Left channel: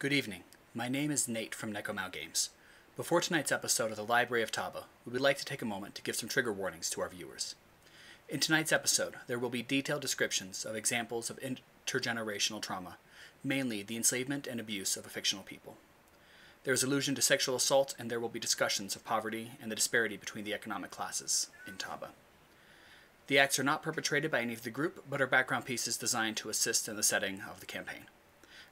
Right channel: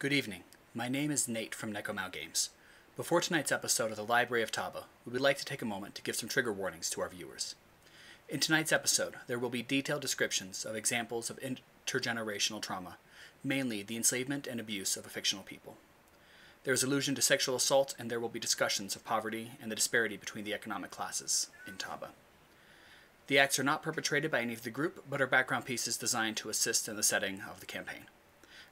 Good evening. My name is Nate from Neko-Maoh Games. Before tonight's episode of the Library of Taba, we would like to take a moment to give some trigger warnings to our viewers. In tonight's episode, there will be detailed descriptions of examples of intergenerational trauma, mainly the enslavement and abuse of a fictional people. There is allusion to sexual assault, and there will be discussions of poverty and the disparity between the economic classes in Taba. The acts are not perpetrated by any of the group, but are background pieces designed to assist in the setting of the campaign.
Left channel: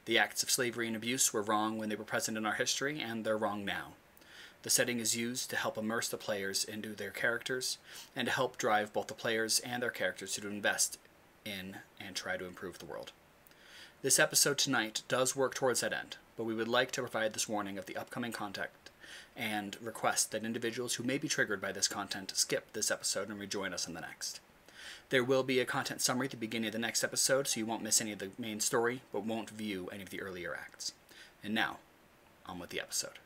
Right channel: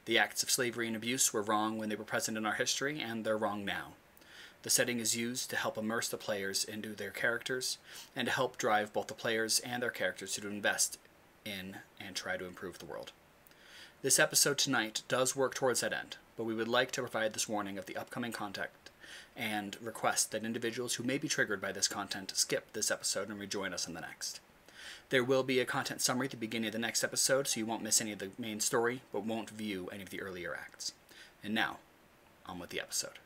The acts of slavery and abuse were wrong when they were present in our history, and they're wrong now. The setting is used to help immerse the players into their characters, and to help drive both the players and their characters to invest in and try to improve the world. This episode tonight does work towards that end, but we would like to provide this warning of the upcoming content and request that individuals who may be triggered by this content skip this episode and rejoin us in the next. There will be a content summary at the beginning of the next episode, so you won't miss any of the main story, but won't view any of the earlier acts. And now, on with the episode.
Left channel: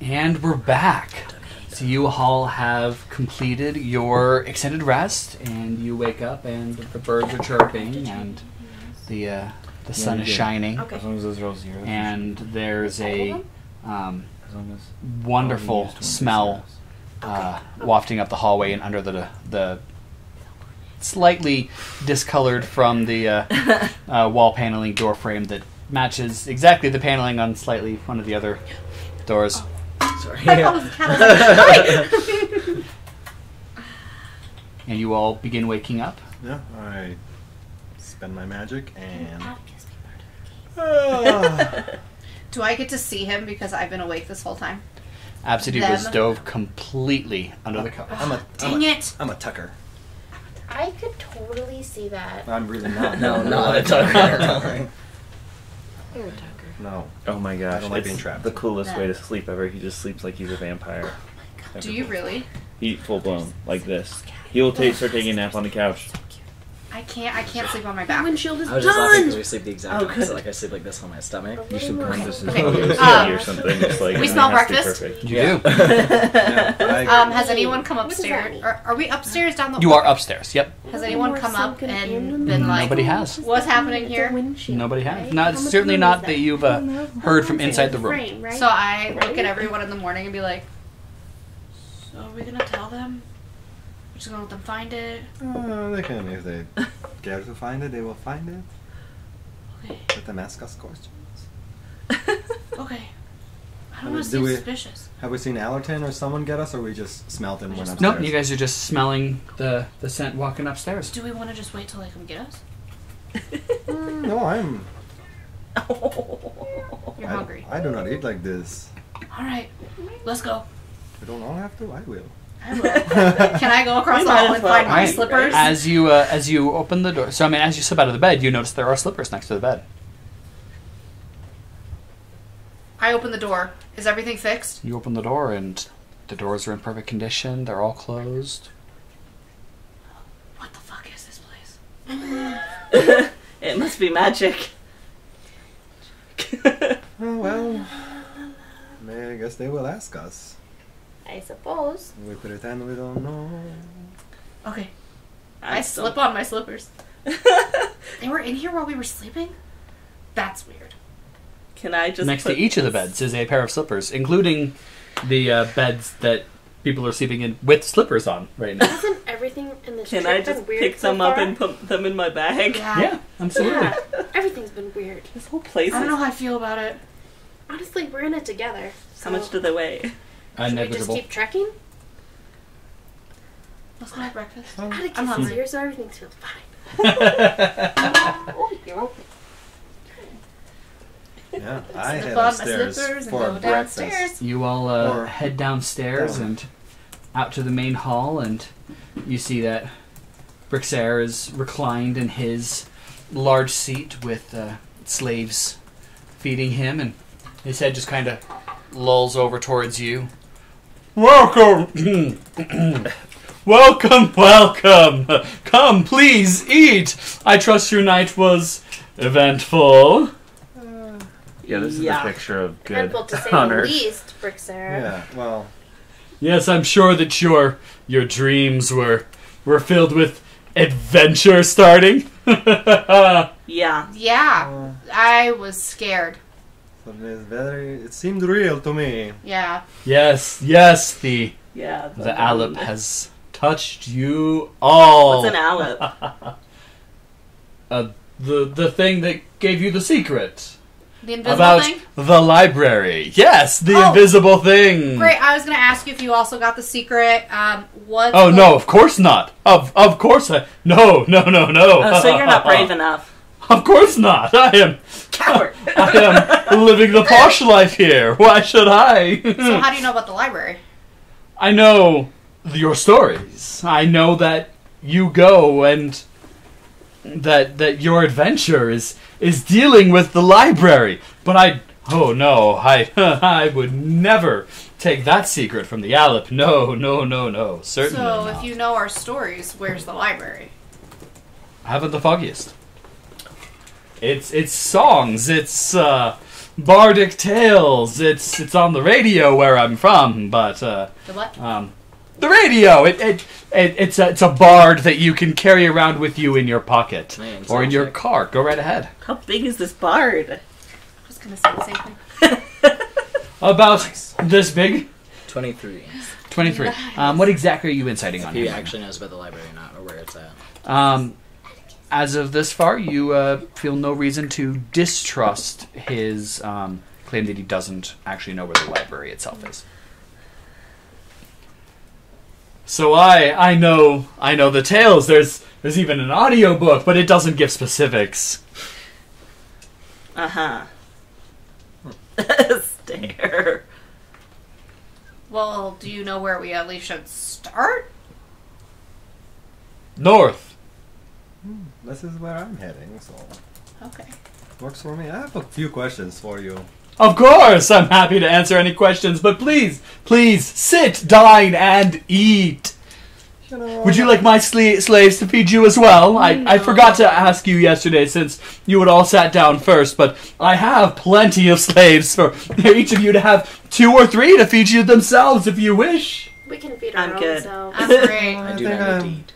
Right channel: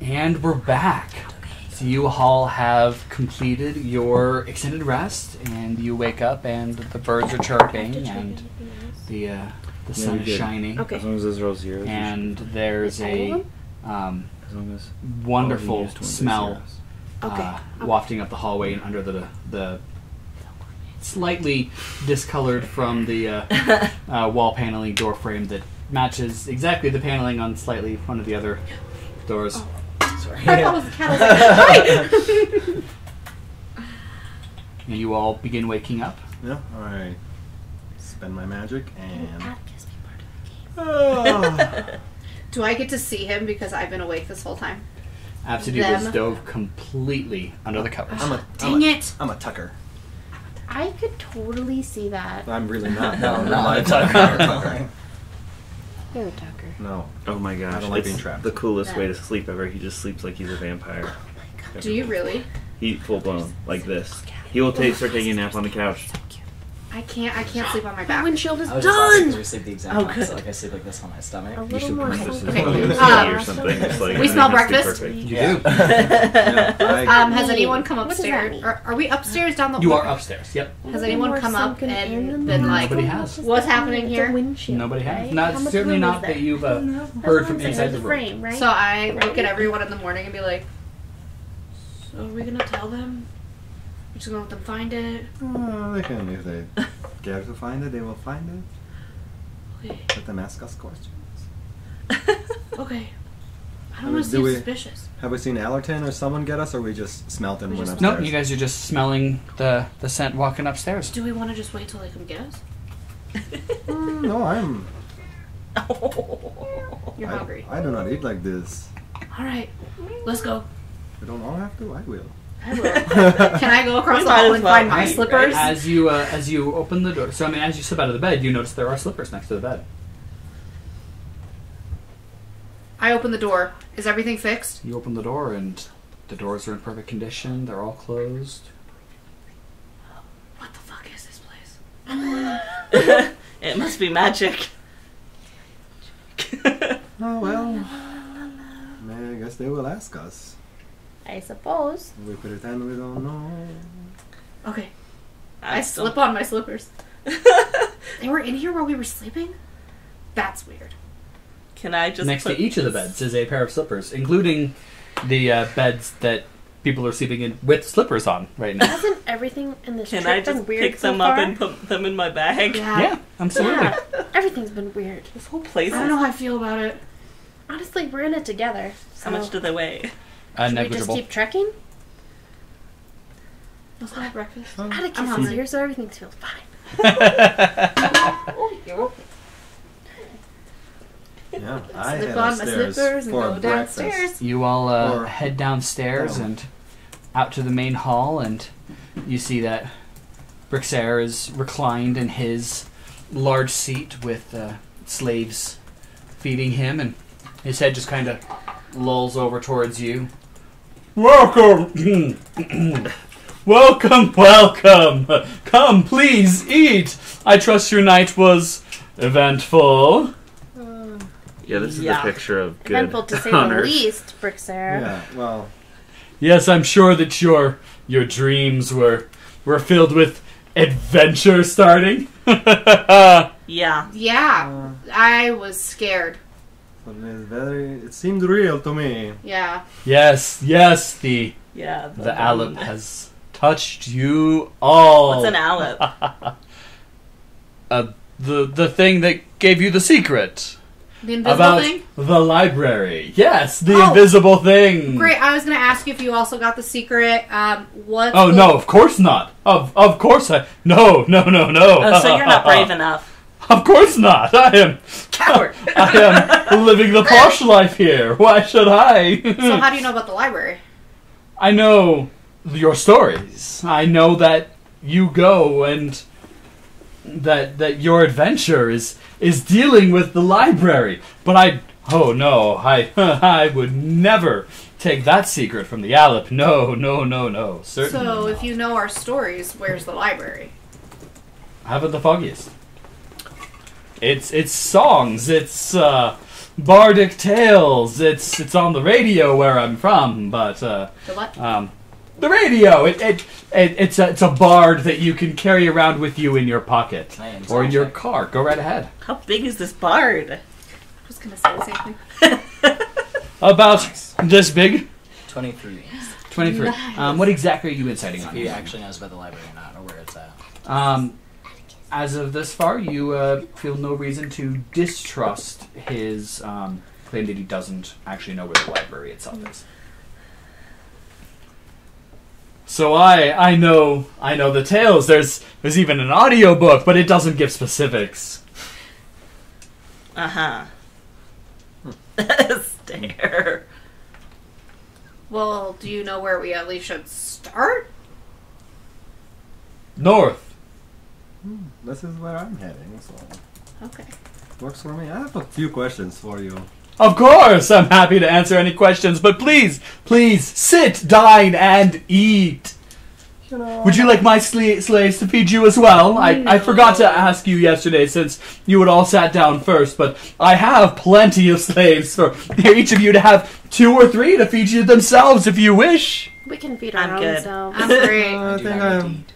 And we're back. So you all have completed your extended rest, and you wake up, and the birds are chirping, and the sun is shining. Okay. As long as those roll zeros. And there's a wonderful smell wafting up the hallway and under the slightly discolored from the wall paneling door frame that matches exactly the paneling on slightly one of the other doors. Sorry. And you all begin waking up. Yeah, I spend my magic and... Do I get to see him because I've been awake this whole time? Absidee was dove completely under the covers. Dang it! I'm a tucker. I could totally see that. I'm really not. No, not a tucker. You're a tucker. No. Oh my I gosh, don't like it's being trapped. the coolest way to sleep ever. He just sleeps like he's a vampire. Do you really? He full blown, like this. He will start taking a nap on the couch. I can't sleep on my My back. windshield is I was just laughing done! because we sleep the exact opposite. Like I sleep like this on my stomach. A You little should more plant this in something. his or something. It's like, We smell it has to be breakfast? perfect. You do. Has anyone come What does that upstairs? mean? Are we upstairs down the... You are upstairs, yep. Has anyone More come up sunken in and the been like... Nobody has. What's happening here? The windshield, Nobody has. right? No, How it's much certainly room not is that you've heard from inside the room. Frame, right? So I look at everyone in the morning and be like, so are we going to tell them? We're just going to let them find it? Oh, they can, if they care to find it, they will find it. Okay. Let them ask us questions. Okay. I don't want to Do seem we- suspicious. Have we seen Allerton or someone get us, or we just smelt them when upstairs? Nope, you guys are just smelling the scent walking upstairs. Do we want to just wait till they come get us? No, I'm... You're hungry. I do not eat like this. Alright, let's go. You don't all have to, I will. Can I go across the hall and find my Right. slippers? As you open the door, so I mean, as you slip out of the bed, you notice there are slippers next to the bed. I open the door. Is everything fixed? You open the door, and the doors are in perfect condition. They're all closed. What the fuck is this place? It must be magic. Oh, well. I guess they will ask us. I suppose. We pretend we don't know. Okay, I slip on my slippers. They were in here while we were sleeping? That's weird. Can I just Next to put each of the this- beds is a pair of slippers, including the beds that people are sleeping in with slippers on right now. Hasn't everything in this Can trip I been just weird pick so them far? up and put them in my bag? Yeah, absolutely. Yeah, everything's been weird. This whole place I don't is... know how I feel about it. Honestly, we're in it together. So How much do they weigh? should we just Negligible. keep trekking? Let's have breakfast. I had a I'm kiss hungry. here, so everything feels fine. Yeah, I Slip head on my upstairs slippers and for go breakfast. downstairs. You all Or head downstairs down. and out to the main hall, and you see that Berserker is reclined in his large seat with slaves feeding him, and his head just kind of lolls over towards you. Welcome! Welcome, welcome! Come, please, eat! I trust your night was eventful. Yeah, this is the picture of good Eventful to say on the Earth. least, Brixera. Yeah, well, Yes, I'm sure that your dreams were filled with adventure starting? Yeah. Yeah, I was scared. It seemed real to me. Yeah. Yes, the Alep has touched you all. What's an Alep? The thing that gave you the secret. The invisible About thing? the library. Yes, the invisible thing. Great, I was going to ask you if you also got the secret. What? Oh, no, of course not. Of course I... No. Oh, so you're not brave enough. Of course not. I am... Coward. I am living the posh life here. Why should I? So how do you know about the library? I know your stories. I know that you go and... That your adventure is dealing with the library. But I would never take that secret from the Alep. No. Certainly So, not. if you know our stories, where's the library? Haven't the foggiest. It's songs. It's bardic tales. It's on the radio where I'm from. But The what? the radio. It's a bard that you can carry around with you in your pocket or in your car. Go right ahead. How big is this bard? I was going to say the same thing. About this big. 23. 23. Nice. What exactly are you inciting on? He here? actually knows about the library or not, or where it's at. As of this far, you feel no reason to distrust his claim that he doesn't actually know where the library itself is. So I know the tales. There's even an audiobook, but it doesn't give specifics. Uh-huh. Stare. Well, do you know where we at least should start? North. This is where I'm heading, so Okay. works for me. I have a few questions for you. Of course, I'm happy to answer any questions, but please, sit, dine, and eat. Would you like my slaves to feed you as well? I forgot to ask you yesterday since you had all sat down first, but I have plenty of slaves for each of you to have 2 or 3 to feed you themselves if you wish. We can feed our I'm own good. selves. I'm great. I do think not I'm- indeed.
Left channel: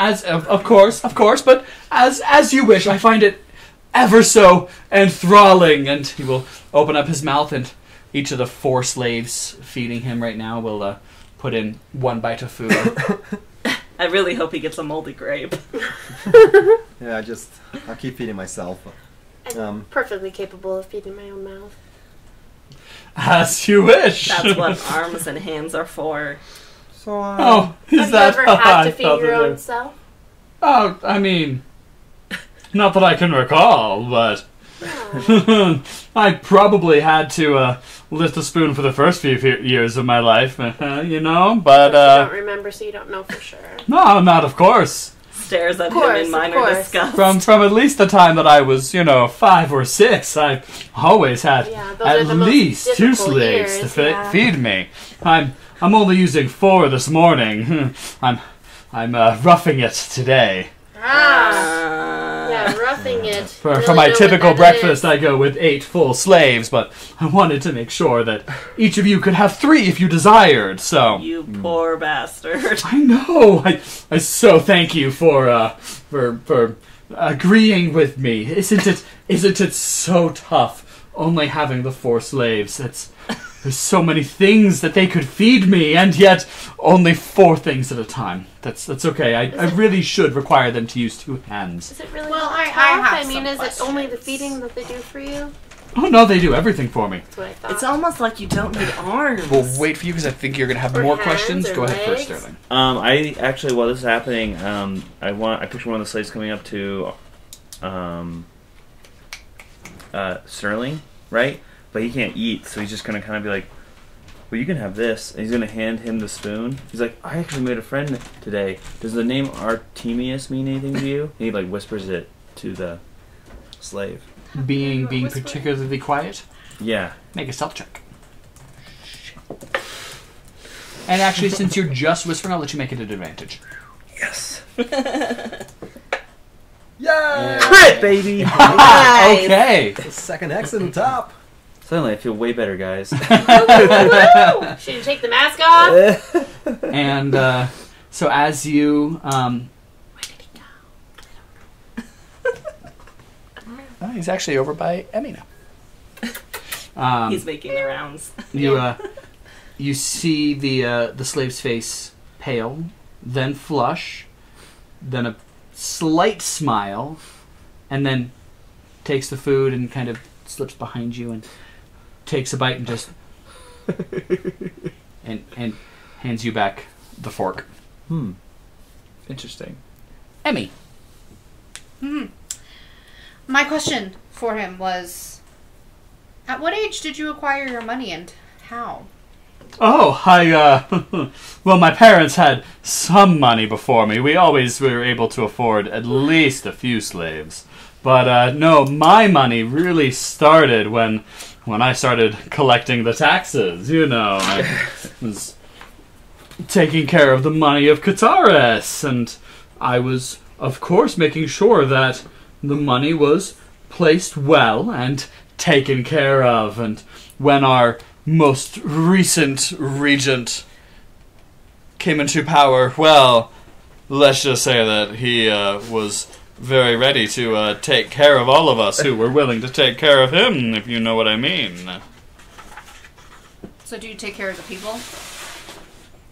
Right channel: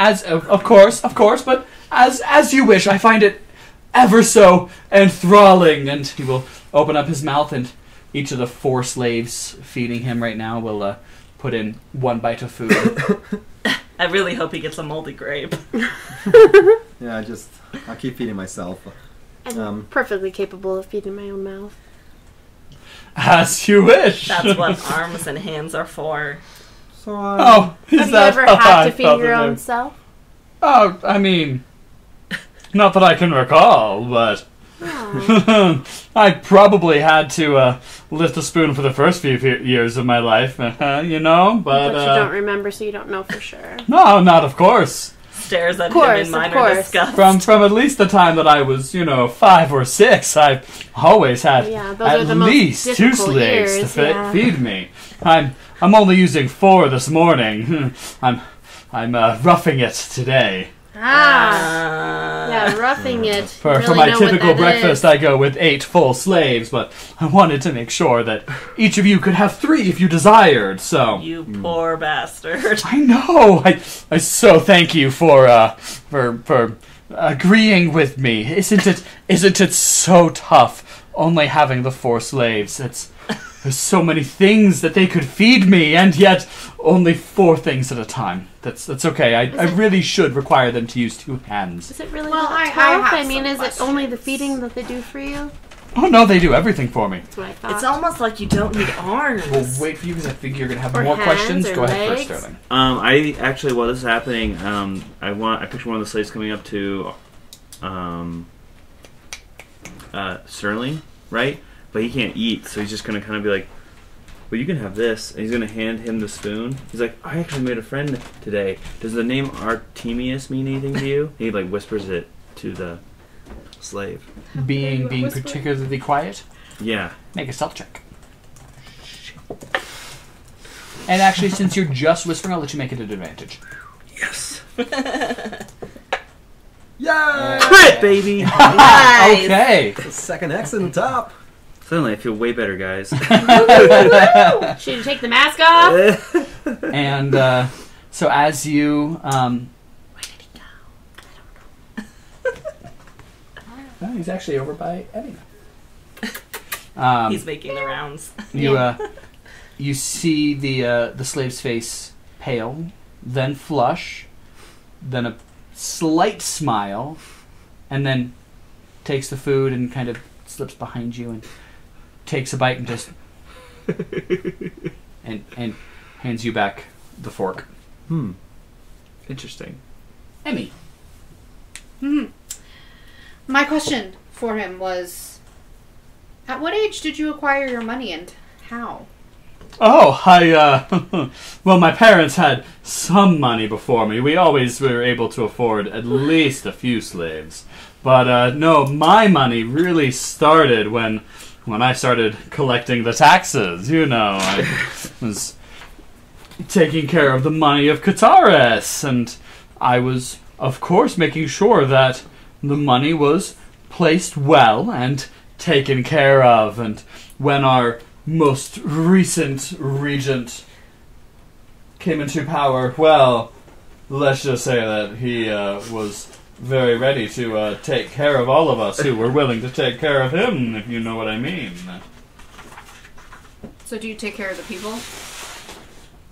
As of course, but as you wish. I find it ever so enthralling. And he will open up his mouth, and each of the 4 slaves feeding him right now will put in 1 bite of food. I really hope he gets a moldy grape. Yeah, I'll keep feeding myself. I'm perfectly capable of feeding my own mouth. As you wish. That's what arms and hands are for. So, Oh, is Have you that ever I had to feed thought your that own there- self? Oh, I mean, not that I can recall, but No. I probably had to lift a spoon for the first few years of my life, you know. But But you don't remember, so you don't know for sure. no, not of course. Stares at Of course, him in of minor course. disgust. From at least the time that I was, 5 or 6, I've always had Yeah, those at are the most least 2 difficult slaves years, to yeah. feed me. I'm only using 4 this morning. I'm roughing it today. Yeah, roughing it. For Really my know what typical that breakfast, is. I go with 8 full slaves, but I wanted to make sure that each of you could have 3 if you desired. So You poor bastard. I know. I so thank you for agreeing with me. Isn't it so tough only having the 4 slaves? There's so many things that they could feed me, and yet only 4 things at a time. That's okay. I really should require them to use 2 hands. Is it really Well, that I tough? have I mean, some is it only the questions. feeding that they do for you? Oh no, they do everything for me. That's what I thought. It's almost like you don't need arms. We'll wait for you because I think you're gonna have Or more hands questions. or Go ahead first, legs. Sterling. I actually, while this is happening, I picture one of the slaves coming up to, Sterling, right? But he can't eat, so he's just gonna kind of be like, "Well, you can have this," and he's gonna hand him the spoon. He's like, "I actually made a friend today. Does the name Artemius mean anything to you?" He like whispers it to the slave. Being particularly quiet, Yeah. make a stealth check. And actually, since you're just whispering, I'll let you make it an advantage. Yes. Yeah! Crit, baby. Nice. Okay. The second X in the top. Suddenly, I feel way better, guys. Should you take the mask off? And so as you Oh, he's actually over by Emmy now. He's making the rounds. You see the slave's face pale, then flush, then a slight smile, and then takes the food and kind of slips behind you and takes a bite and just and hands you back the fork. Interesting. Emmy. My question for him was, at what age did you acquire your money and how? Oh, well, my parents had some money before me. We always were able to afford at least a few slaves. But, no, my money really started when I started collecting the taxes. You know, I was taking care of the money of Kataris, and I was, of course, making sure that the money was placed well and taken care of. And when our most recent regent came into power, well, let's just say that he was very ready to take care of all of us who were willing to take care of him, if you know what I mean. So do you take care of the people?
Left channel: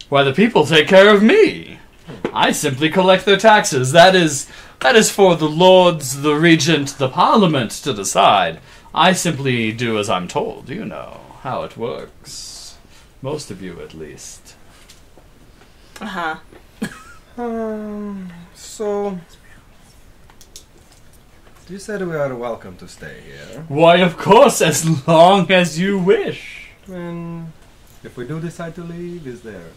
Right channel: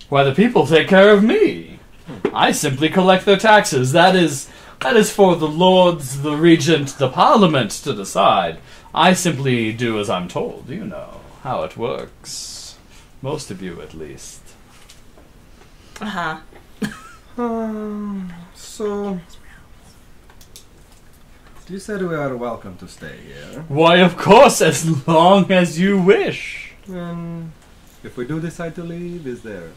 Why, the people take care of me. I simply collect their taxes. That is for the lords, the regent, the parliament to decide. I simply do as I'm told, you know how it works. Most of you, at least. Uh-huh. So, you said we are welcome to stay here. Why, of course, as long as you wish. If we do decide to leave, is there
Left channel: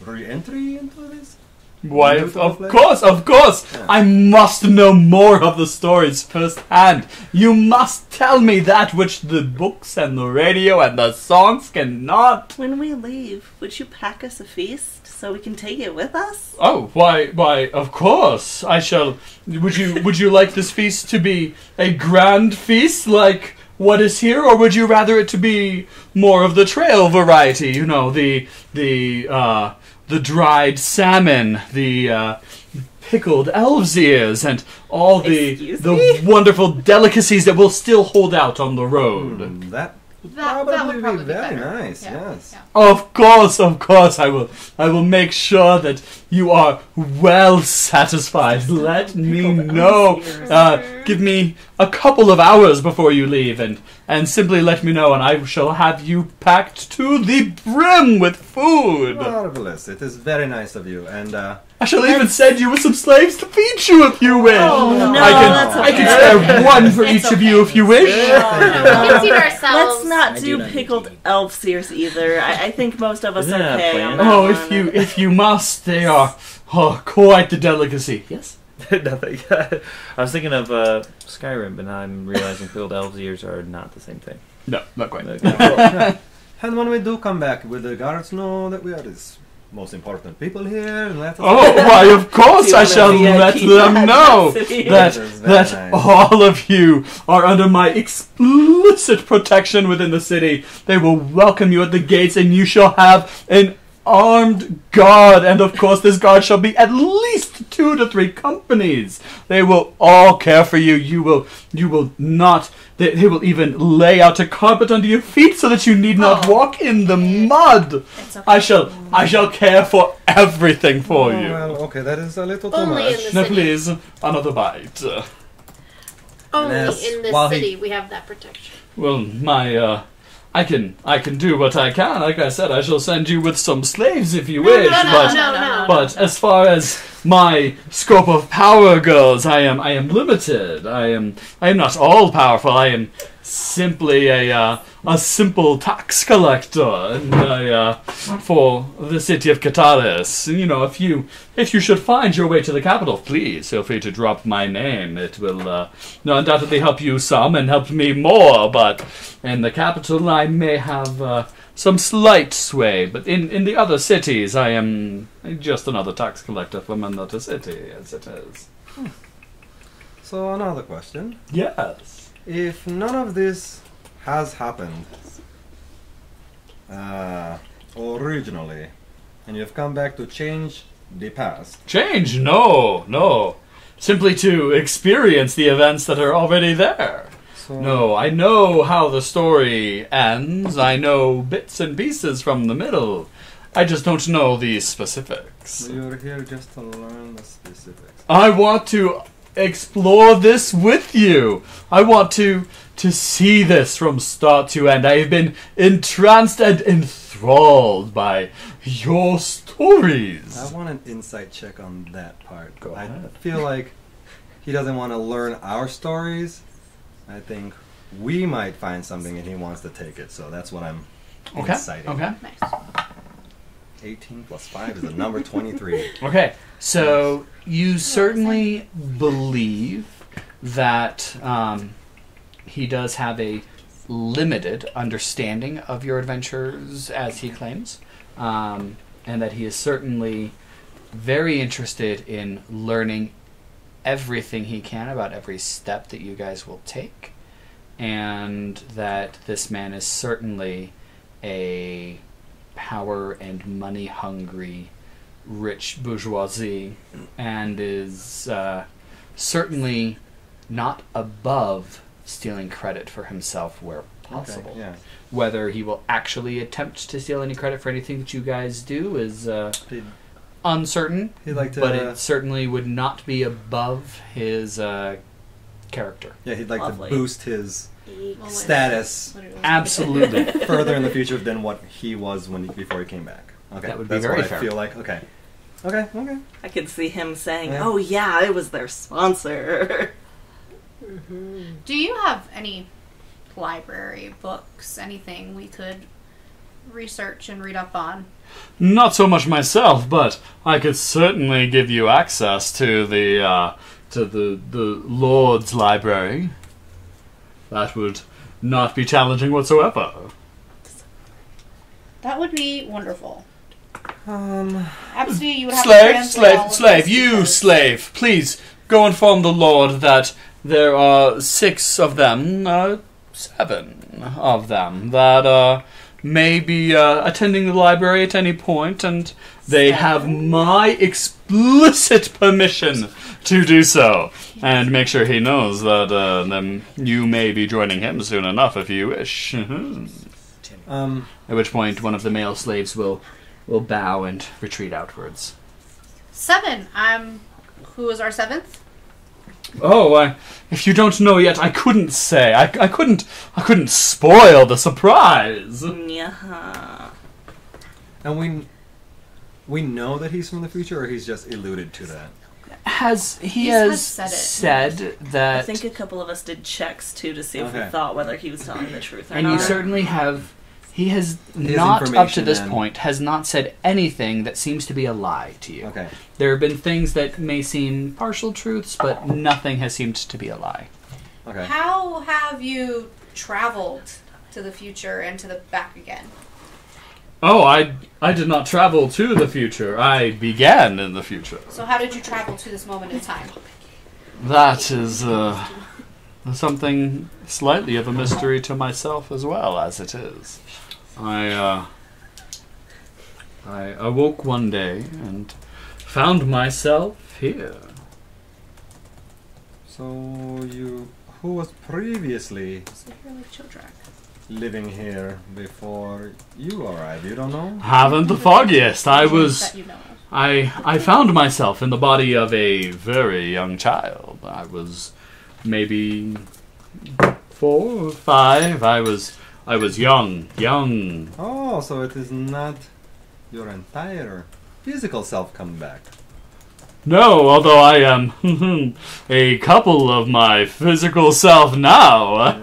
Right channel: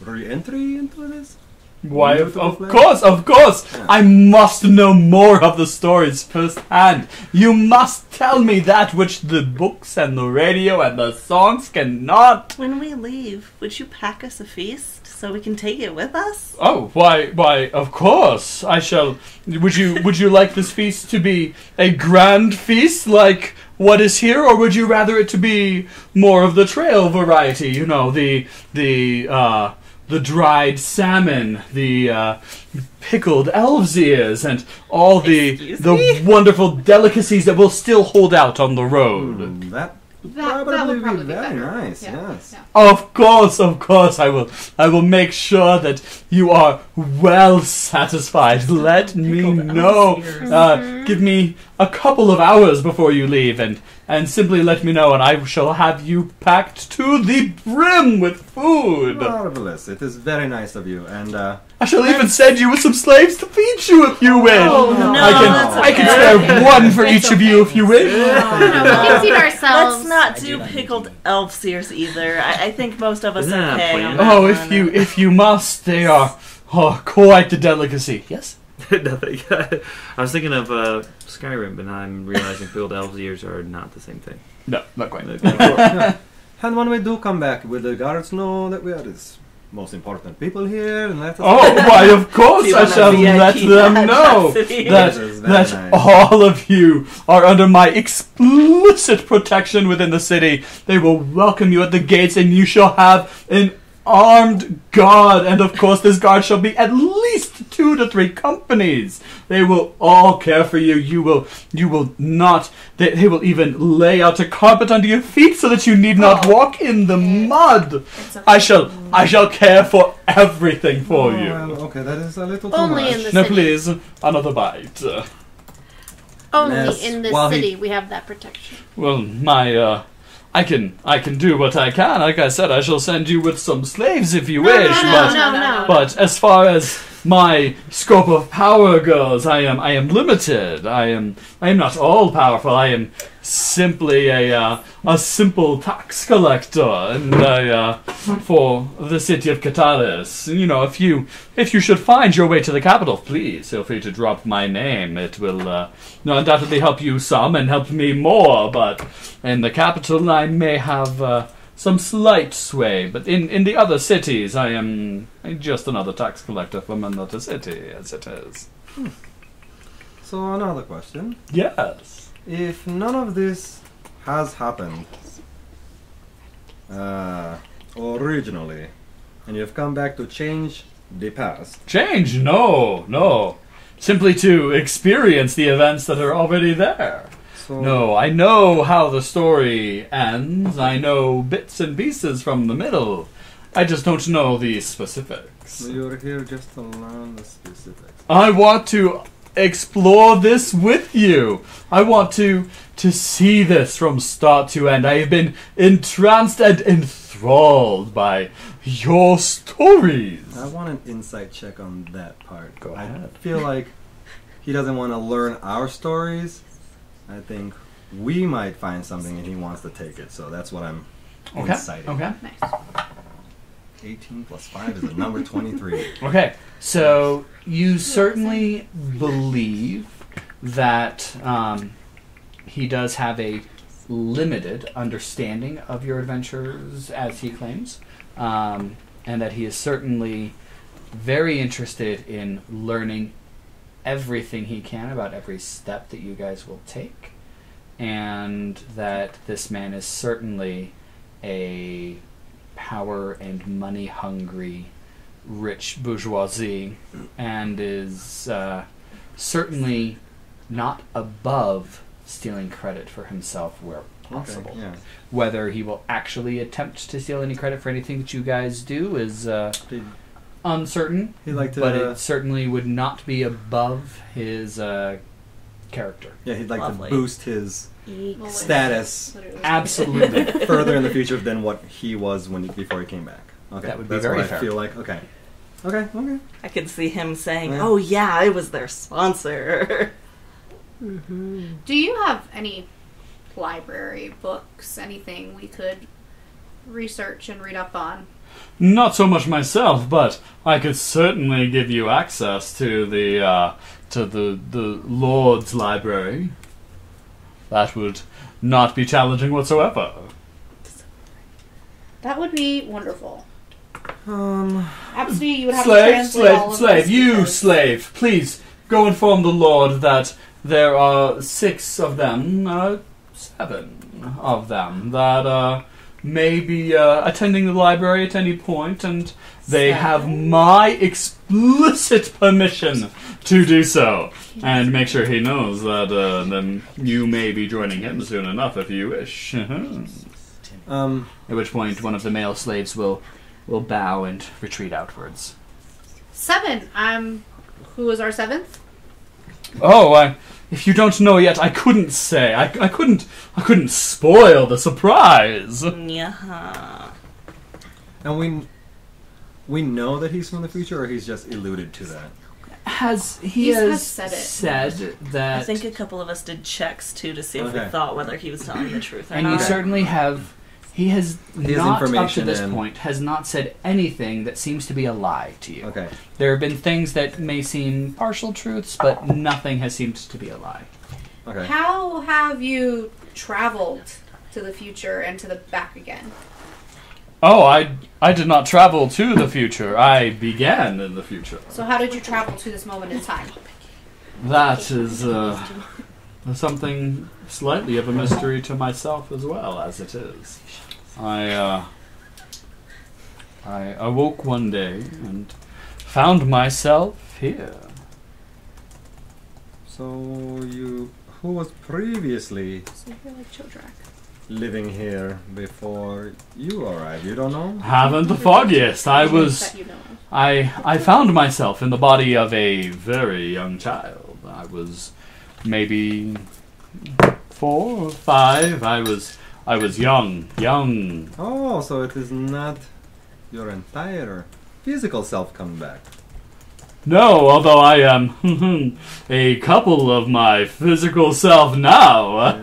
re-entry into this? Why, Beautiful of place? course. Yeah. I must know more of the stories firsthand. You must tell me that which the books and the radio and the songs cannot. When we leave, would you pack us a feast so we can take it with us? Oh, why, of course. I shall. Would you like this feast to be a grand feast like what is here, or would you rather it to be more of the trail variety? You know, the dried salmon, the pickled elves' ears, and all the wonderful delicacies that will still hold out on the road. That That probably would probably be be very better. nice, Yeah, yes. yeah. Of course, I will make sure that you are well satisfied. Let me know. Give me a couple of hours before you leave, and simply let me know, and I shall have you packed to the brim with food. Marvelous. It is very nice of you, and I shall even send you with some slaves to feed you if you wish. Oh, no, I can spare one for each of you if you wish. No, we can feed ourselves. Let's not I do do not pickled need elf ears either. I think most of us Isn't are that a okay. plan? on that Oh, one. if you must, they are quite the delicacy. Yes. Nothing. I was thinking of Skyrim, but now I'm realizing field elves' ears are not the same thing. No, not quite. and when we do come back, will the guards know that we are the most important people here, and let us Oh, why, of course Do you I want a shall VIP let them know capacity? that This is very nice. all of you are under my explicit protection within the city. They will welcome you at the gates, and you shall have an armed guard, and of course this guard shall be at least 2 to 3 companies. They will all care for you. You will not. They will even lay out a carpet under your feet so that you need not walk in the mud. I shall care for everything for you. Well, okay, that is a little too Only much. in the Now, city. please, another bite. Only Yes, in the while he- city we have that protection. Well, I can do what I can. Like I said, I shall send you with some slaves if you wish. No. But as far as my scope of power goes, I am limited. I am not all powerful. I am simply a simple tax collector, and for the city of Kataris. You know, if you should find your way to the capital, please feel free to drop my name. It will undoubtedly help you some and help me more. But in the capital, I may have some slight sway, but in the other cities, I am just another tax collector from another city, as it is. So another question. Yes. If none of this has happened originally, and you've come back to change the past, Change? No. simply to experience the events that are already there. So, No, I know how the story ends. I know bits and pieces from the middle. I just don't know the specifics. So you're here just to learn the specifics. I want to explore this with you. I want to see this from start to end. I have been entranced and enthralled by your stories. I want an insight check on that part. Go ahead. I feel like he doesn't want to learn our stories. I think we might find something and he wants to take it. So that's what I'm inciting. Okay. Nice. 18 plus 5 is a number 23. Okay. So you certainly believe that he does have a limited understanding of your adventures, as he claims, and that he is certainly very interested in learning everything he can about every step that you guys will take, and that this man is certainly a power and money hungry rich bourgeoisie, and is certainly not above stealing credit for himself where possible. Okay, yeah. Whether he will actually attempt to steal any credit for anything that you guys do is uncertain, He'd like to, but it certainly would not be above his character. yeah, he'd like Lovely. to boost his Well, status Absolutely. further in the future than what he was before he came back. Okay, That would be that's very what fair. I feel like. Okay. I could see him saying, Yeah. "Oh yeah, I was their sponsor." Do you have any library books, anything we could research and read up on? Not so much myself, but I could certainly give you access to the Lord's library. That would not be challenging whatsoever. That would be wonderful. Absidee, you would have to Slave, translate all slave, of slave, this you because- slave, please go inform the Lord that there are 6 of them, 7 of them, that may be attending the library at any point, and they have my explicit permission to do so. And make sure he knows that then you may be joining him soon enough if you wish. At which point one of the male slaves will bow and retreat outwards. 7. Who is our 7th? Oh, if you don't know yet, I couldn't say. I couldn't spoil the surprise. Yeah. And we know that he's from the future, or he's just alluded to that. He has said it. said that, I think a couple of us did checks too to see if we Okay. thought whether he was telling the truth or and not. you certainly have. He has not, up to information this then. point, has not said anything that seems to be a lie to you. Okay. There have been things that may seem partial truths, but nothing has seemed to be a lie. Okay. How have you traveled to the future and to the back again? Oh, I did not travel to the future. I began in the future. So how did you travel to this moment in time? That is something slightly of a mystery to myself as well, as it is. I awoke one day and found myself here. So who was previously So you're like Chodrak. living here before you arrived? You don't know? Haven't the foggiest. I was. That you know of. I found myself in the body of a very young child. I was maybe 4 or 5. I was young. Oh, so it is not your entire physical self coming back. No, although I am a couple of my physical self now,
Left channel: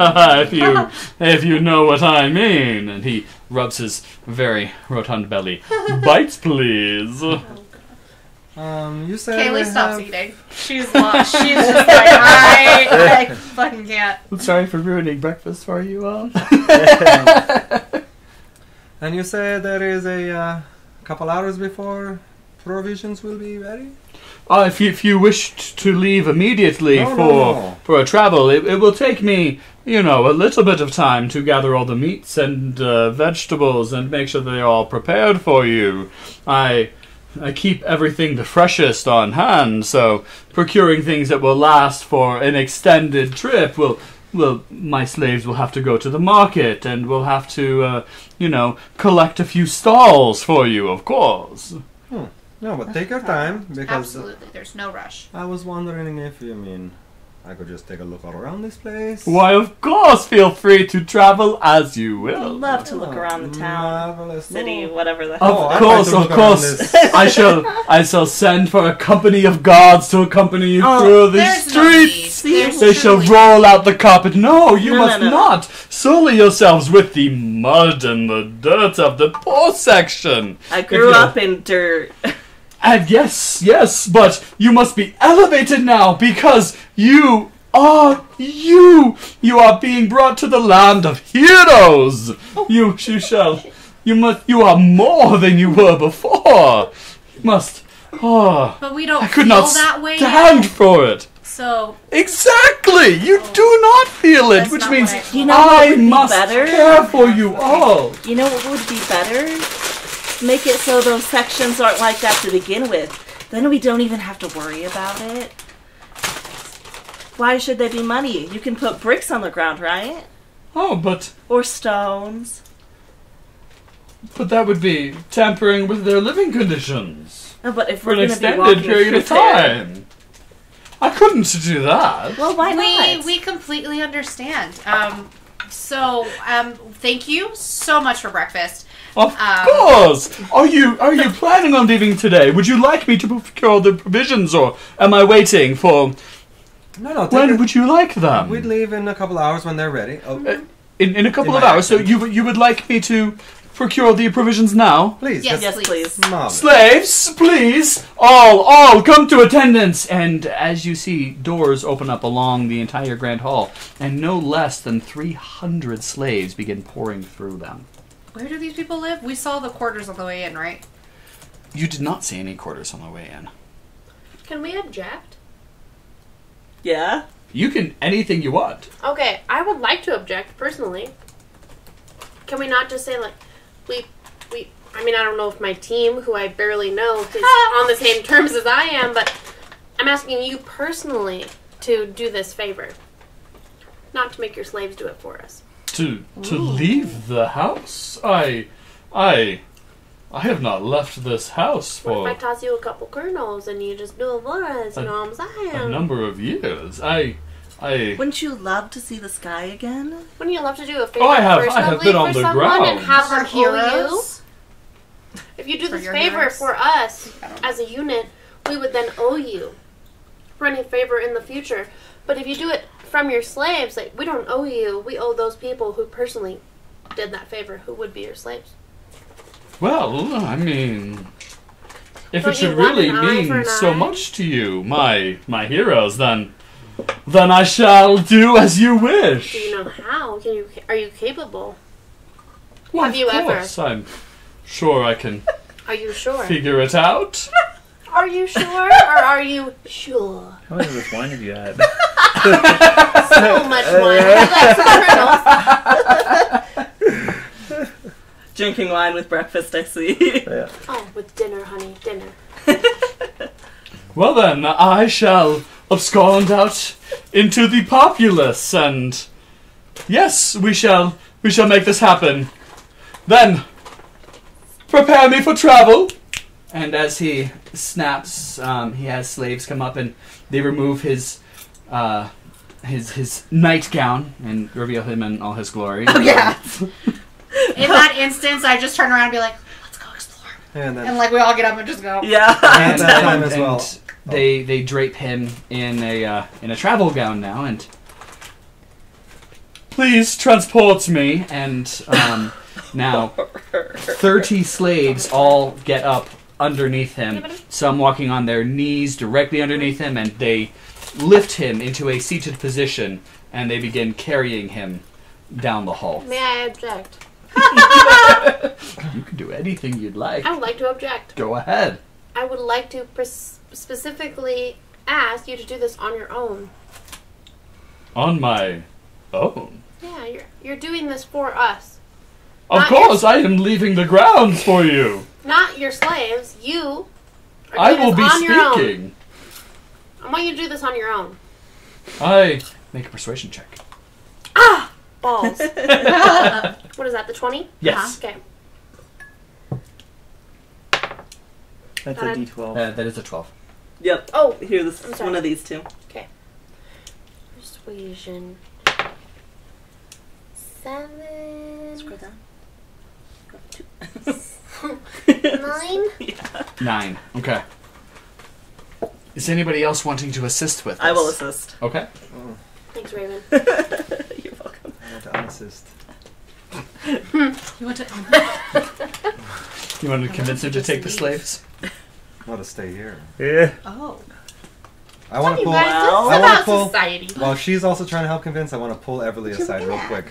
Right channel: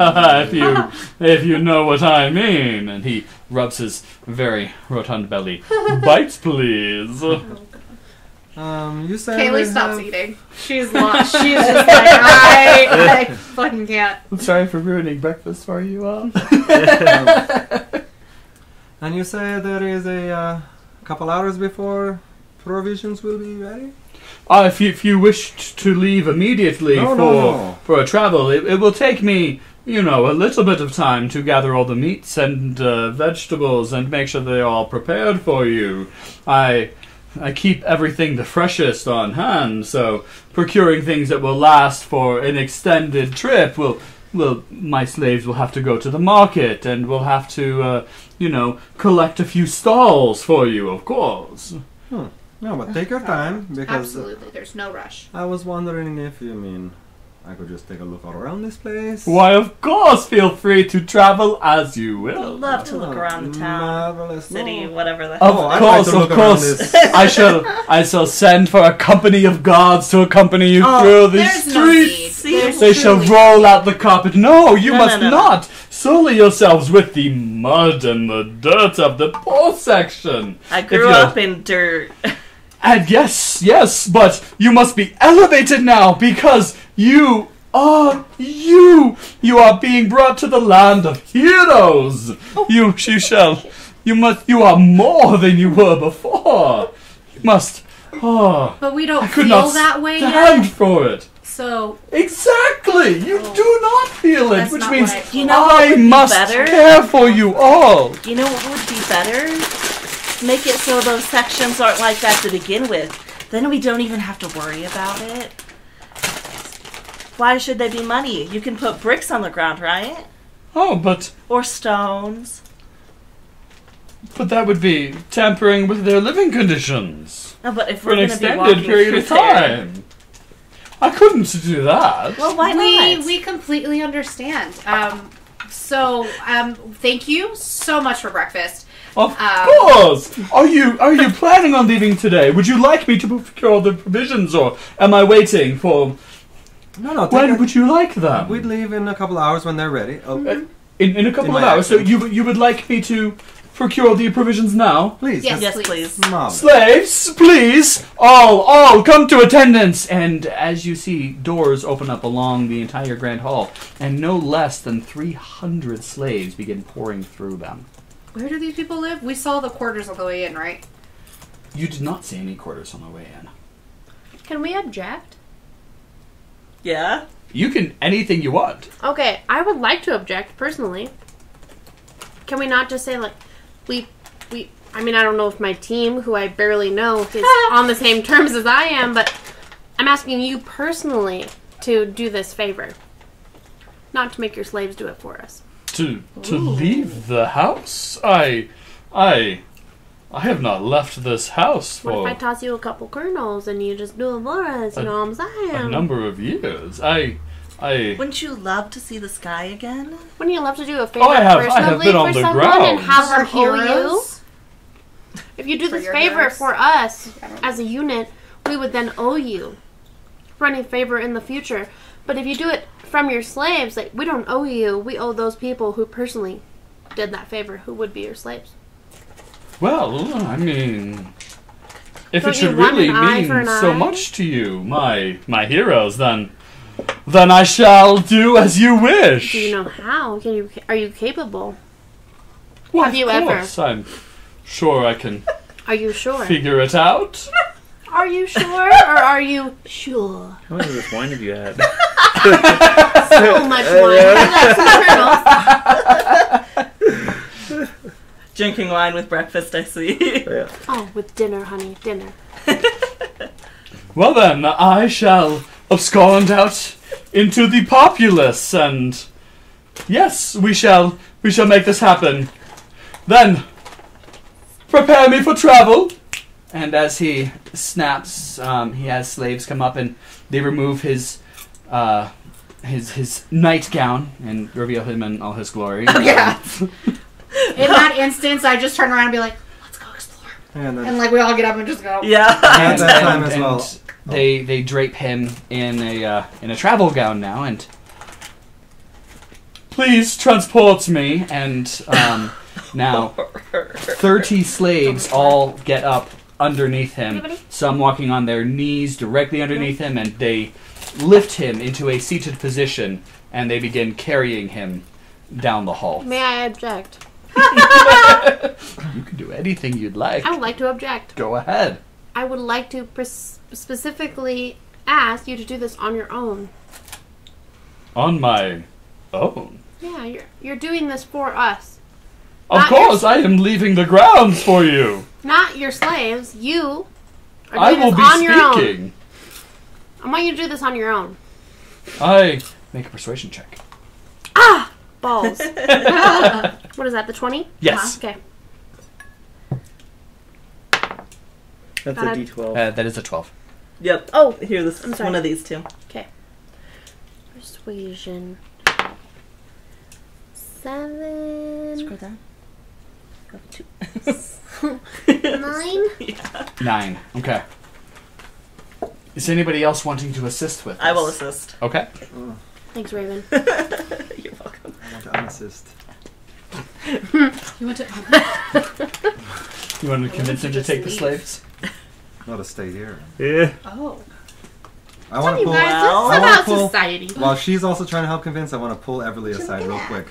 if you know what I mean. And he rubs his very rotund belly. Bites, please. You said Caleigh stops eating. She's lost. She's just like, I fucking can't. Sorry for ruining breakfast for you all. And you said there is a couple hours before provisions will be ready? If you wish to leave immediately No. for a travel, it will take me, a little bit of time to gather all the meats and vegetables and make sure they're all prepared for you. I keep everything the freshest on hand, so procuring things that will last for an extended trip will my slaves will have to go to the market, and we'll have to, collect a few stalls for you, of course. No, but take your time, because Absolutely, there's no rush. I was wondering if I could just take a look all around this place. Why, of course, feel free to travel as you I'd will. love to look around the town, Marvelous. city, No. whatever the Of hell. I'd like to course, look of around course. this. I shall send for a company of guards to accompany you Oh, through the There's no need. streets. There's They shall truly- roll out the carpet. No, you No, must no, no. not sully yourselves with the mud and the dirt of the poor section. I If grew you- up in dirt. And yes, but you must be elevated now because you are being brought to the land of heroes. You are more than you were before. You must. But we don't I could feel not that way stand yet. for it. So Exactly! You do not feel it, That's which not means what I- You know what I would be must better? care for you all. You know what would be better? Make it so those sections aren't like that to begin with. Then we don't even have to worry about it. Why should they be money? You can put bricks on the ground, right? Oh, but Or stones. that would be tampering with their living conditions No, but if for we're an going to be extended walking period through of there, time. I couldn't do that. well, why not? we completely understand. Thank you so much for breakfast. Of course. Are you planning on leaving today? Would you like me to procure the provisions, or am I waiting for? No, When would you like them? We'd leave in a couple of hours when they're ready. Oh, In a couple In of my hours. So absence. you would like me to procure the provisions now? please. Yes, Yes, please. Mom. Slaves, please, all come to attendance. And as you see, doors open up along the entire grand hall, and no less than 300 slaves begin pouring through them. Where do these people live? We saw the quarters on the way in, right? You did not see any quarters on the way in. Can we object? Yeah? You can anything you want. Okay, I would like to object personally. Can we not just say like I mean, I don't know if my team, who I barely know, is on the same terms as I am, but I'm asking you personally to do this favor. Not to make your slaves do it for us. To leave the house? I have not left this house What if I for toss you a couple kernels and you just do it for us? You know what I'm a saying? number of years. Wouldn't you love to see the sky again? Wouldn't you love to do a favor I have personally been on for the someone and ground. have them For owe you? heroes? If you do For this your favor heroes? for us as a unit, we would then owe you for any favor in the future. But if you do it from your slaves, like, we don't owe you. We owe those people who personally did that favor, who would be your slaves. Well, I mean, if Don't it should you want really an eye for mean an so eye? much to you, my heroes, then I shall do as you wish. Do you know how? Are you capable? Well, have you of ever? course, I'm sure I can Are you sure? figure it out. Are you sure? Or are you sure? How much of this wine have you had? So much wine. Would you like some kernels? Drinking wine with breakfast, I see. Oh, with dinner, honey. Dinner. Well then, I shall abscond out into the populace, and yes, we shall make this happen. Then, prepare me for travel. And as he snaps, he has slaves come up and they remove his nightgown and reveal him in all his glory. Oh, yeah. In that instance, I just turn around and be like, let's go explore. And And like we all get up and just go. Yeah. at that time as well. They drape him in a travel gown now, and please transport me. And now 30 slaves all get up underneath him. Anybody? Some walking on their knees directly underneath him, and they lift him into a seated position, and they begin carrying him down the hall. May I object? You can do anything you'd like. I would like to object. Go ahead. I would like to specifically ask you to do this on your own. On my own. Yeah, you're doing this for us. Of Not course, I am leaving the grounds for you. Not your slaves. You Or I do will this be on your own. speaking. I want you to do this on your own. I make a persuasion check. Ah! Balls. What is that, the 20? Yes. Okay. That's Got a it. D12. That is a 12. Yep. Oh, Here, this I'm is sorry. one of these two. okay. Persuasion. 7. Scroll down. Go to 9. 9. Okay. Is anybody else wanting to assist with this? I will assist. Okay. Thanks, Rayvvin. You're welcome. I want to unassist. You went to. You want to convince him to take the slaves? Not to stay here. Yeah. Oh. I want to You pull. guys, this I is wanna about pull- society. While she's also trying to help convince, I want to pull Everlee aside real quick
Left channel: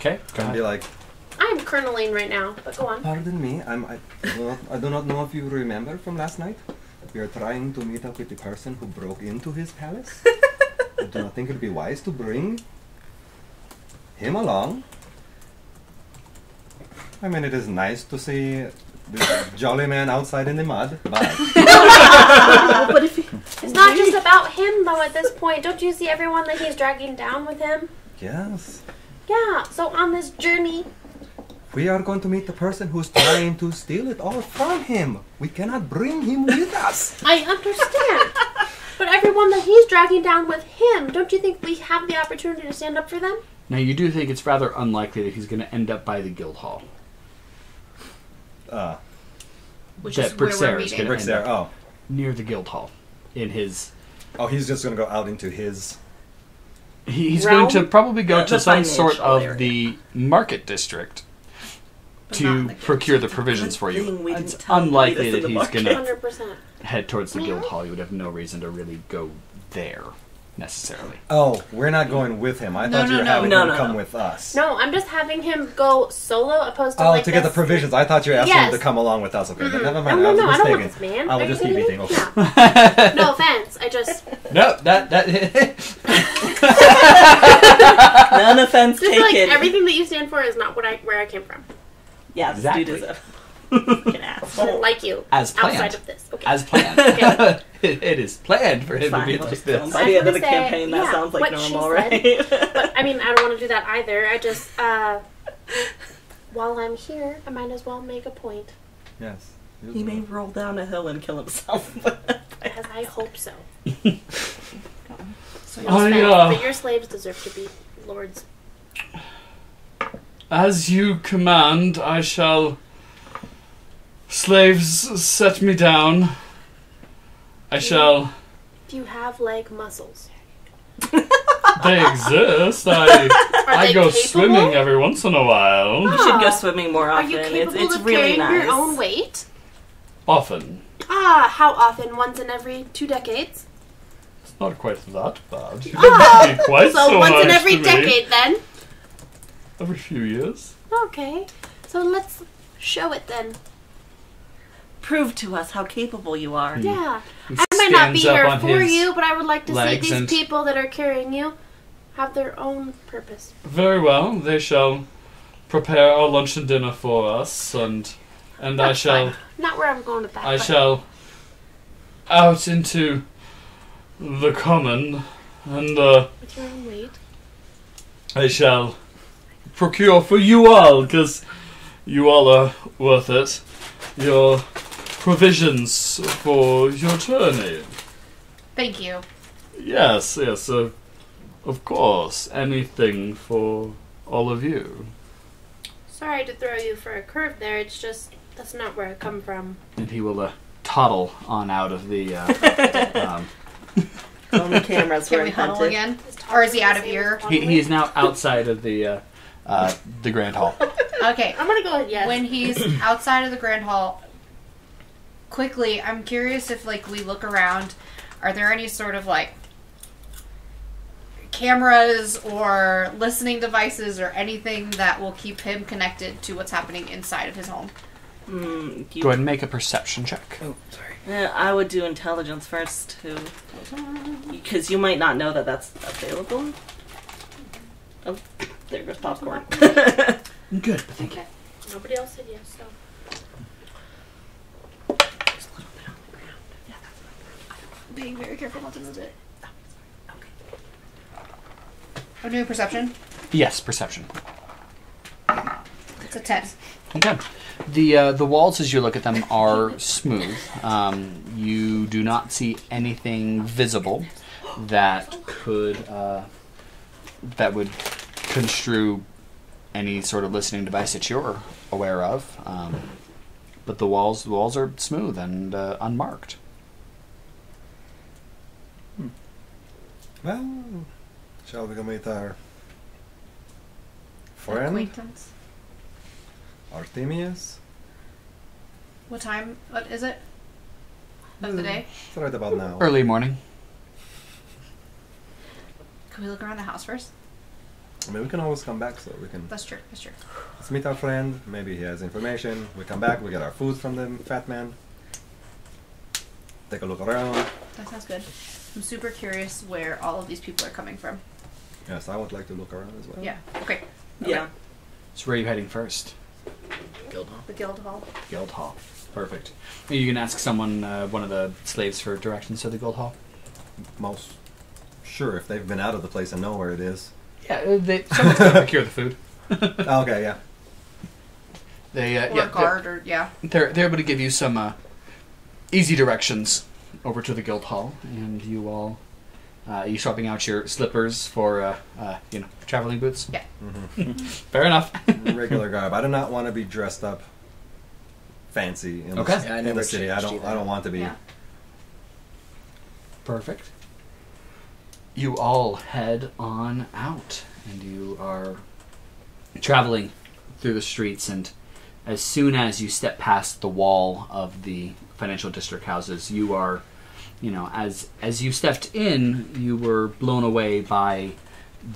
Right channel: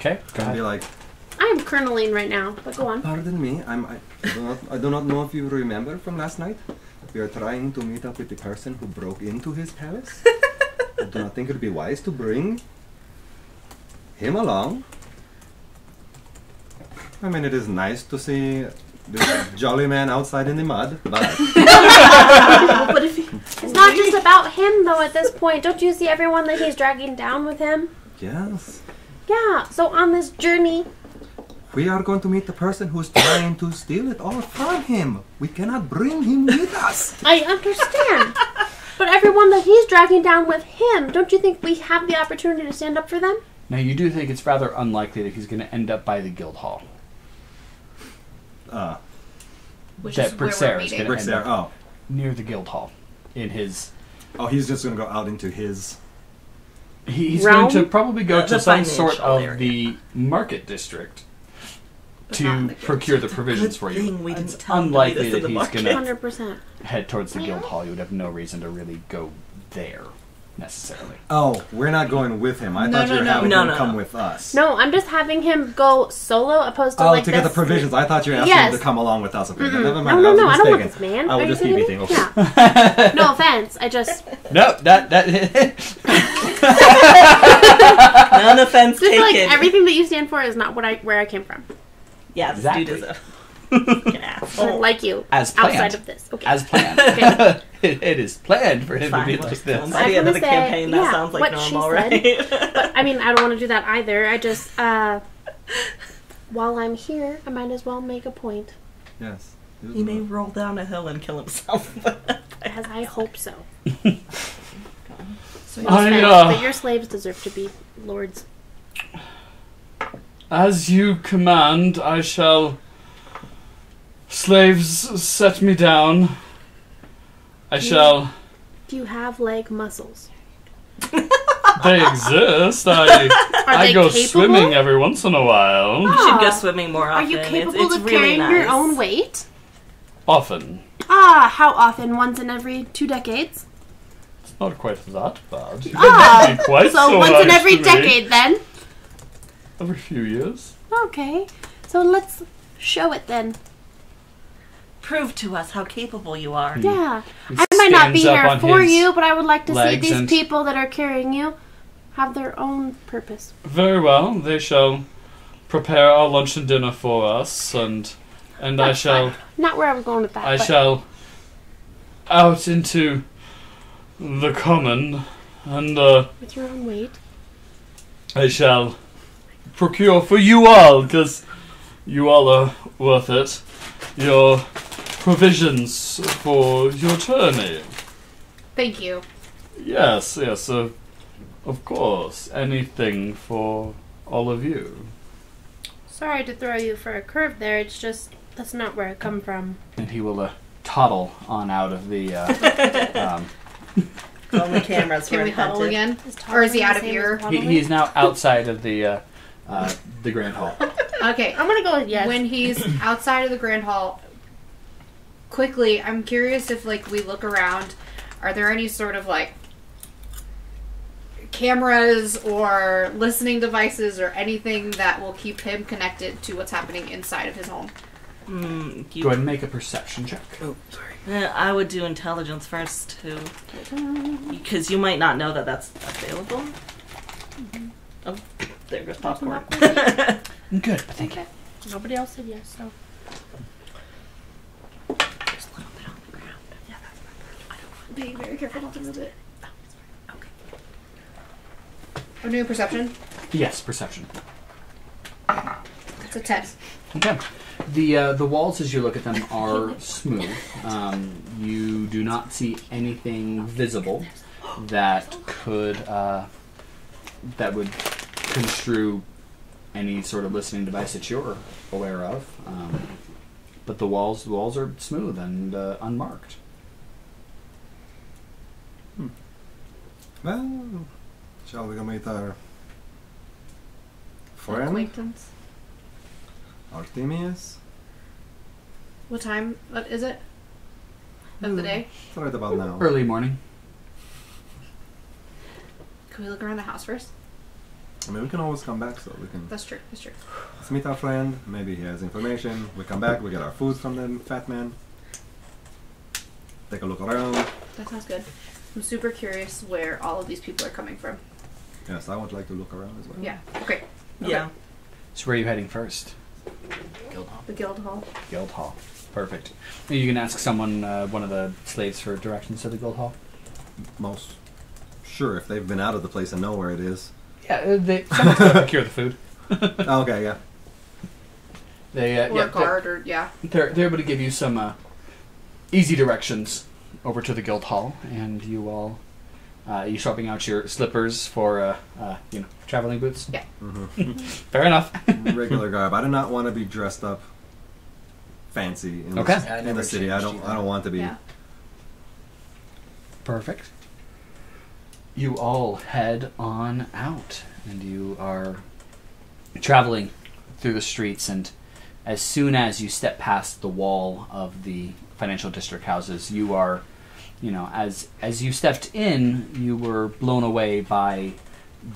Okay, go and be ahead. like, I'm kerneling right now, but go on. "Pardon me, I do not know if you remember from last night. We are trying to meet up with the person who broke into his palace. I do not think it would be wise to bring him along. I mean, it is nice to see this jolly man outside in the mud, but But if you, It's not just about him, though, at this point. Don't you see everyone that he's dragging down with him? yes, Yeah, so on this journey, we are going to meet the person who's trying to steal it all from him. We cannot bring him with us." I understand. But everyone that he's dragging down with him, don't you think we have the opportunity to stand up for them? Now, you do think it's rather unlikely that he's going to end up by the guild hall. Which That is where we're Berserker is meeting. gonna end there. up Oh, near the guild hall. In his... he's just going to go out into his. He's Realm? going to probably go The to some financial sort of area. the market district But not in to the guild. procure the provisions Good for thing you. we didn't It's tell him to unlikely meet us that in the he's going to 100%. head towards the guild hall. You would have no reason to really go there, necessarily. Oh, we're not going with him. I No, thought you no, were no. having No, him no, come no. with us. No, I'm just having him go solo opposed to Oh, like to get the this- provisions. I thought you were asking Yes. him to come along with us. Okay, Mm-mm. never mind. No, I was I don't want mistaken. this man. I Are was you just kidding kidding. me? Okay. Yeah. No offense. I just No, that... none offense just taken. like everything that you stand for is not where I came from. Yes, Exactly. you deserve. Fucking asshole. Like you. As planned. Outside of this. Okay. As planned. Okay. it is planned for him to be Fine. like this. By the end of the I was gonna say, campaign, that yeah, sounds like what she normal, said. right? But I mean, I don't want to do that either. I just, while I'm here, I might as well make a point. Yes. He may roll down a hill and kill himself. As I hope so. So But your slaves deserve to be lords. As you command, I shall... Slaves, set me down. I shall... Do you have leg muscles? They exist. I they go capable? swimming every once in a while. You should go swimming more Are often. you capable it's of really carrying nice. your own weight? Often. Ah, how often? Once in every 2 decades? It's not quite that bad. It Ah, wouldn't be quite so once nice in every to me. decade then? Every few years. Okay. So let's show it then. Prove to us how capable you are. Yeah. He I might not be stands up here on for his you, but I would like to see legs these and- people that are carrying you have their own purpose. Very well. They shall prepare our lunch and dinner for us, and I That's shall... fine. Not where I'm going with that. I but shall out into the common, and with your own weight. I shall procure for you all, because you all are worth it, your provisions for your journey. Thank you. Yes, of course. Anything for all of you. Sorry to throw you for a curve there. It's just that's not where I come from. And he will toddle on out of the... Only cameras Can were we huddle invented. again? Or is he out of here? he is now outside of the Grand Hall. Okay. I'm gonna go with yes. When he's outside of the Grand Hall, quickly, I'm curious if, like, we look around, are there any sort of, like, cameras or listening devices or anything that will keep him connected to what's happening inside of his home? Go ahead and make a perception check. Oh, sorry. Yeah, I would do intelligence first, too. Because you might not know that that's available. Oh, there goes popcorn. Good, thank you. Okay. Nobody else said yes, so. being very careful not to move it. Okay. I'm doing perception. Yes, perception. It's a 10. Okay. The walls, as you look at them, are smooth. You do not see anything visible that could that would construe any sort of listening device that you're aware of. But the walls are smooth and unmarked. Well, shall we go meet our friend, Acquaintance. Artemius? What time? What is it? Of the day? It's right about now. Early morning. Can we look around the house first? I mean, we can always come back, so we can. That's true. That's true. Let's meet our friend. Maybe he has information. We come back. We get our food from the fat man. Take a look around. That sounds good. I'm super curious where all of these people are coming from. Yes, I would like to look around as well. Yeah. Okay. Yeah. So where are you heading first? Guild Hall. The guild hall. Guild Hall. Perfect. Are you going to ask someone, one of the slaves, for directions to the Guild Hall? Most sure if they've been out of the place and know where it is. Yeah, someone's going to procure the food. Okay, yeah. They, Or guard, or yeah. They're able to give you some easy directions over to the Guild Hall, and you all, you swapping out your slippers for, traveling boots? Yeah. Mm-hmm. Fair enough. Regular garb. I do not want to be dressed up fancy in, Okay. the, Yeah, I in never the city. I changed don't. either. I don't want to be. Yeah. Perfect. You all head on out, and you are traveling through the streets, and as soon as you step past the wall of the financial district houses, you are, as you stepped in, you were blown away by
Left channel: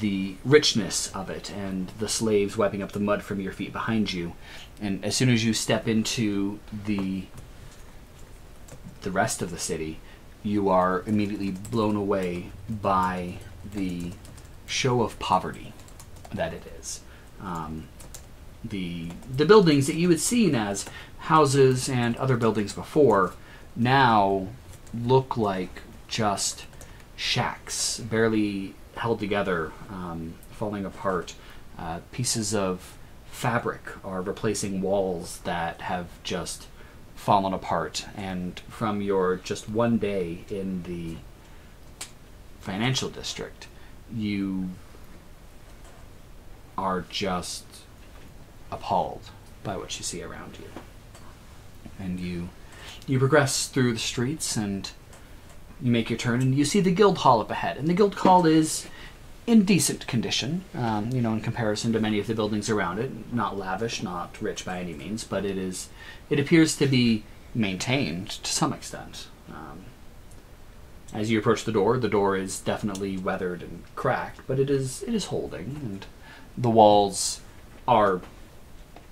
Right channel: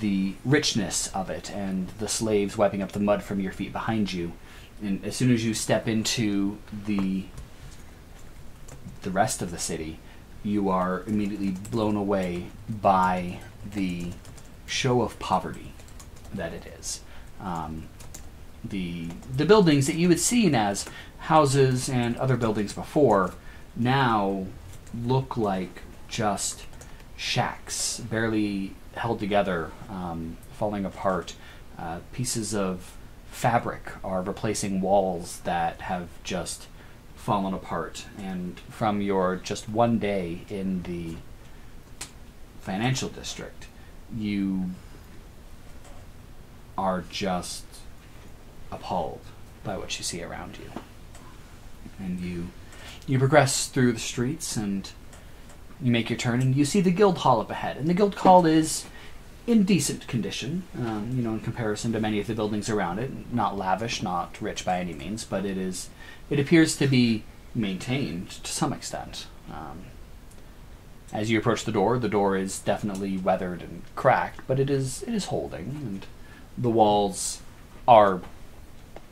the richness of it and the slaves wiping up the mud from your feet behind you. And as soon as you step into the rest of the city, you are immediately blown away by the show of poverty that it is. The buildings that you had seen as houses and other buildings before now look like just shacks, barely held together, falling apart. Pieces of fabric are replacing walls that have just fallen apart. And from your just one day in the financial district, you are just appalled by what you see around you. And you progress through the streets, and you make your turn, and you see the guild hall up ahead. And the guild hall is in decent condition, in comparison to many of the buildings around it. Not lavish, not rich by any means, but it appears to be maintained to some extent. As you approach the door is definitely weathered and cracked, but it is holding, and the walls are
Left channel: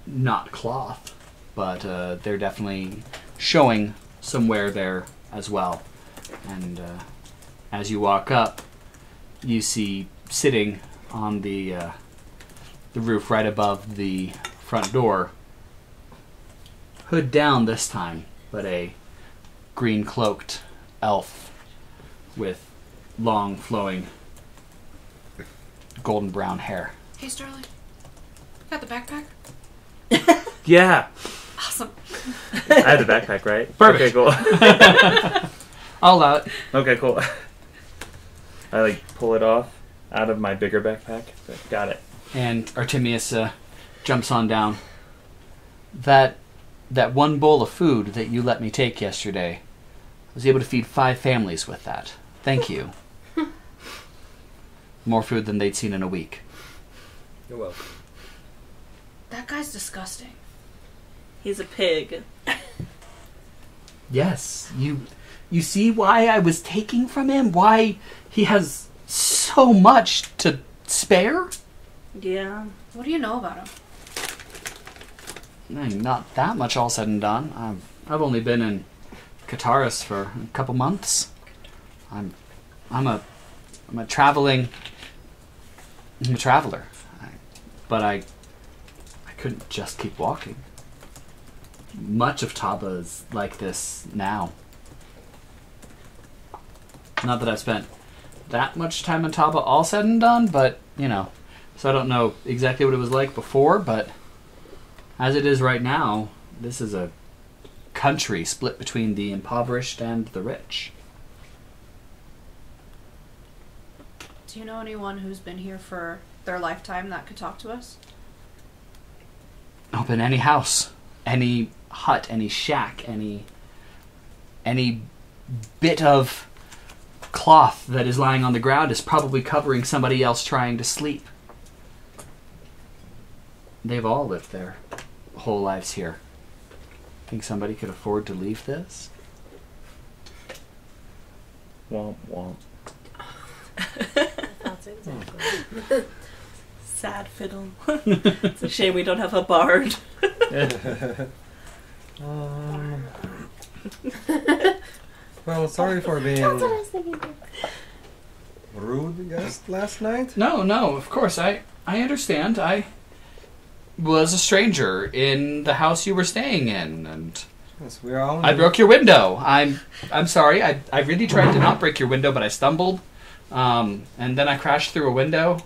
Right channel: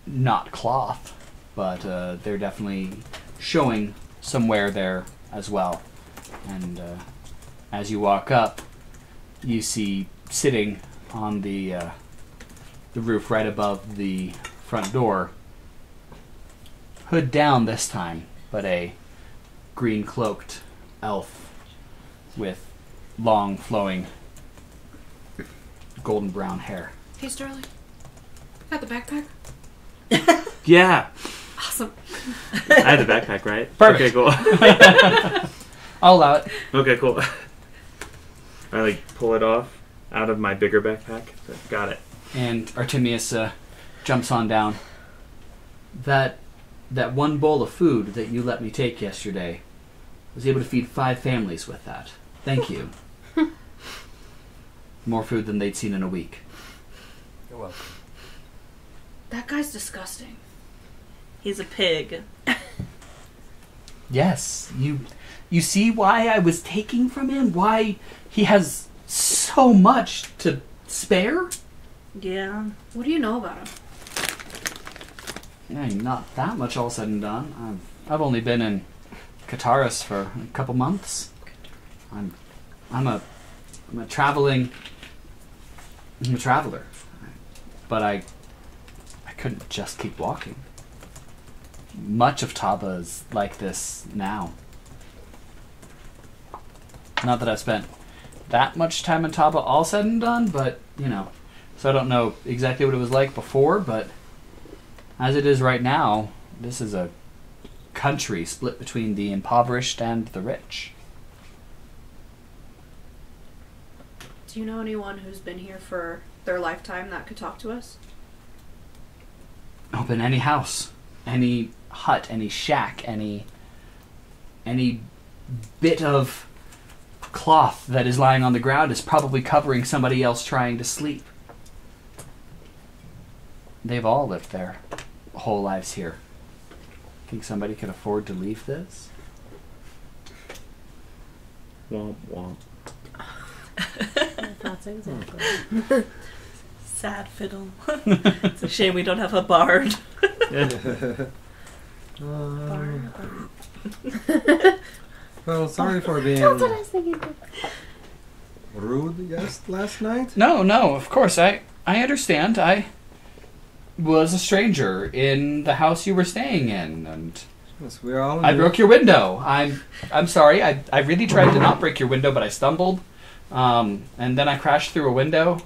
not cloth, but they're definitely showing some wear there as well. And as you walk up, you see sitting on the roof right above the front door, hood down this time, but a green-cloaked elf with long, flowing, golden brown hair. Hey, Sterling. Got the backpack? Yeah. Awesome. I had the backpack, right? Perfect. Okay, cool. I'll allow it. Okay, cool. I pull it off out of my bigger backpack. Got it. And Artemius jumps on down. That one bowl of food that you let me take yesterday, I was able to feed 5 families with that. Thank you. More food than they'd seen in a week. You're welcome. That guy's disgusting. He's a pig. Yes, you see why I was taking from him? Why he has so much to spare? Yeah. What do you know about him? Not that much, all said and done. I've only been in Kataris for a couple months. I'm a traveler, but I couldn't just keep walking. Much of Taba is like this now. Not that I've spent that much time in Taba all said and done, but, you know. So I don't know exactly what it was like before, but as it is right now, this is a country split between the impoverished and the rich. Do you know anyone who's been here for their lifetime that could talk to us? Open any house, any hut, any shack, any bit of cloth that is lying on the ground is probably covering somebody else trying to sleep. They've all lived their whole lives here. Think somebody could afford to leave this? Womp womp. My thoughts exactly. Sad fiddle. It's a shame we don't have a bard. Well, sorry for being That's what I was thinking. rude guest last night. No, of course. I understand. I was a stranger in the house you were staying in, and Yes, we're all I broke your window. I'm sorry. I really tried to not break your window, but I stumbled, and then I crashed through a window.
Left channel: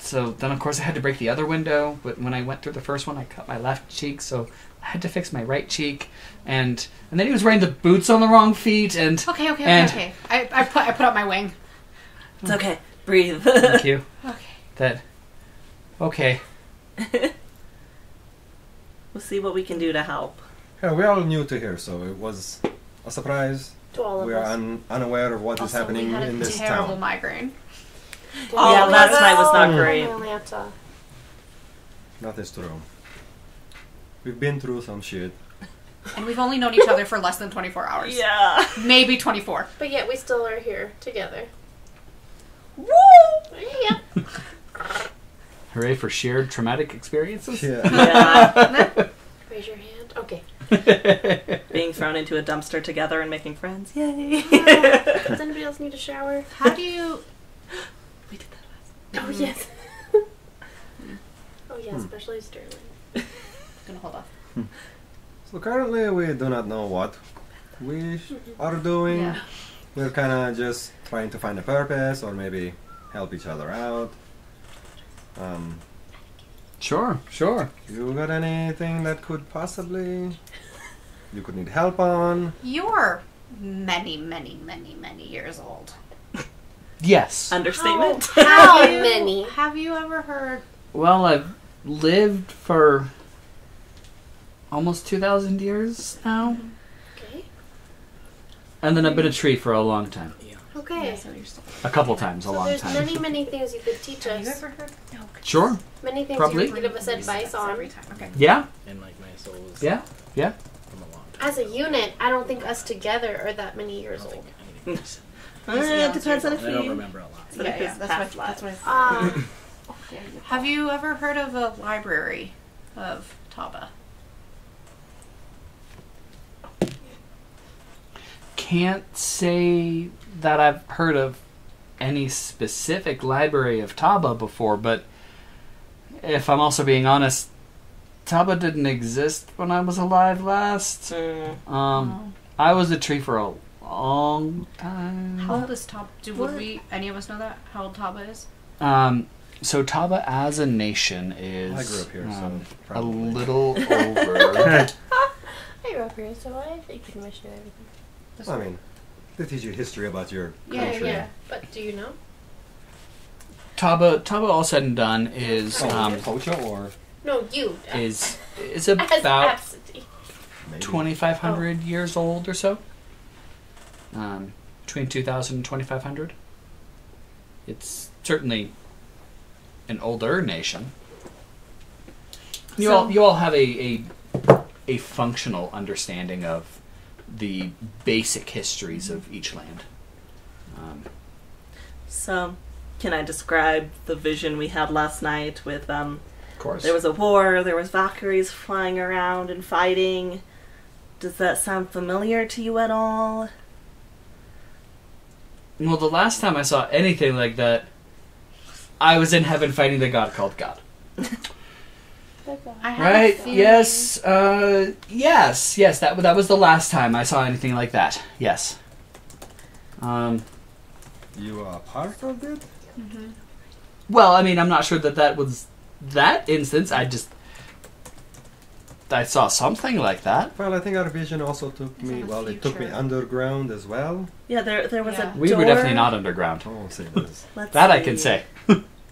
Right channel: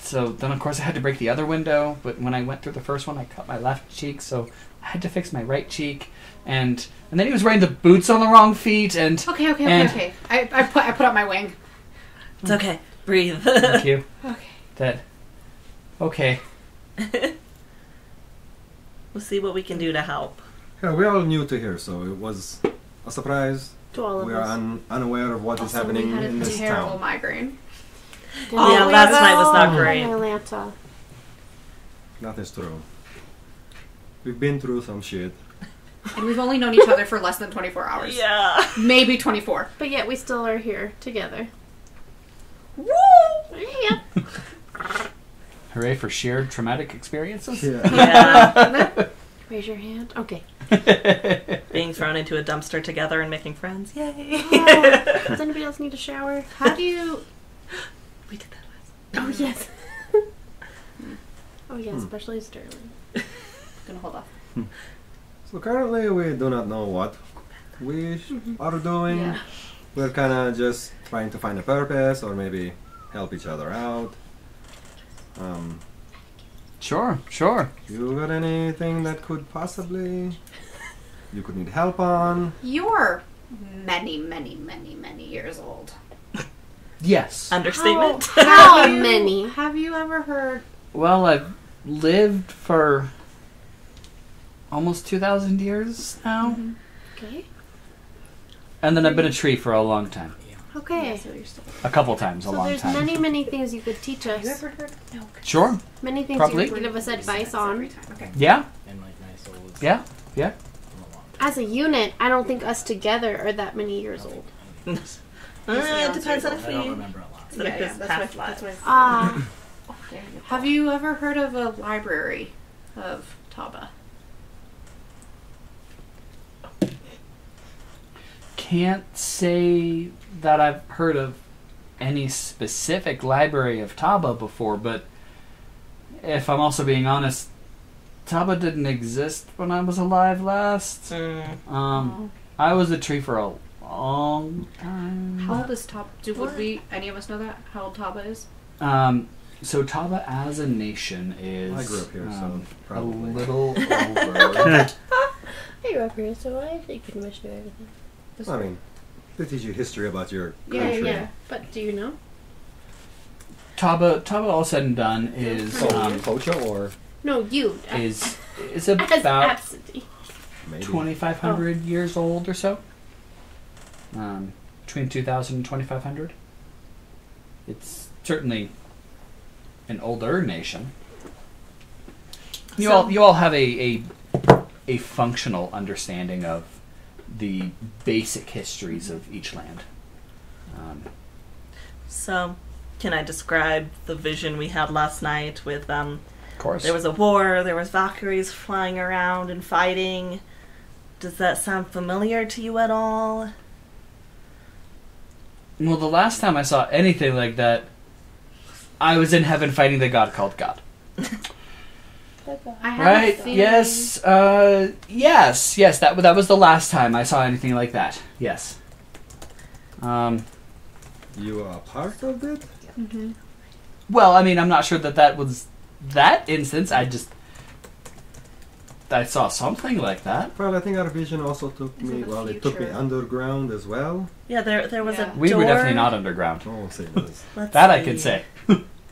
So then, of course, I had to break the other window. But when I went through the first one, I cut my left cheek, so I had to fix my right cheek. And then he was wearing the boots on the wrong feet. And Okay. I put up my wing. It's okay. Breathe. thank you. Okay. Okay. We'll see what we can do to help. Yeah, we're all new to here, so it was a surprise. To all of We are us. unaware of what is Also, happening we had in a this terrible town. migraine. Yeah, last night was not great. Atlanta. That is true. We've been through some shit. And we've only known each other for less than 24 hours. Yeah. Maybe 24. But yet we still are here together. Woo! Yeah. Hooray for shared traumatic experiences. Yeah. Yeah. Raise your hand. Okay. Being thrown into a dumpster together and making friends. Yay. Does anybody else need a shower? How do you... We did that last Oh, yes. Oh, yeah, especially Sterling. Gonna hold off. So currently we do not know what we are doing. Yeah. We're kind of just trying to find a purpose or maybe help each other out. Sure. You got anything that could possibly you could need help on? You're many years old. Yes. Understatement. How Have you- many? Have you ever heard... Well, I've lived for almost 2,000 years now. Okay. And then I've been a tree for a long time. Okay. So you're still... A couple times, a So long there's time. many things you could teach Have you us. ever heard... No. Sure. Many things Probably. you could give us advice on. Every time. Okay. Yeah. And like my soul is Yeah. from a long time. As a unit, I don't think us together are that many years old. It depends on if I don't we... remember a lot. Sort of his past lives. Ah. Have you ever heard of the Library of Taba? Can't say that I've heard of any specific Library of Taba before, but if I'm also being honest, Taba didn't exist when I was alive last. I was a tree for a long time. How old is Taba? Would we, any of us know that? How old Taba is? So Taba as a nation I is grew up here, so a probably. little over. I grew up here, so I think pretty much do everything. I mean, they teach you history about your Yeah, country. yeah. But do you know? Taba all said and done is Pocho or No, you. is As about Absidee. maybe 2,500 years old or so. Between 2,000 and 2,500. It's certainly an older nation. You all have a functional understanding of the basic histories of each land. So, can I describe the vision we had last night with, Of course. there was a war, there was Valkyries flying around and fighting. Does that sound familiar to you at all? Well, the last time I saw anything like that, I was in heaven fighting the god called God. I have a Right? feeling- Yes. Yes. That was the last time I saw anything like that. Yes. You are part of it? Mm-hmm. Well, I mean, I'm not sure that was that instance. I saw something like that. Well, I think our vision also took me, it took me underground as well. Yeah, there was a We door. were definitely not underground. Oh, see, this. That I can say.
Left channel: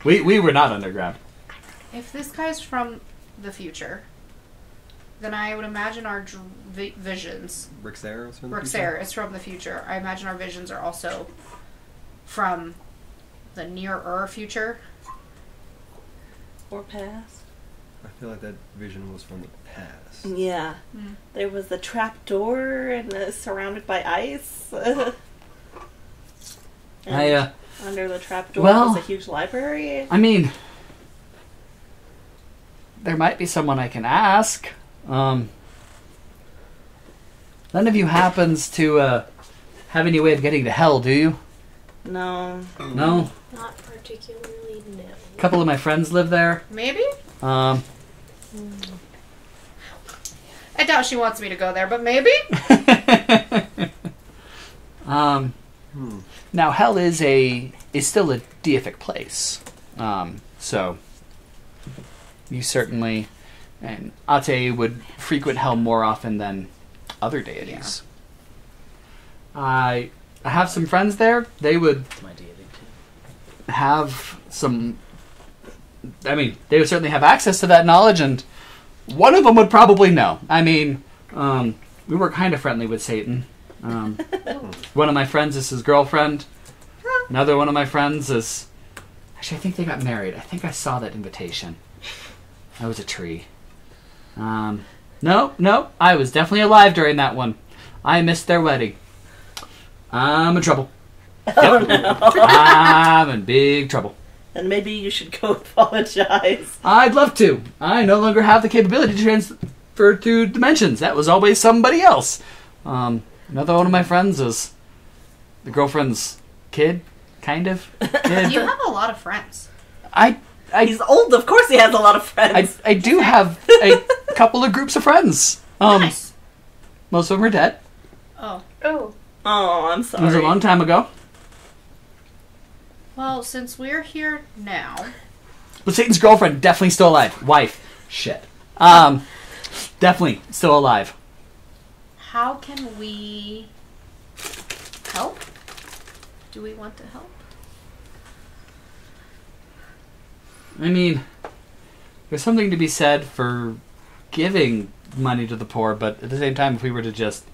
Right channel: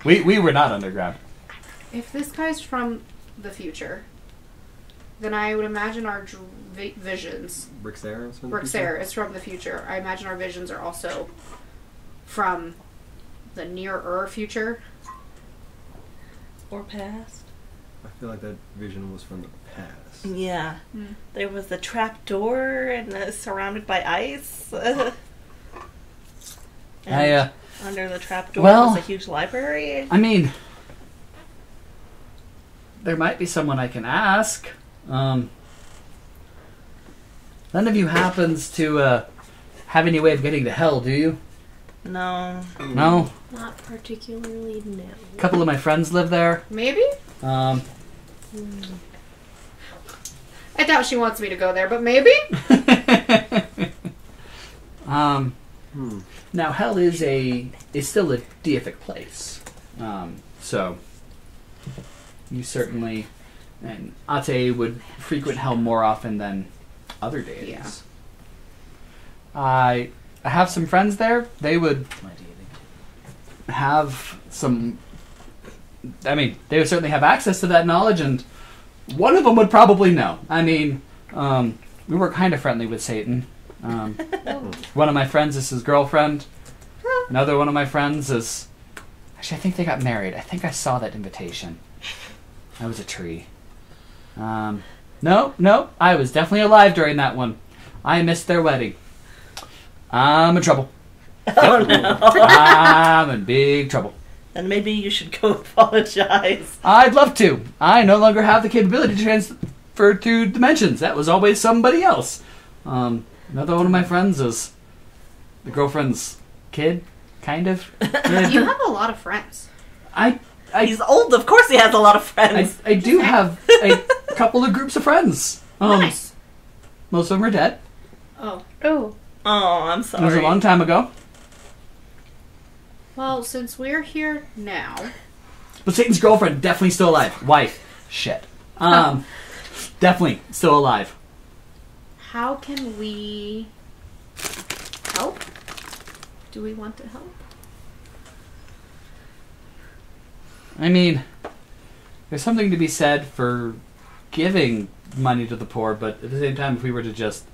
We were not underground. If this guy's from the future, then I would imagine our visions. Brixera is from the future. I imagine our visions are also from the nearer future. Or past. I feel like that vision was from the past. Yeah. There was the trap door and surrounded by ice. And under the trap door was a huge library. I mean, there might be someone I can ask. None of you happens to have any way of getting to hell, do you? No. No? Not particularly, no. A couple of my friends live there. Maybe? I doubt she wants me to go there, but maybe? Now, hell is still a deific place. So, you certainly, and Abcde would frequent hell more often than other deities. Yeah. I have some friends there. They would have some... I mean, they would certainly have access to that knowledge, and one of them would probably know. I mean, we were kind of friendly with Satan. One of my friends is his girlfriend. Another one of my friends is... Actually, I think they got married. I think I saw that invitation. That was a tree. No, I was definitely alive during that one. I missed their wedding. I'm in trouble. Oh, no. I'm in big trouble. Then maybe you should go apologize. I'd love to. I no longer have the capability to transfer to dimensions. That was always somebody else. Another one of my friends is the girlfriend's kid, kind of. Kid. You have a lot of friends. He's old, of course he has a lot of friends. I do have a couple of groups of friends. Nice. Most of them are dead. Oh. Oh, I'm sorry. It was a long time ago. Well, since we're here now... But Satan's girlfriend, definitely still alive. Wife. Shit. Definitely still alive. How can we help? Do we want to help? I mean, there's something to be said for giving money to the poor, but at the same time, if we were to just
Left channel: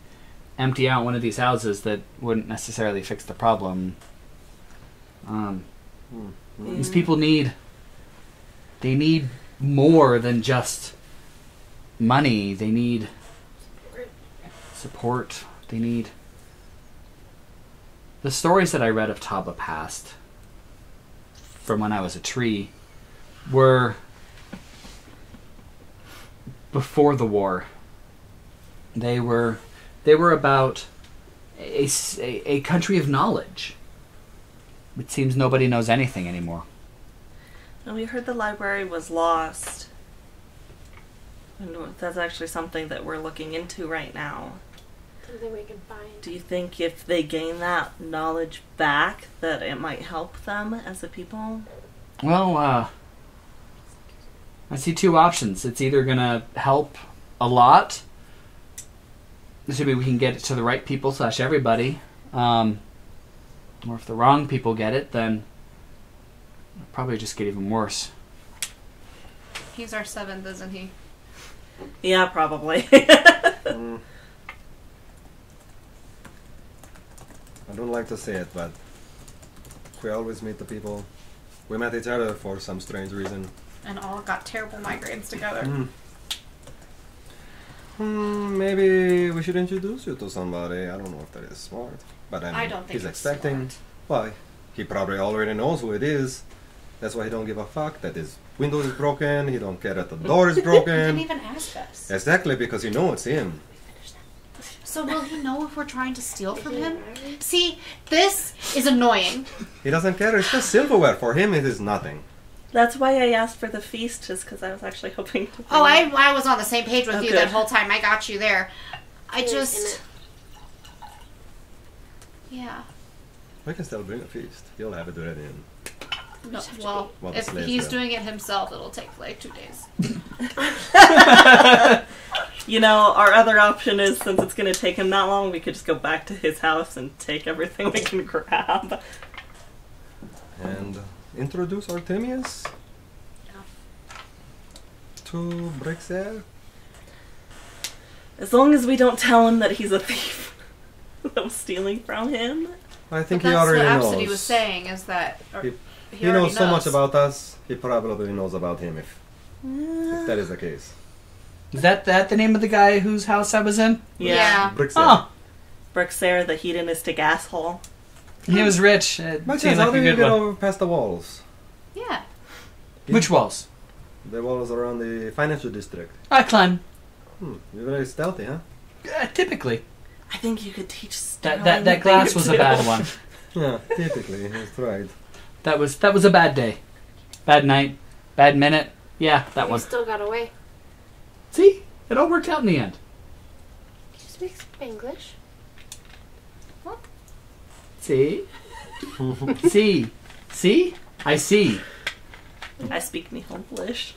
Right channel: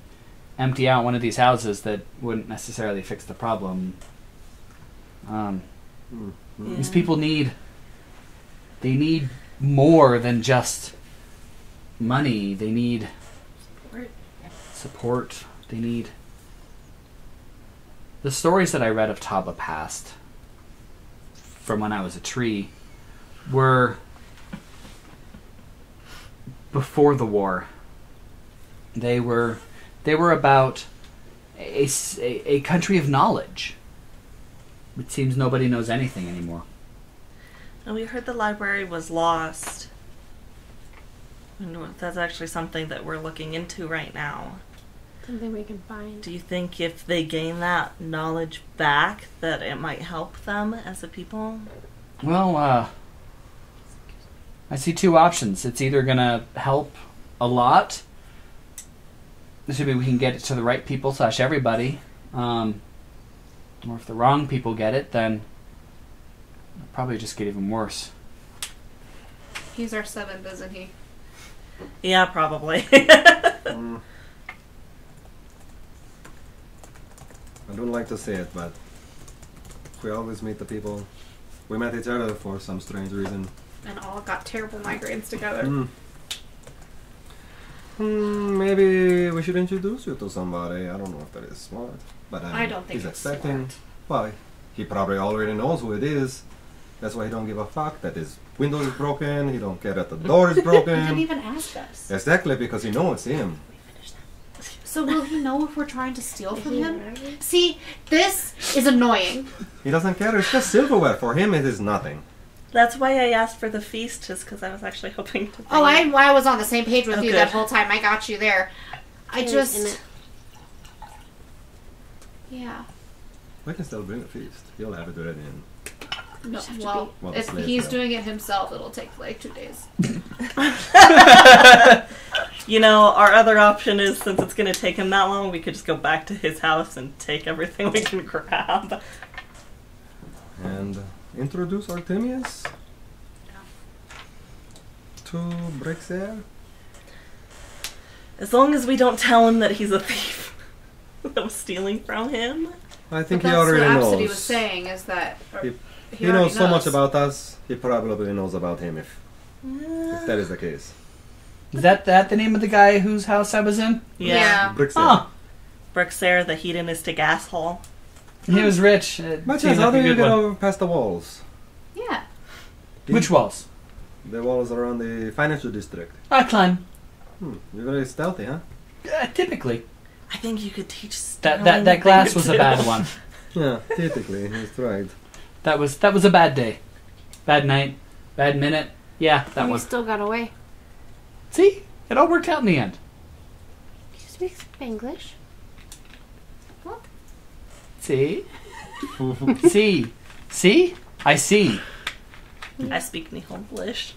empty out one of these houses, that wouldn't necessarily fix the problem. These people need more than just money. They need support. They need... The stories that I read of Taba past, from when I was a tree, were before the war. They were about a country of knowledge. It seems nobody knows anything anymore. And we heard the library was lost. And that's actually something that we're looking into right now. Something we can find. Do you think if they gain that knowledge back, that it might help them as a people? Well, I see two options. It's either going to help a lot, assuming we can get it to the right people / everybody, or if the wrong people get it, then it'll probably just get even worse. He's our 7th, isn't he? Yeah, probably. I don't like to say it, but we always meet the people. We met each other for some strange reason. And all got terrible migraines together. Maybe we should introduce you to somebody. I don't know if that is smart. But I don't think he's it's expecting. Well, he probably already knows who it is. That's why he don't give a fuck that his window is broken. He don't care that the door is broken. He didn't even ask us. Exactly, because you know it's him. So will he know if we're trying to steal from him? See, this is annoying. He doesn't care. It's just silverware. For him, it is nothing. That's why I asked for the feast, just because I was actually hoping to... Oh, I was on the same page with you good. that whole time. I got you there. I just... Yeah. We can still bring the feast. He'll have it ready in. No, Just have to well, Well, if the slaves he's will. doing it himself, it'll take like 2 days. You know, our other option is, since it's going to take him that long, we could just go back to his house and take everything we can grab. And introduce Artemius to Brexer. As long as we don't tell him that he's a thief that was stealing from him. I think But he that's already what knows. Absidee was saying, is that... He already knows so much about us, he probably knows about him if that is the case. Is that the name of the guy whose house I was in? Yeah. Brexer. Oh, Brexer, the hedonistic asshole. he was rich. It But seemed how like do a you good get one. over past the walls? Yeah. Which walls? The walls around the financial district. I climb. You're very stealthy, huh? Typically. I think you could teach That glass was a bad one. Yeah, typically, that's right. That was a bad day. Bad night. Bad minute. Yeah, that We one. still got away. See? It all worked out in the end. You speak Spanglish? See? See? See? I see. I speak Nihonglish.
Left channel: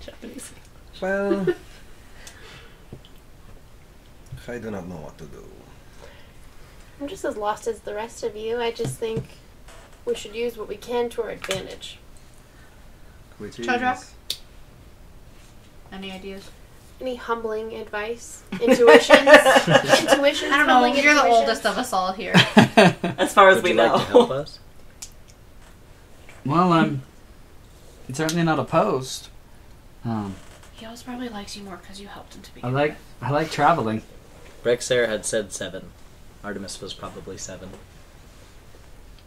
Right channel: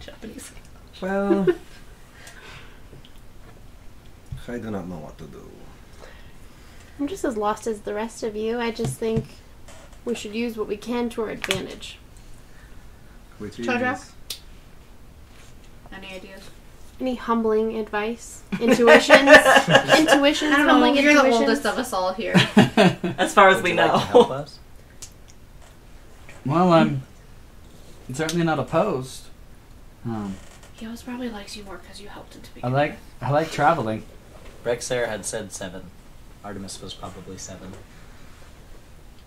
Japanese. Well, I do not know what to do. I'm just as lost as the rest of you. I just think we should use what we can to our advantage. Which Chodrak? is... Any ideas? Any humbling advice? Intuitions? Intuitions? I don't know. Humbling You're the intuitions? oldest of us all here. As far as Would we you know. like to help us? Well, I'm certainly not opposed. He always probably likes you more because you helped him to begin. I like traveling. Brexer had said 7. Artemis was probably 7.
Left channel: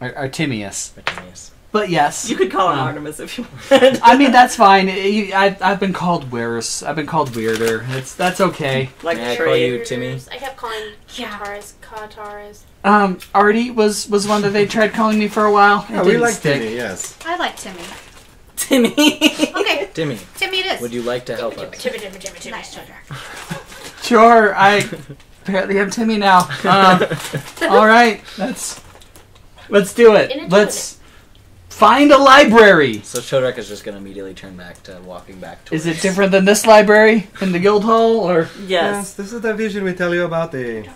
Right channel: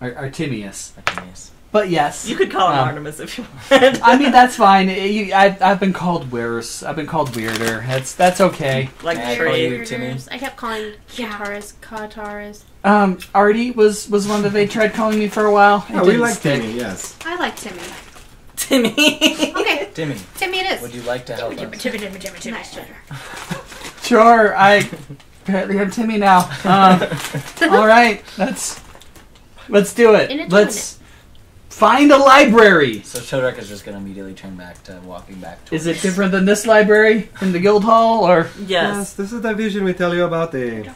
Artemius. Artemius. But yes. You could call him Um, Artemis if you want. I mean, that's fine. I've been called worse. I've been called weirder. That's okay. Like May I tree. call you Timmy? I kept calling Kataras. Artie was one that they tried calling me for a while. It Oh, we didn't like stick. Timmy, yes. I like Timmy. Timmy. Okay, Timmy, Timmy it is. would you like to help us? Nice, Chodrak. Sure, I apparently am Timmy now. All right, let's do In a it. Let's find a library. So Chodrak is just going to immediately turn back to walking back towards... Is it different than this library in the guild hall, or? Yes. This is the vision we tell you about. It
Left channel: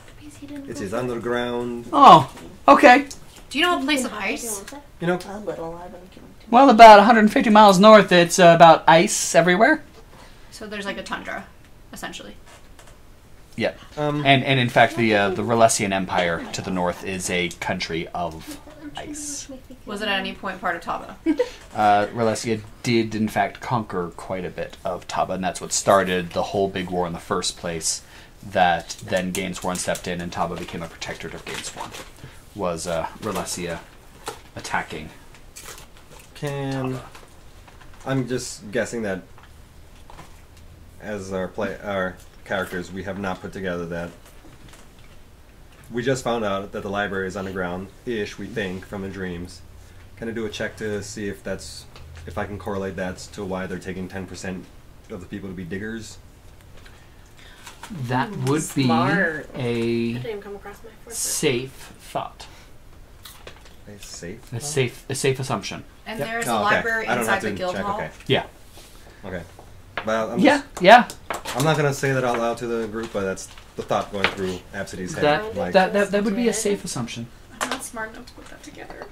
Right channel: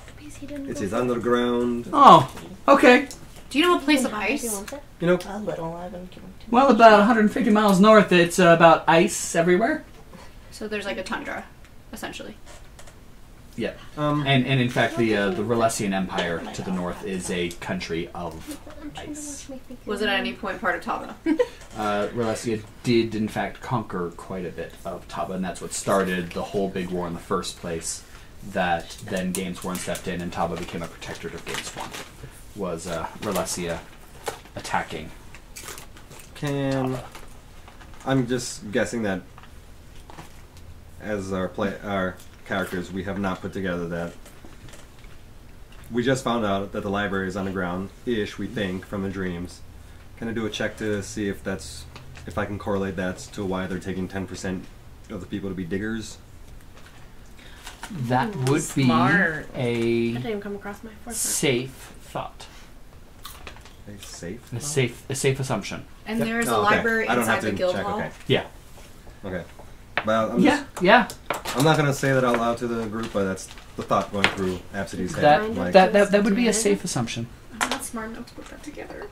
is underground. Oh, okay. Do you know a place of ice? You know, A little. I haven't given too Well, about 150 miles north, it's about ice everywhere. So there's like a tundra, essentially. Yeah. And in fact, the Relesian Empire to the north is a country of ice. Was it at any point part of Taba? Relesia did, in fact, conquer quite a bit of Taba, and that's what started the whole big war in the first place. That then Gainsworn stepped in, and Taba became a protectorate of Gainsworn. Was Relesia attacking? I'm just guessing that as our characters, we have not put together that. We just found out that the library is underground-ish, we think, from the dreams. Can I do a check to see if I can correlate that to why they're taking 10% of the people to be diggers? That would Smart. be I a didn't even come across my foresight. safe thought. Safe? A safe assumption. And Yep. there's a Oh, okay. library I don't inside have the to guild check, hall. okay. Yeah. Okay. Well, Yeah. I'm not gonna say that out loud to the group, but that's the thought going through Absidee's head. That Like, that would be a safe assumption. I'm not smart enough to put that together.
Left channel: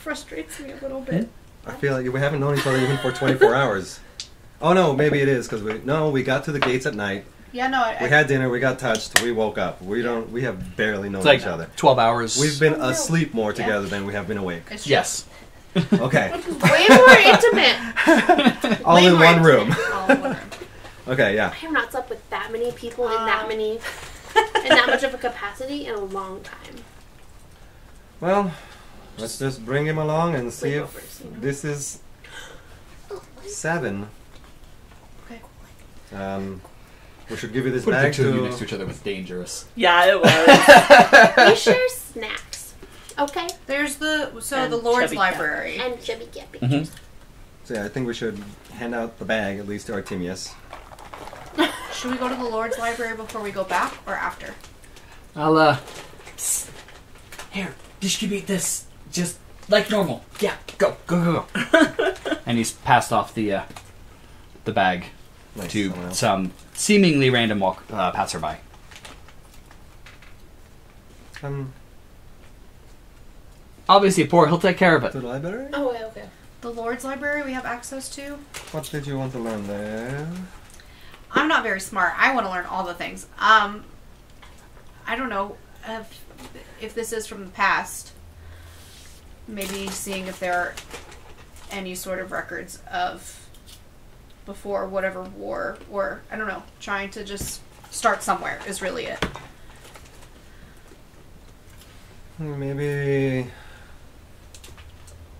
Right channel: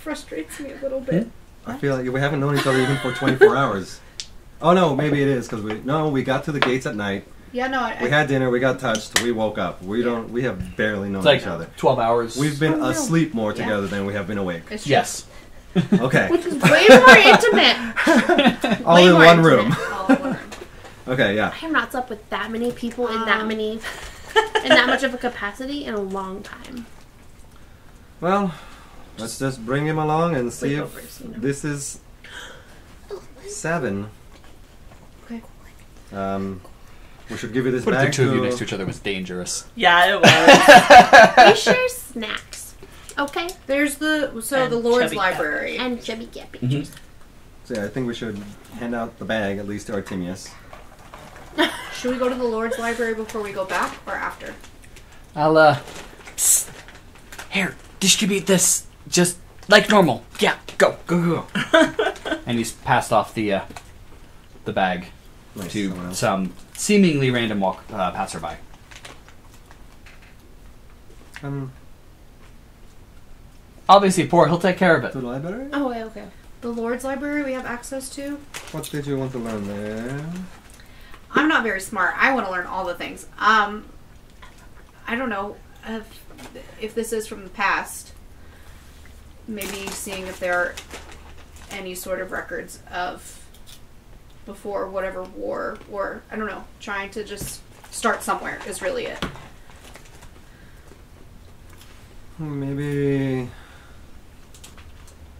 Frustrates me a little bit. I feel like we haven't known each other even for 24 hours. Oh no, maybe it is because we got to the gates at night. Yeah, no, We had dinner, we got touched, we woke up. We have barely known It's like each other. 12 hours. We've been asleep more Yeah. together than we have been awake. It's true. Yes. Okay, Way more intimate. all Way in more one intimate. room. All in one room. Okay, yeah. I have not slept with that many people in that much of a capacity in a long time. Well, let's just bring him along and see if Sleepovers, you know? this is 7. Okay. We should give you this Putting the bag two of you to... next to each other was dangerous. Yeah, it was. We share snacks. Okay? There's the And Lord's Chubby Cat. Library. And Chubby Gappy. Mhm. So yeah, I think we should hand out the bag, at least to Artemius. Should we go to the Lord's Library before we go back, or after? I'll, psst. Here, distribute this just like normal. Yeah, go. And he's passed off the bag to some seemingly random passerby. Obviously poor, he'll take care of it. To the library? Oh, okay. The Lord's Library we have access to. What did you want to learn there? I'm not very smart. I want to learn all the things. I don't know if this is from the past. Maybe seeing if there are any sort of records of before whatever war, or I don't know, trying to just start somewhere is really it. Maybe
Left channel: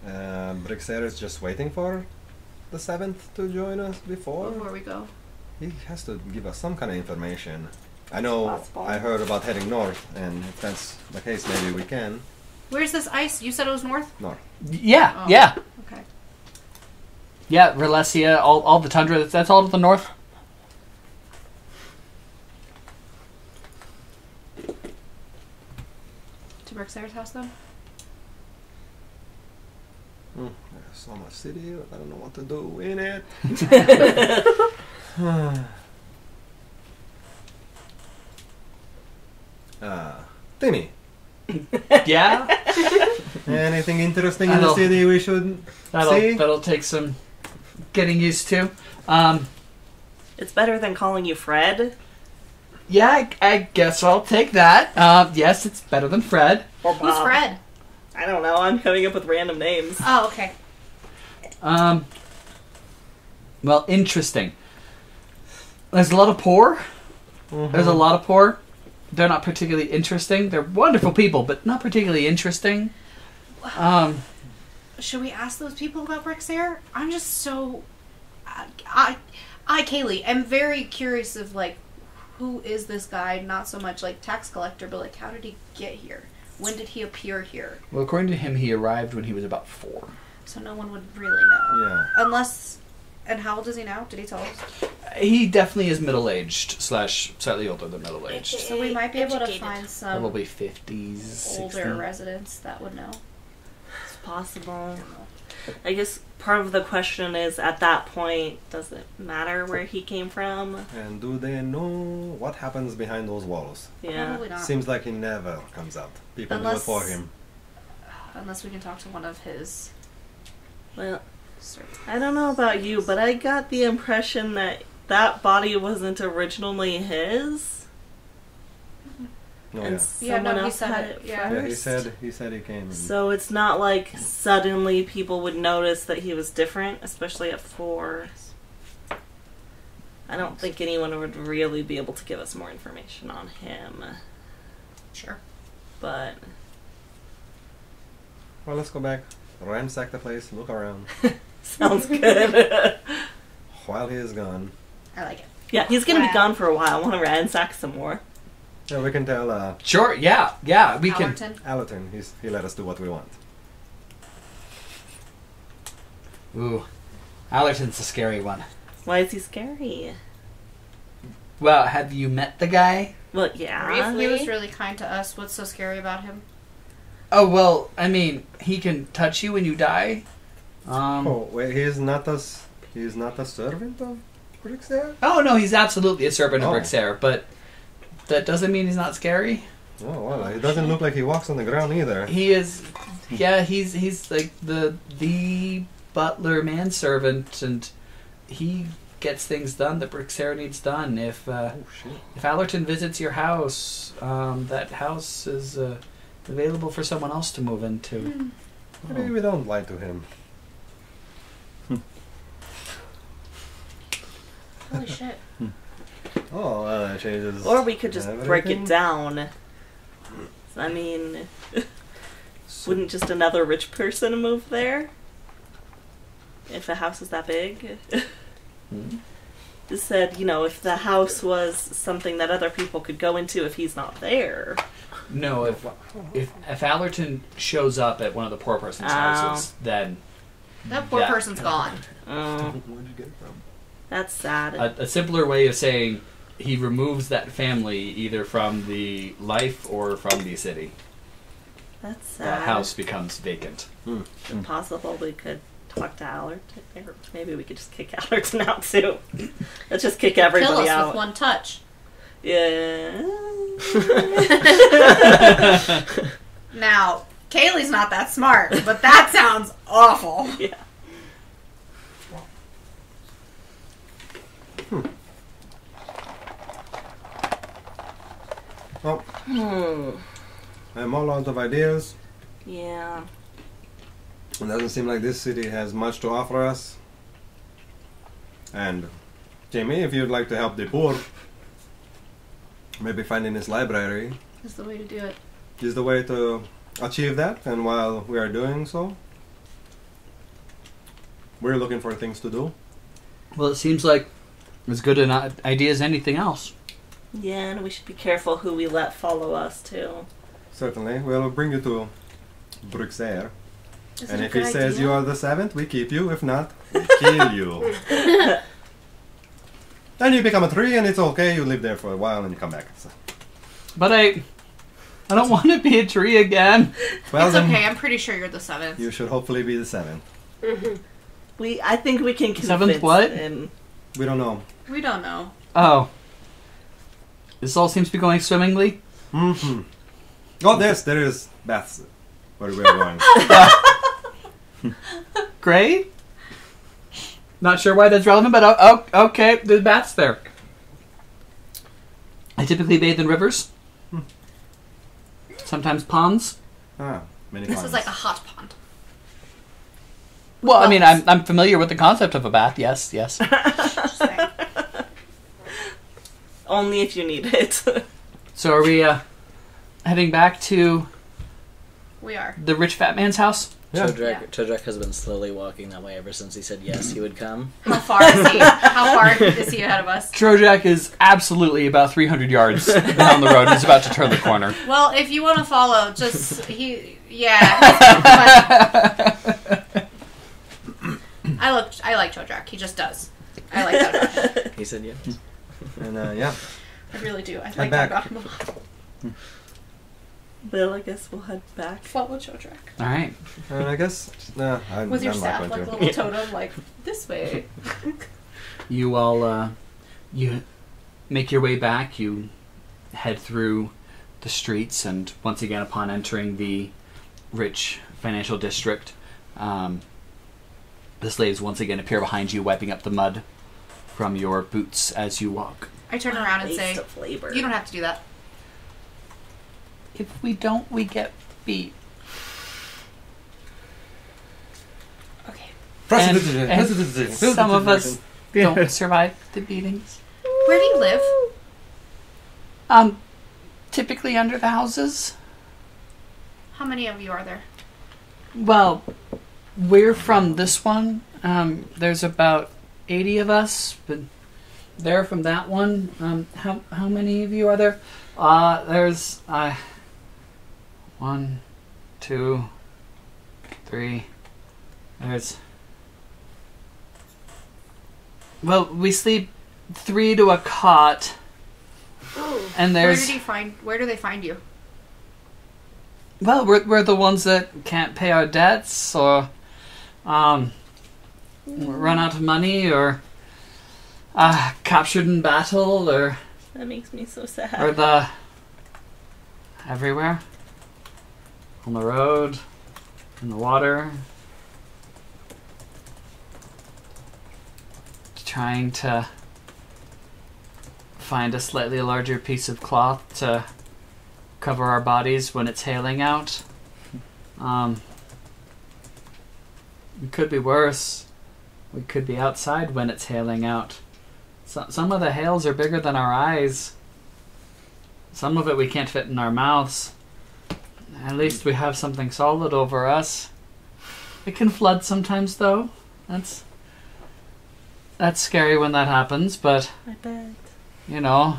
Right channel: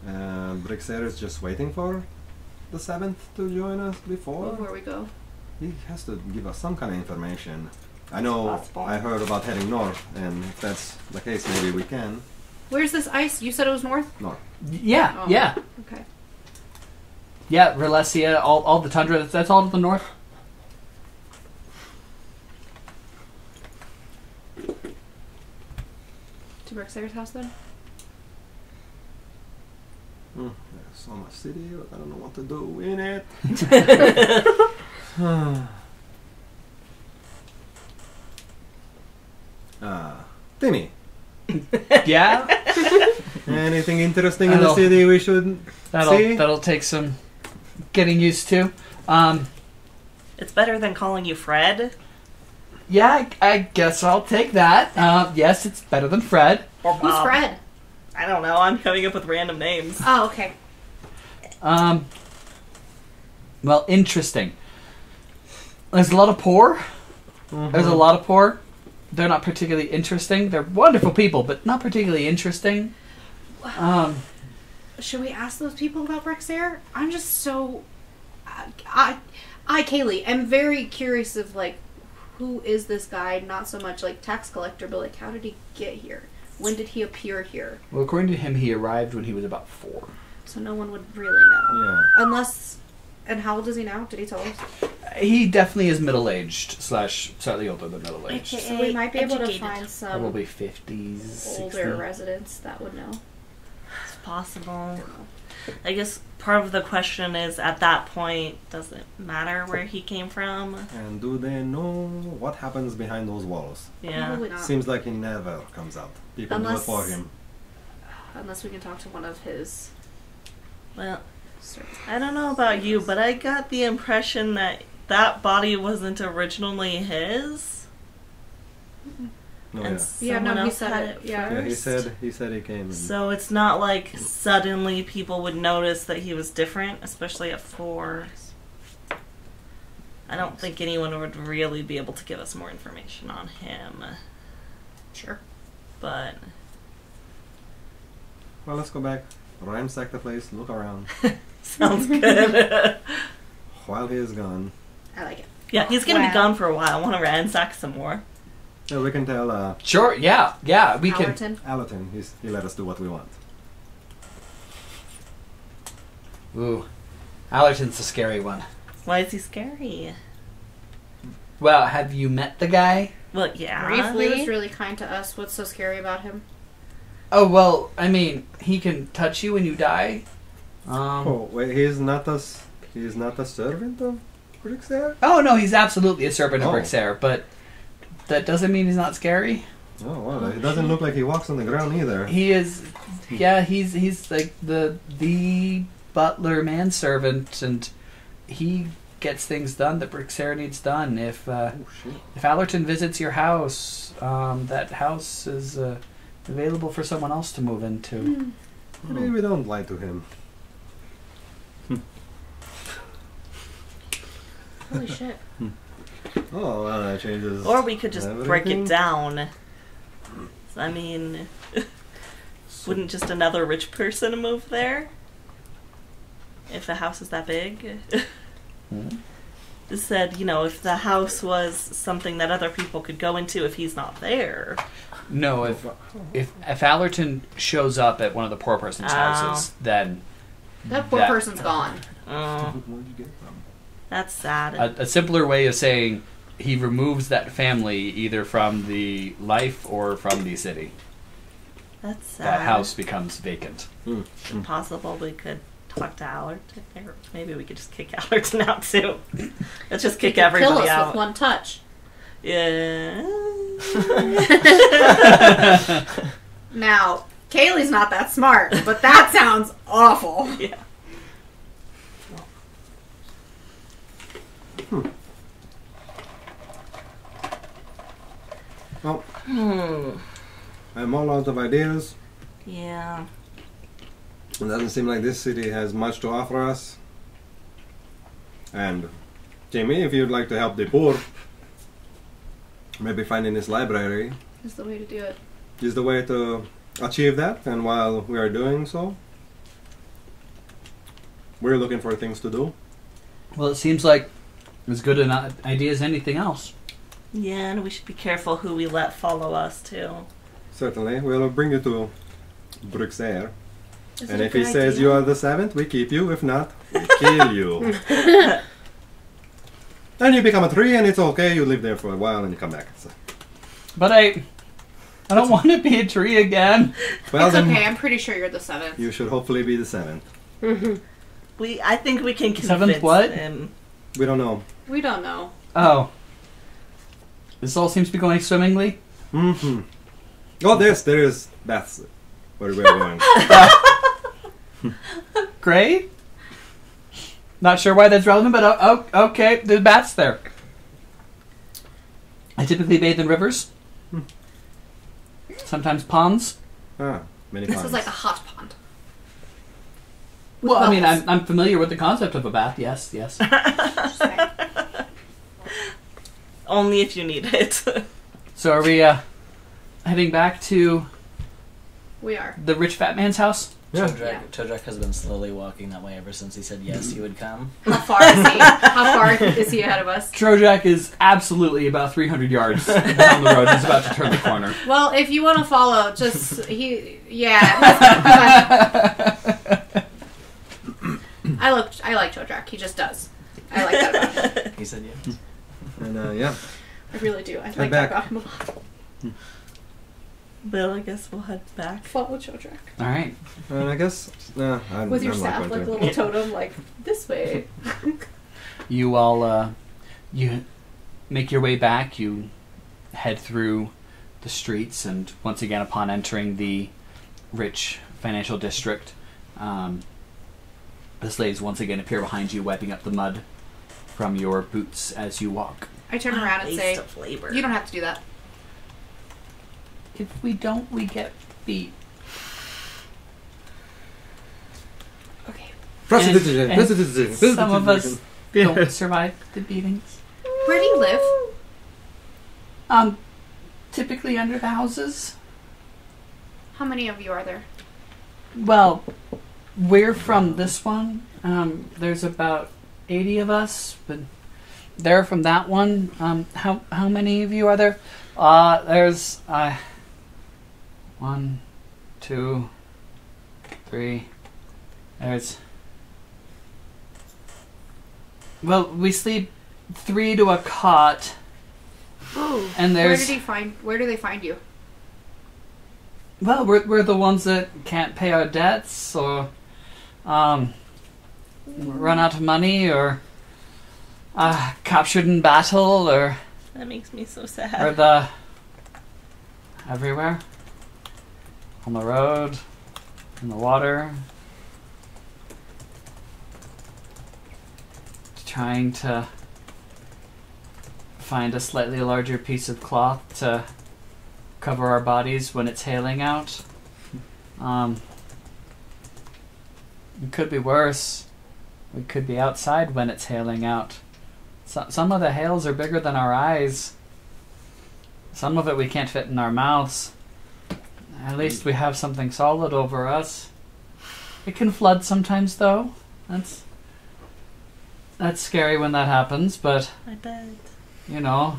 Brixer is just waiting for the 7th to join us before we go. He has to give us some kind of information. I know Possible. I heard about heading north, and if that's the case, maybe we can. Where's this ice? You said it was north? North. Yeah, Oh. yeah. Okay. Yeah, Relesia, all the tundra, that's all to the north. To Brixer's house then? There's so much city, I don't know what to do in it. Timmy, Yeah? anything interesting in the city we should see? That'll take some getting used to. It's better than calling you Fred Yeah, I guess I'll take that. Yes, it's better than Fred. or Who's Bob. Fred? I don't know. I'm coming up with random names. Oh, okay. Well, interesting. There's a lot of poor. There's a lot of poor. They're not particularly interesting. They're wonderful people, but not particularly interesting. Should we ask those people about Brixer? I'm just so... I, Caleigh, am very curious of, like, who is this guy? Not so much, like, tax collector, but, like, how did he get here? When did he appear here? Well, according to him, he arrived when he was about 4. So no one would really know. Yeah. Unless... And how old is he now? Did he tell us? He definitely is middle-aged / slightly older than middle-aged. So we might be able to Educated. find some Probably 50s, older 60s. residents that would know. It's possible. I guess part of the question is, at that point, does it matter where he came from? And do they know what happens behind those walls? Yeah. Probably not. Seems like he never comes out. People do it Unless- for him. Unless we can talk to one of his... Well, I don't know about you, but I got the impression that that body wasn't originally his. No, And Yeah, no, someone he else said had it, it yeah. yeah, he first. said he came. And So it's not like suddenly people would notice that he was different, especially at 4. I don't think anyone would really be able to give us more information on him. Sure. But well, let's go back, ransack the place, look around. sounds good. While he is gone, I like it. Yeah, he's gonna Wow. be gone for a while. I want to ransack some more. yeah, we can tell Sure, yeah, we can. Allerton. Allerton. He let us do what we want. Ooh, Allerton's the scary one. Why is he scary? Well, have you met the guy? Well, yeah. He was really kind to us. What's so scary about him? Oh, well, I mean, he can touch you when you die. Oh wait, he's not a servant of Brixer? Oh, no, he's absolutely a servant of Oh. Brixer, but that doesn't mean he's not scary. Oh well, he doesn't look like he walks on the ground either. He is, yeah, he's like the butler manservant, and he gets things done that Brixer needs done. If Allerton visits your house, that house is available for someone else to move into. Maybe we don't lie to him. Holy shit. Oh, well, that changes. Or we could just break everything. it down. I mean, wouldn't just another rich person move there? If the house is that big? Just said, if the house was something that other people could go into if he's not there. No, if Allerton shows up at one of the poor person's houses, then That poor That- person's gone. Oh, Where'd you get it from? that's sad. a simpler way of saying he removes that family either from the life or from the city. That's sad. That house becomes vacant. Possible we could talk to Allerton. Or maybe we could just kick Allerton out too. Let's just kick everybody Kill us out. with one touch. Yeah. Now, Calegh's not that smart, but that sounds awful. Yeah. Well, I'm all out of ideas. Yeah. It doesn't seem like this city has much to offer us. And, Jaimie, if you'd like to help the poor, maybe finding this library That's the way to do it. is the way to achieve that. And while we are doing so, we're looking for things to do. Well, it seems like as good an idea as anything else. Yeah, and we should be careful who we let follow us too. Certainly, we'll bring you to Bruxelles. Is And it a if he good says idea? you are the seventh, we keep you. If not, we kill you. Then you become a tree, and it's okay. You live there for a while, and you come back. So, But I don't want to be a tree again. well, It's then okay, I'm pretty sure you're the seventh. you should hopefully be the seventh. I think we can convince Seventh what? him. We don't know. We don't know. Oh. This all seems to be going swimmingly. Mm-hmm. Oh, there is baths where we're going. Great. Not sure why that's relevant, but okay, there's bats there. I typically bathe in rivers. Sometimes ponds. Many This times. is like a hot pond. Well, I Well, mean, I'm familiar with the concept of a bath. Yes. Just saying. Only if you need it. So are we heading back to We are. the rich fat man's house? Yeah. Chodrak has been slowly walking that way ever since he said yes, he would come. How far is he? How far is he ahead of us? Chodrak is absolutely about 300 yards down the road. He's about to turn the corner. Well, if you want to follow, just yeah. I like Chodrak. He just does. I like that about him. He said yes. And yeah. I really do. I Head like that back. about him. Bill, I guess we'll head back. Follow Chodrak All right. And I guess with your I'm staff, not like a going little totem, like this way. You all, you make your way back. You head through the streets, and once again, upon entering the rich financial district, the slaves once again appear behind you, wiping up the mud from your boots as you walk. I turn around and Waste say, of labor. "You don't have to do that." If we don't, we get beat. Okay. Some of us don't survive the beatings. Where do you live? Typically under the houses. How many of you are there? Well, we're from this one. There's about 80 of us, but they're from that one. How many of you are there? There's 1, 2, 3. Well, we sleep 3 to a cot, Oh. and Where there's. Where do they find you? Well, we're the ones that can't pay our debts, or run out of money, or captured in battle, or That makes me so or sad. the everywhere, on the road, in the water, trying to find a slightly larger piece of cloth to cover our bodies when it's hailing out. It could be worse. We could be outside when it's hailing out. Some of the hails are bigger than our eyes. Some of it we can't fit in our mouths. At least we have something solid over us. It can flood sometimes, though. That's scary when that happens, but, I bet. you know,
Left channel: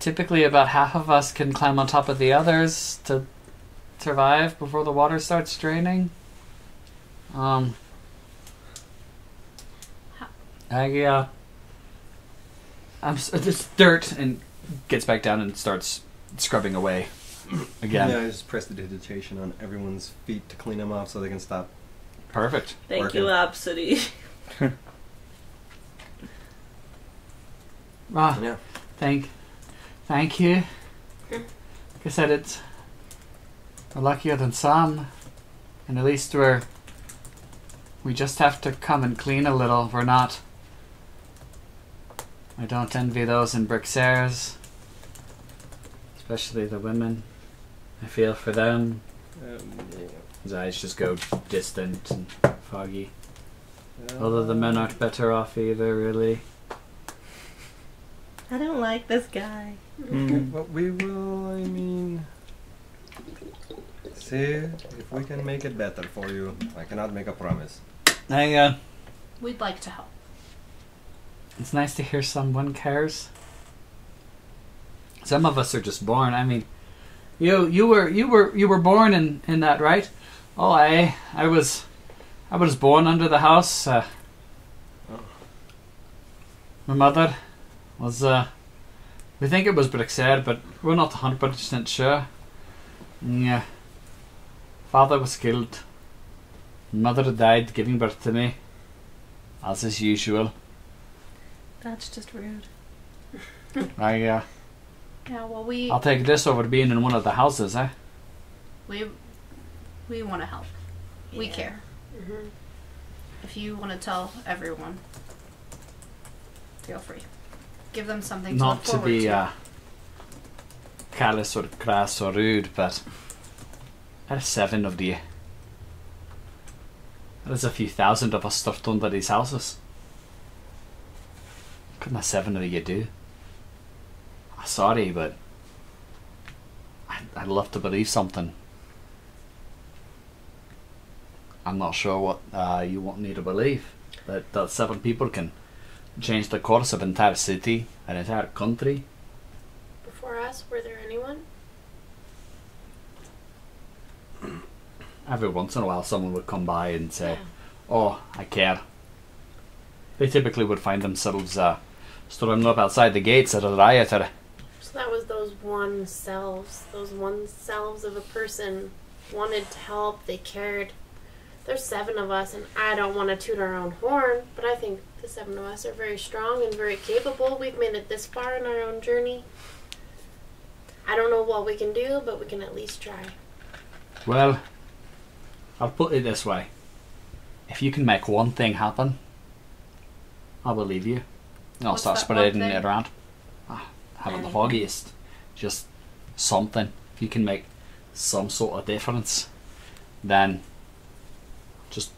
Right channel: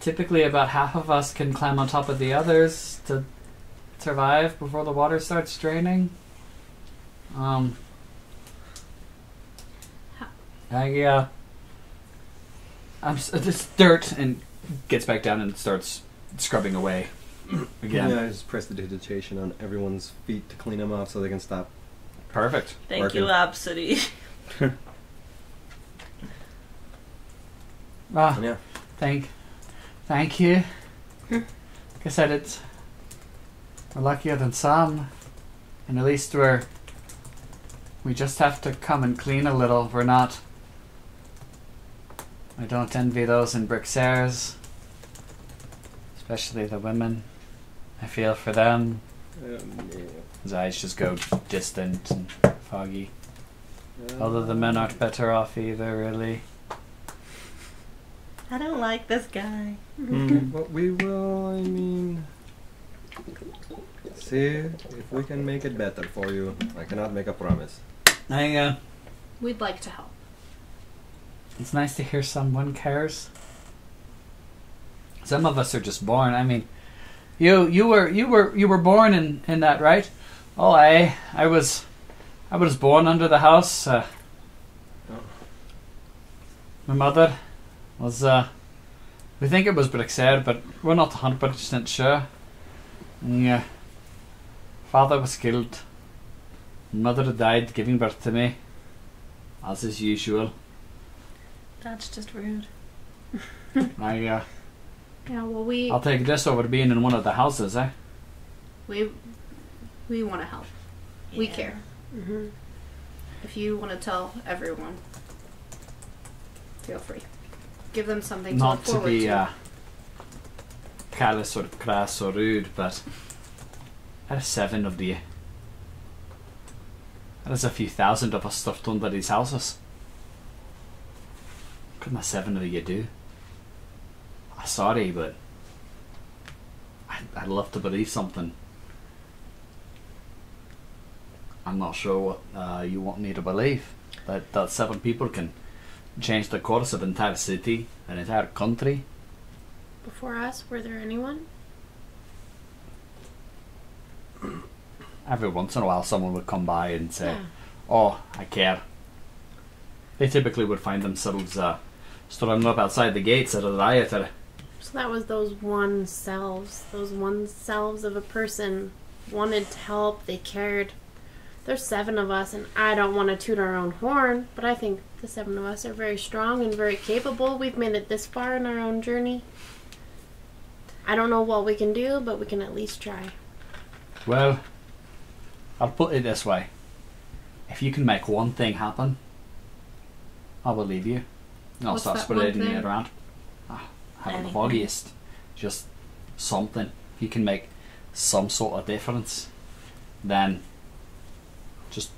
typically about half of us can climb on top of the others to survive before the water starts draining. It's dirt, and gets back down and starts scrubbing away again. Yeah, I just press the digitation on everyone's feet to clean them off so they can stop. Perfect. Thank Working. you, Absidee. Ah, Yeah. thank you. Like I said, we're luckier than some, and at least we just have to come and clean a little. We're not. I don't envy those in Brixaires, especially the women. I feel for them. His eyes just go distant and foggy. Although the men aren't better off either, really. I don't like this guy. But we will, see if we can make it better for you. I cannot make a promise. We'd like to help. It's nice to hear someone cares. Some of us are just born. You were born in that, right? Oh, I was born under the house. My mother was. We think it was Brixaire, but we're not 100% sure. Yeah. Father was killed. Mother died giving birth to me, as is usual. That's just rude. Yeah, well, I'll take this over being in one of the houses, eh? we want to help. We Yeah. care. Mm-hmm. If you want to tell everyone, feel free. Give them something to Not look to forward be to. callous or crass or rude, but there's 7 of you. There's a few thousand of us stuffed under these houses. What can the 7 of you do? Sorry, but I'd love to believe something. I'm not sure what you want me to believe, but that 7 people can change the course of an entire city, an entire country. Before us, were there anyone? Every once in a while someone would come by and say, Yeah. "Oh, I care." They typically would find themselves strung up outside the gates at a rioter. So that was those one selves of a person wanted to help, they cared. There's 7 of us, and I don't want to toot our own horn, but I think the 7 of us are very strong and very capable. We've made it this far in our own journey. I don't know what we can do, but we can at least try. Well, I'll put it this way. If you can make one thing happen, I'll believe you. And I'll What's start that one spreading thing? it around. Having the Anything. foggiest. Just something. If you can make some sort of difference, then just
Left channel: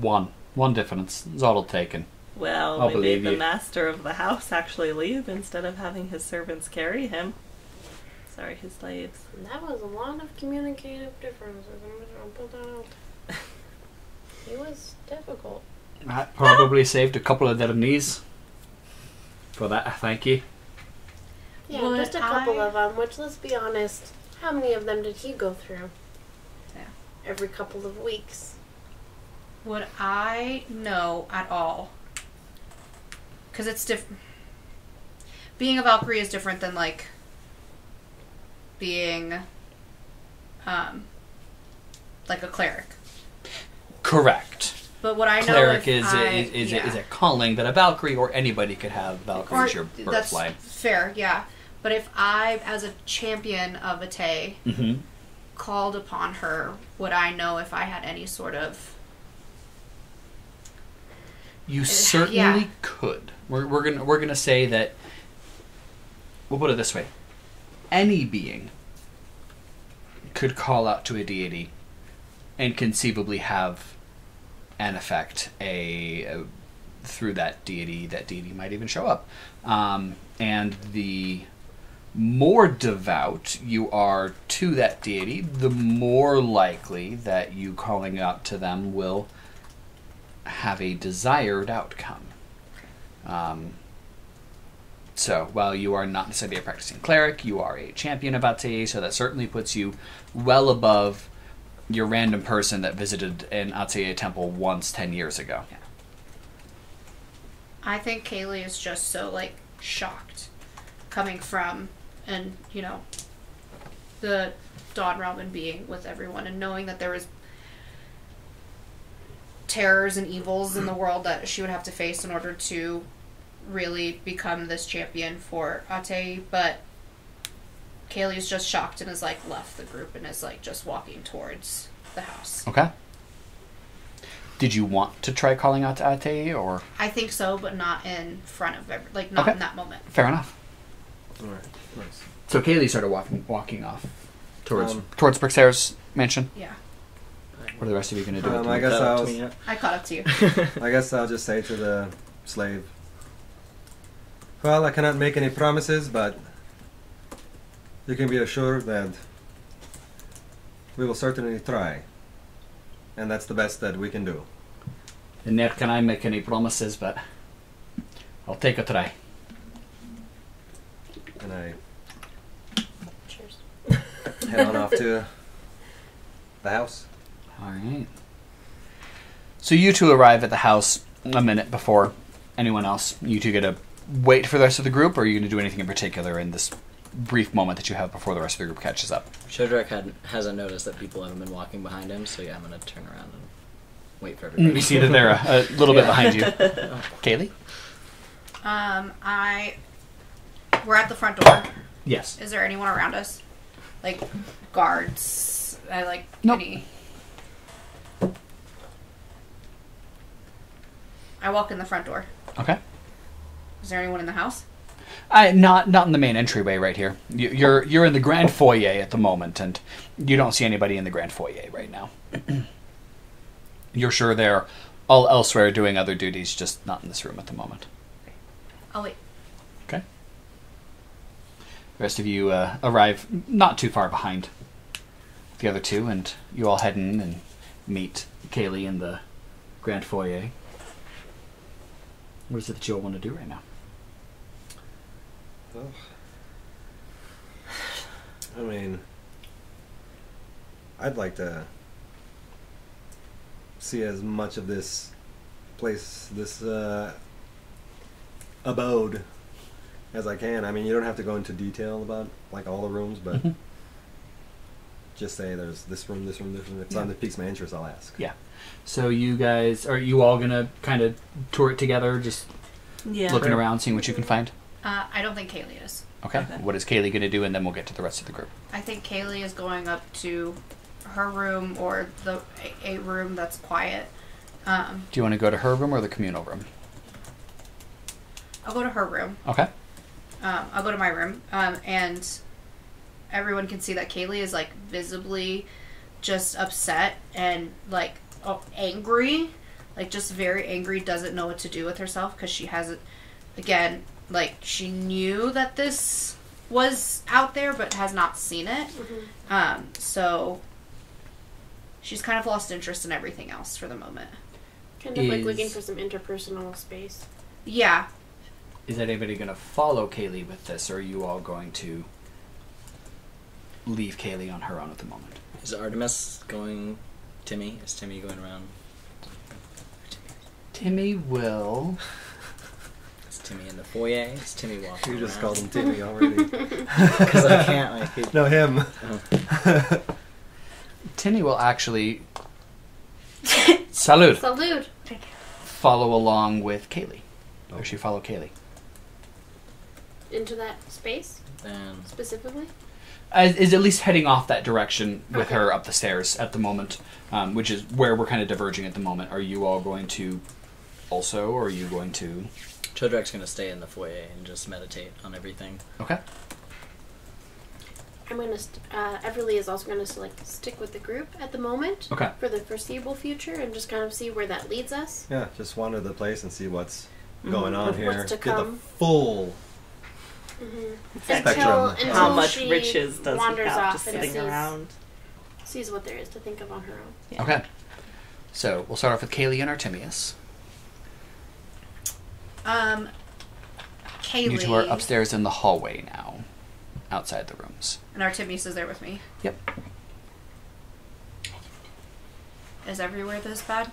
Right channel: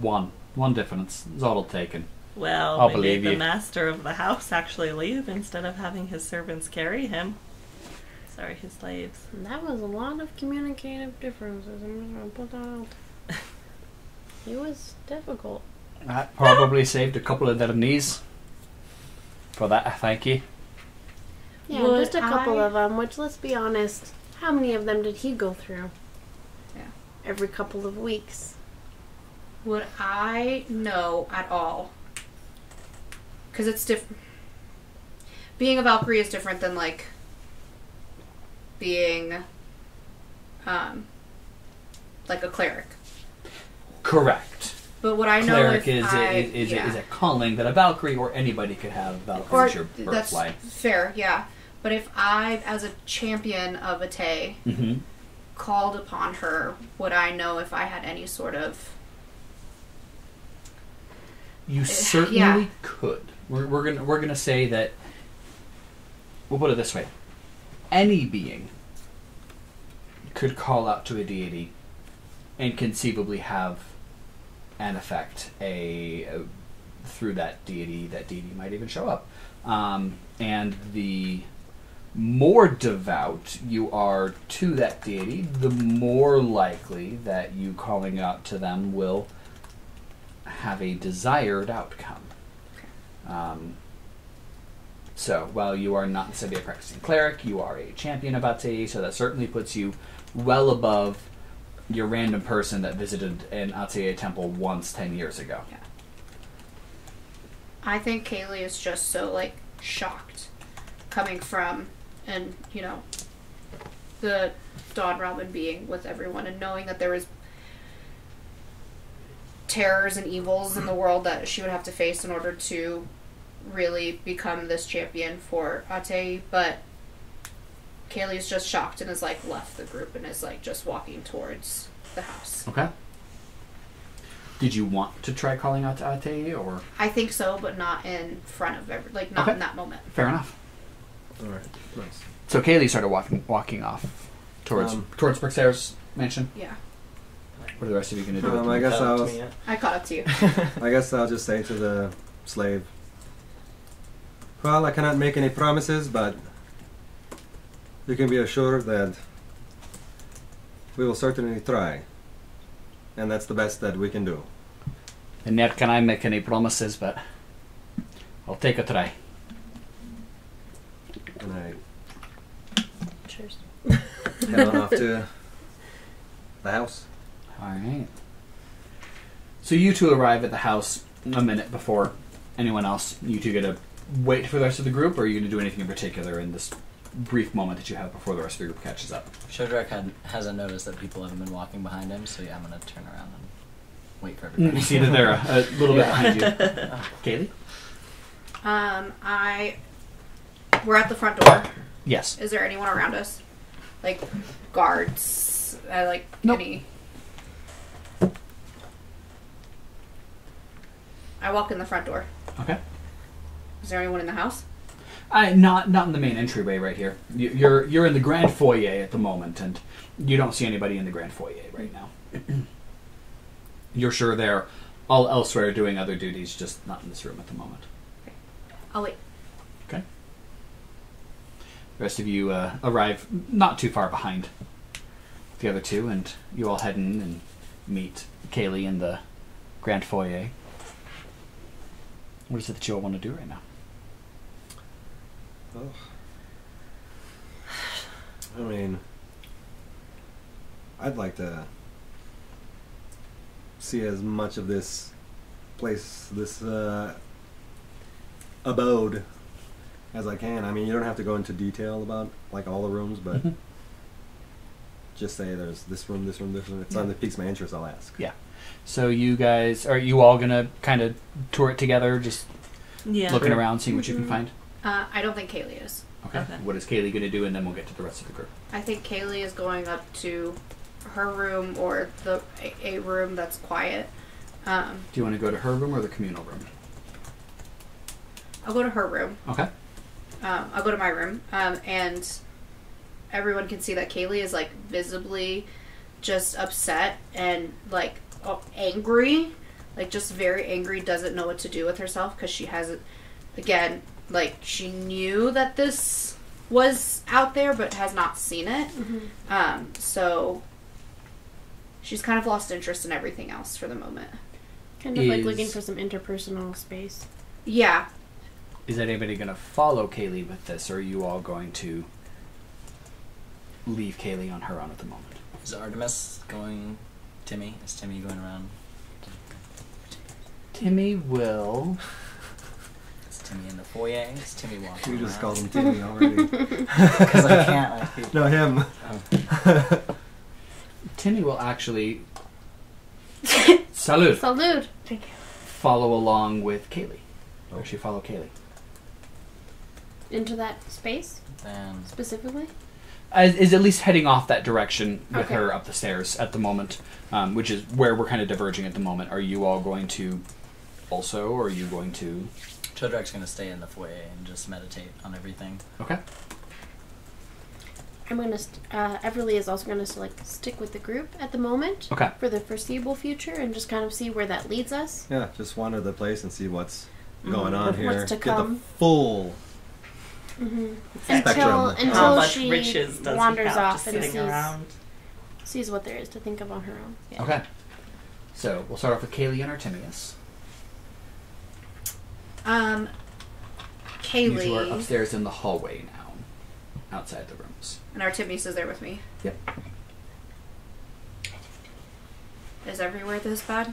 one difference is all it'll take. Well, I'll maybe believe the you. master of the house actually leave instead of having his servants carry him. Sorry, his slaves. And that was a lot of communicative differences. I'm just going to put that out. He was difficult. That probably saved a couple of their knees. For that, I thank you. Yeah, Would just a couple I- of them, which, let's be honest, how many of them did he go through? Yeah. Every couple of weeks. Would I know at all? Because it's different. Being a Valkyrie is different than, like, being, like a cleric. Correct. But what I know Cleric if is a calling that a Valkyrie or anybody could have. Valkyrie is your that's birthline. fair, yeah. But if I, as a champion of Abcde, Mm-hmm. called upon her, would I know if I had any sort of... You certainly yeah. could. We're gonna say that. We'll put it this way: any being could call out to a deity, and conceivably have an effect through that deity. That deity might even show up, and the more devout you are to that deity, the more likely that you calling out to them will have a desired outcome. So, while you are not necessarily a practicing cleric, you are a champion of Abcde, so that certainly puts you well above your random person that visited an Abcde temple once 10 years ago. I think Caleigh is just so, like, shocked coming from, and, you know, the Dawn Realm and being with everyone and knowing that there was terrors and evils in the world that she would have to face in order to really become this champion for Abcde. But Caleigh just shocked and has, like, left the group and is, like, just walking towards the house. Okay. Did you want to try calling out to Abcde, or? I think so, but not in front of not Okay. in that moment. Fair enough. Alright, nice. So Caleigh started walking off towards Bricksair's mansion. Yeah. What are the rest of you going to do? I guess Cut I'll, up to me yet? I caught up to you. I guess I'll just say to the slave, well, I cannot make any promises, but you can be assured that we will certainly try. And that's the best that we can do. And never can I make any promises, but I'll take a try. And Cheers. I head on off to the house. Alright. So you two arrive at the house a minute before anyone else. You two get to wait for the rest of the group, or are you going to do anything in particular in this brief moment that you have before the rest of the group catches up? Chodrak hasn't noticed that people haven't been walking behind him, so yeah, I'm going to turn around and wait for everybody. You see that they're a little bit behind you. Caleigh? We're at the front door. Yes. Is there anyone around us? Like, guards? Nope. Any... I walk in the front door. Okay. Is there anyone in the house? Not in the main entryway right here. You're in the grand foyer at the moment, and you don't see anybody in the grand foyer right now. You're sure they're all elsewhere doing other duties, just not in this room at the moment. Okay. I'll wait. Okay. The rest of you arrive not too far behind the other two, and you all head in and meet Caleigh in the grand foyer. What is it that you all want to do right now? I mean, I'd like to see as much of this place, this abode, as I can. I mean, you don't have to go into detail about like all the rooms, but just say there's this room, this room, this room. If something that piques my interest, I'll ask. Yeah. So you guys, are you all going to kind of tour it together, just looking around, seeing what you can find? I don't think Caleigh is. Okay. What is Caleigh going to do, and then we'll get to the rest of the group. I think Caleigh is going up to her room or a room that's quiet. Do you want to go to her room or the communal room? I'll go to her room. Okay. I'll go to my room, and everyone can see that Caleigh is like visibly just upset and like angry, like just very angry, doesn't know what to do with herself because she hasn't, again, like she knew that this was out there but has not seen it. So she's kind of lost interest in everything else for the moment. Kind of like looking for some interpersonal space. Yeah. Is anybody going to follow Caleigh with this, or are you all going to leave Caleigh on her own at the moment? Is Artemis going... Timmy? Is Timmy going around? Timmy will... Is Timmy in the foyer? Is Timmy walking You just around? called him Timmy already. Because I can't, like... He... No, him. Oh. Timmy will actually... Salute! Salute! Follow along with Caleigh. Or she follow Caleigh. Into that space, Then... specifically? Is at least heading off that direction with Okay. her up the stairs at the moment, which is where we're kind of diverging at the moment. Are you all going to also, or are you going to... Chodrak's going to stay in the foyer and just meditate on everything. Okay. I'm gonna. Everlee is also gonna stick with the group at the moment. Okay. For the foreseeable future, and just kind of see where that leads us. Yeah, just wander the place and see what's going on What's here. to Get the come. full Exactly. spectrum. Until How much she riches does wanders he have off just and sitting around? sees what there is to think of on her own. Yeah. Okay. So we'll start off with Caleigh and Artemius. Caleigh. You two are upstairs in the hallway now, outside the rooms. And Artemius is there with me. Yep. Is everywhere this bad?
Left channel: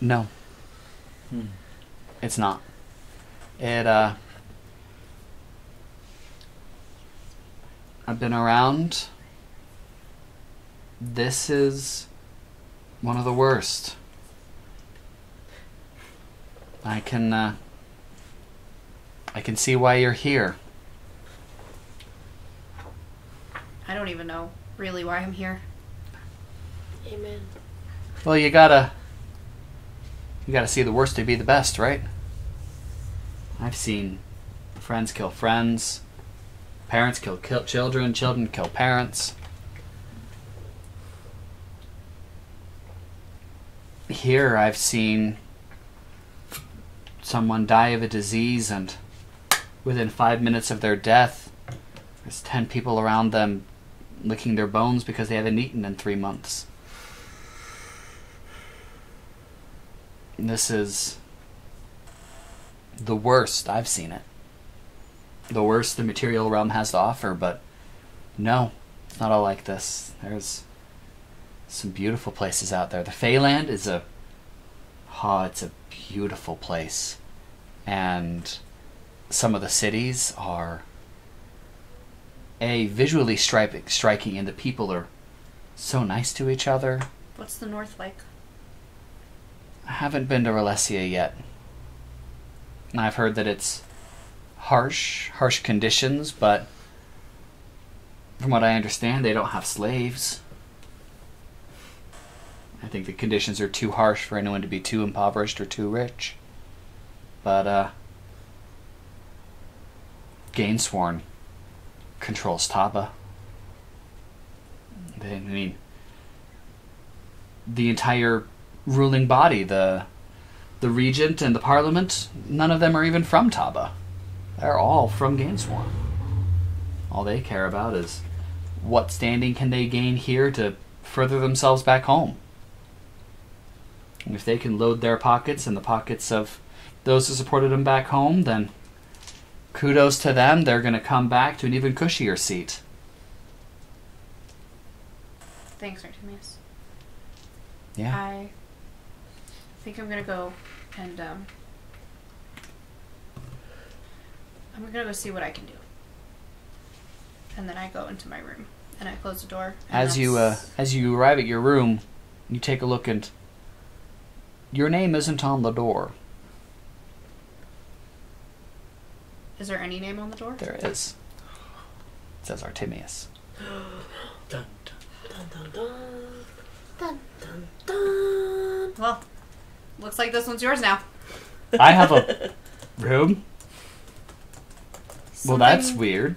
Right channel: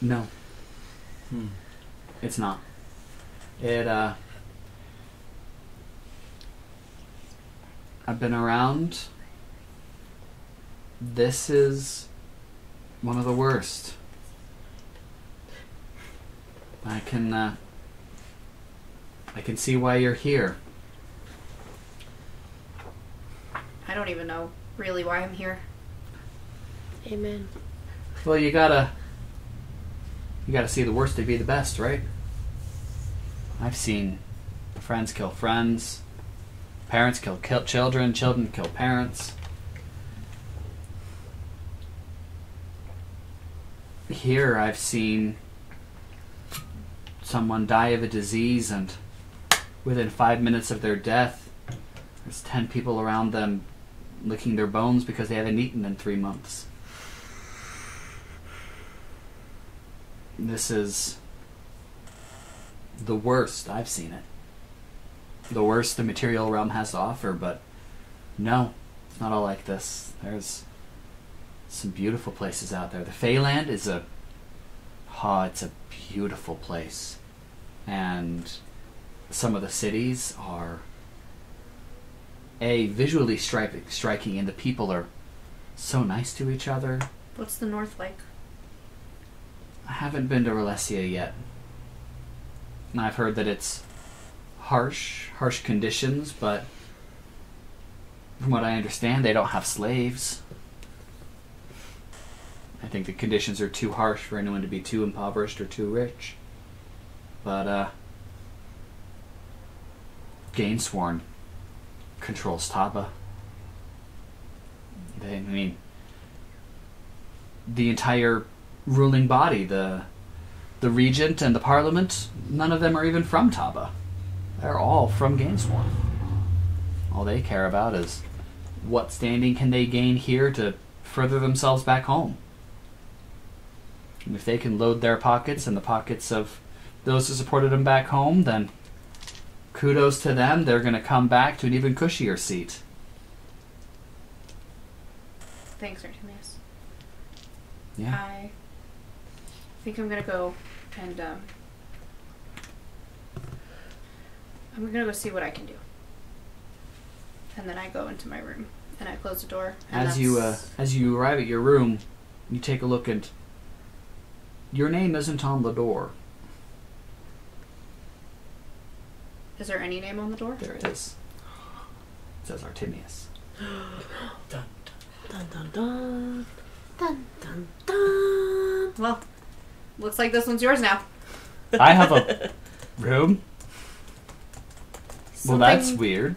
No. It's not. I've been around. This is one of the worst. I can see why you're here. I don't even know really why I'm here. Amen. Well, you gotta see the worst to be the best, right? I've seen friends kill friends, parents kill children, children kill parents. Here I've seen someone die of a disease, and within 5 minutes of their death, there's 10 people around them licking their bones because they haven't eaten in 3 months. And this is the worst. I've seen it. The worst the material realm has to offer, but no, it's not all like this. There's some beautiful places out there. The Faeland is it's a beautiful place. And some of the cities are visually striking, and the people are so nice to each other. What's the north like? I haven't been to Ralesia yet. I've heard that it's harsh conditions, but from what I understand, they don't have slaves. I think the conditions are too harsh for anyone to be too impoverished or too rich. But, Gainsworn controls Taba. The entire ruling body, the regent and the parliament, none of them are even from Taba. They're all from Gainsworn. All they care about is what standing can they gain here to further themselves back home. And if they can load their pockets and the pockets of those who supported them back home, then kudos to them. They're going to come back to an even cushier seat. Thanks, Artemius. Yeah. I think I'm going to go and I'm going to go see what I can do. And then I go into my room and I close the door. As you arrive at your room, you take a look, and your name isn't on the door. Is there any name on the door? There is. It says Artemius. Dun, Dun dun dun. Dun dun dun. Well, looks like this one's yours now. I have a room. Well, that's Something- weird.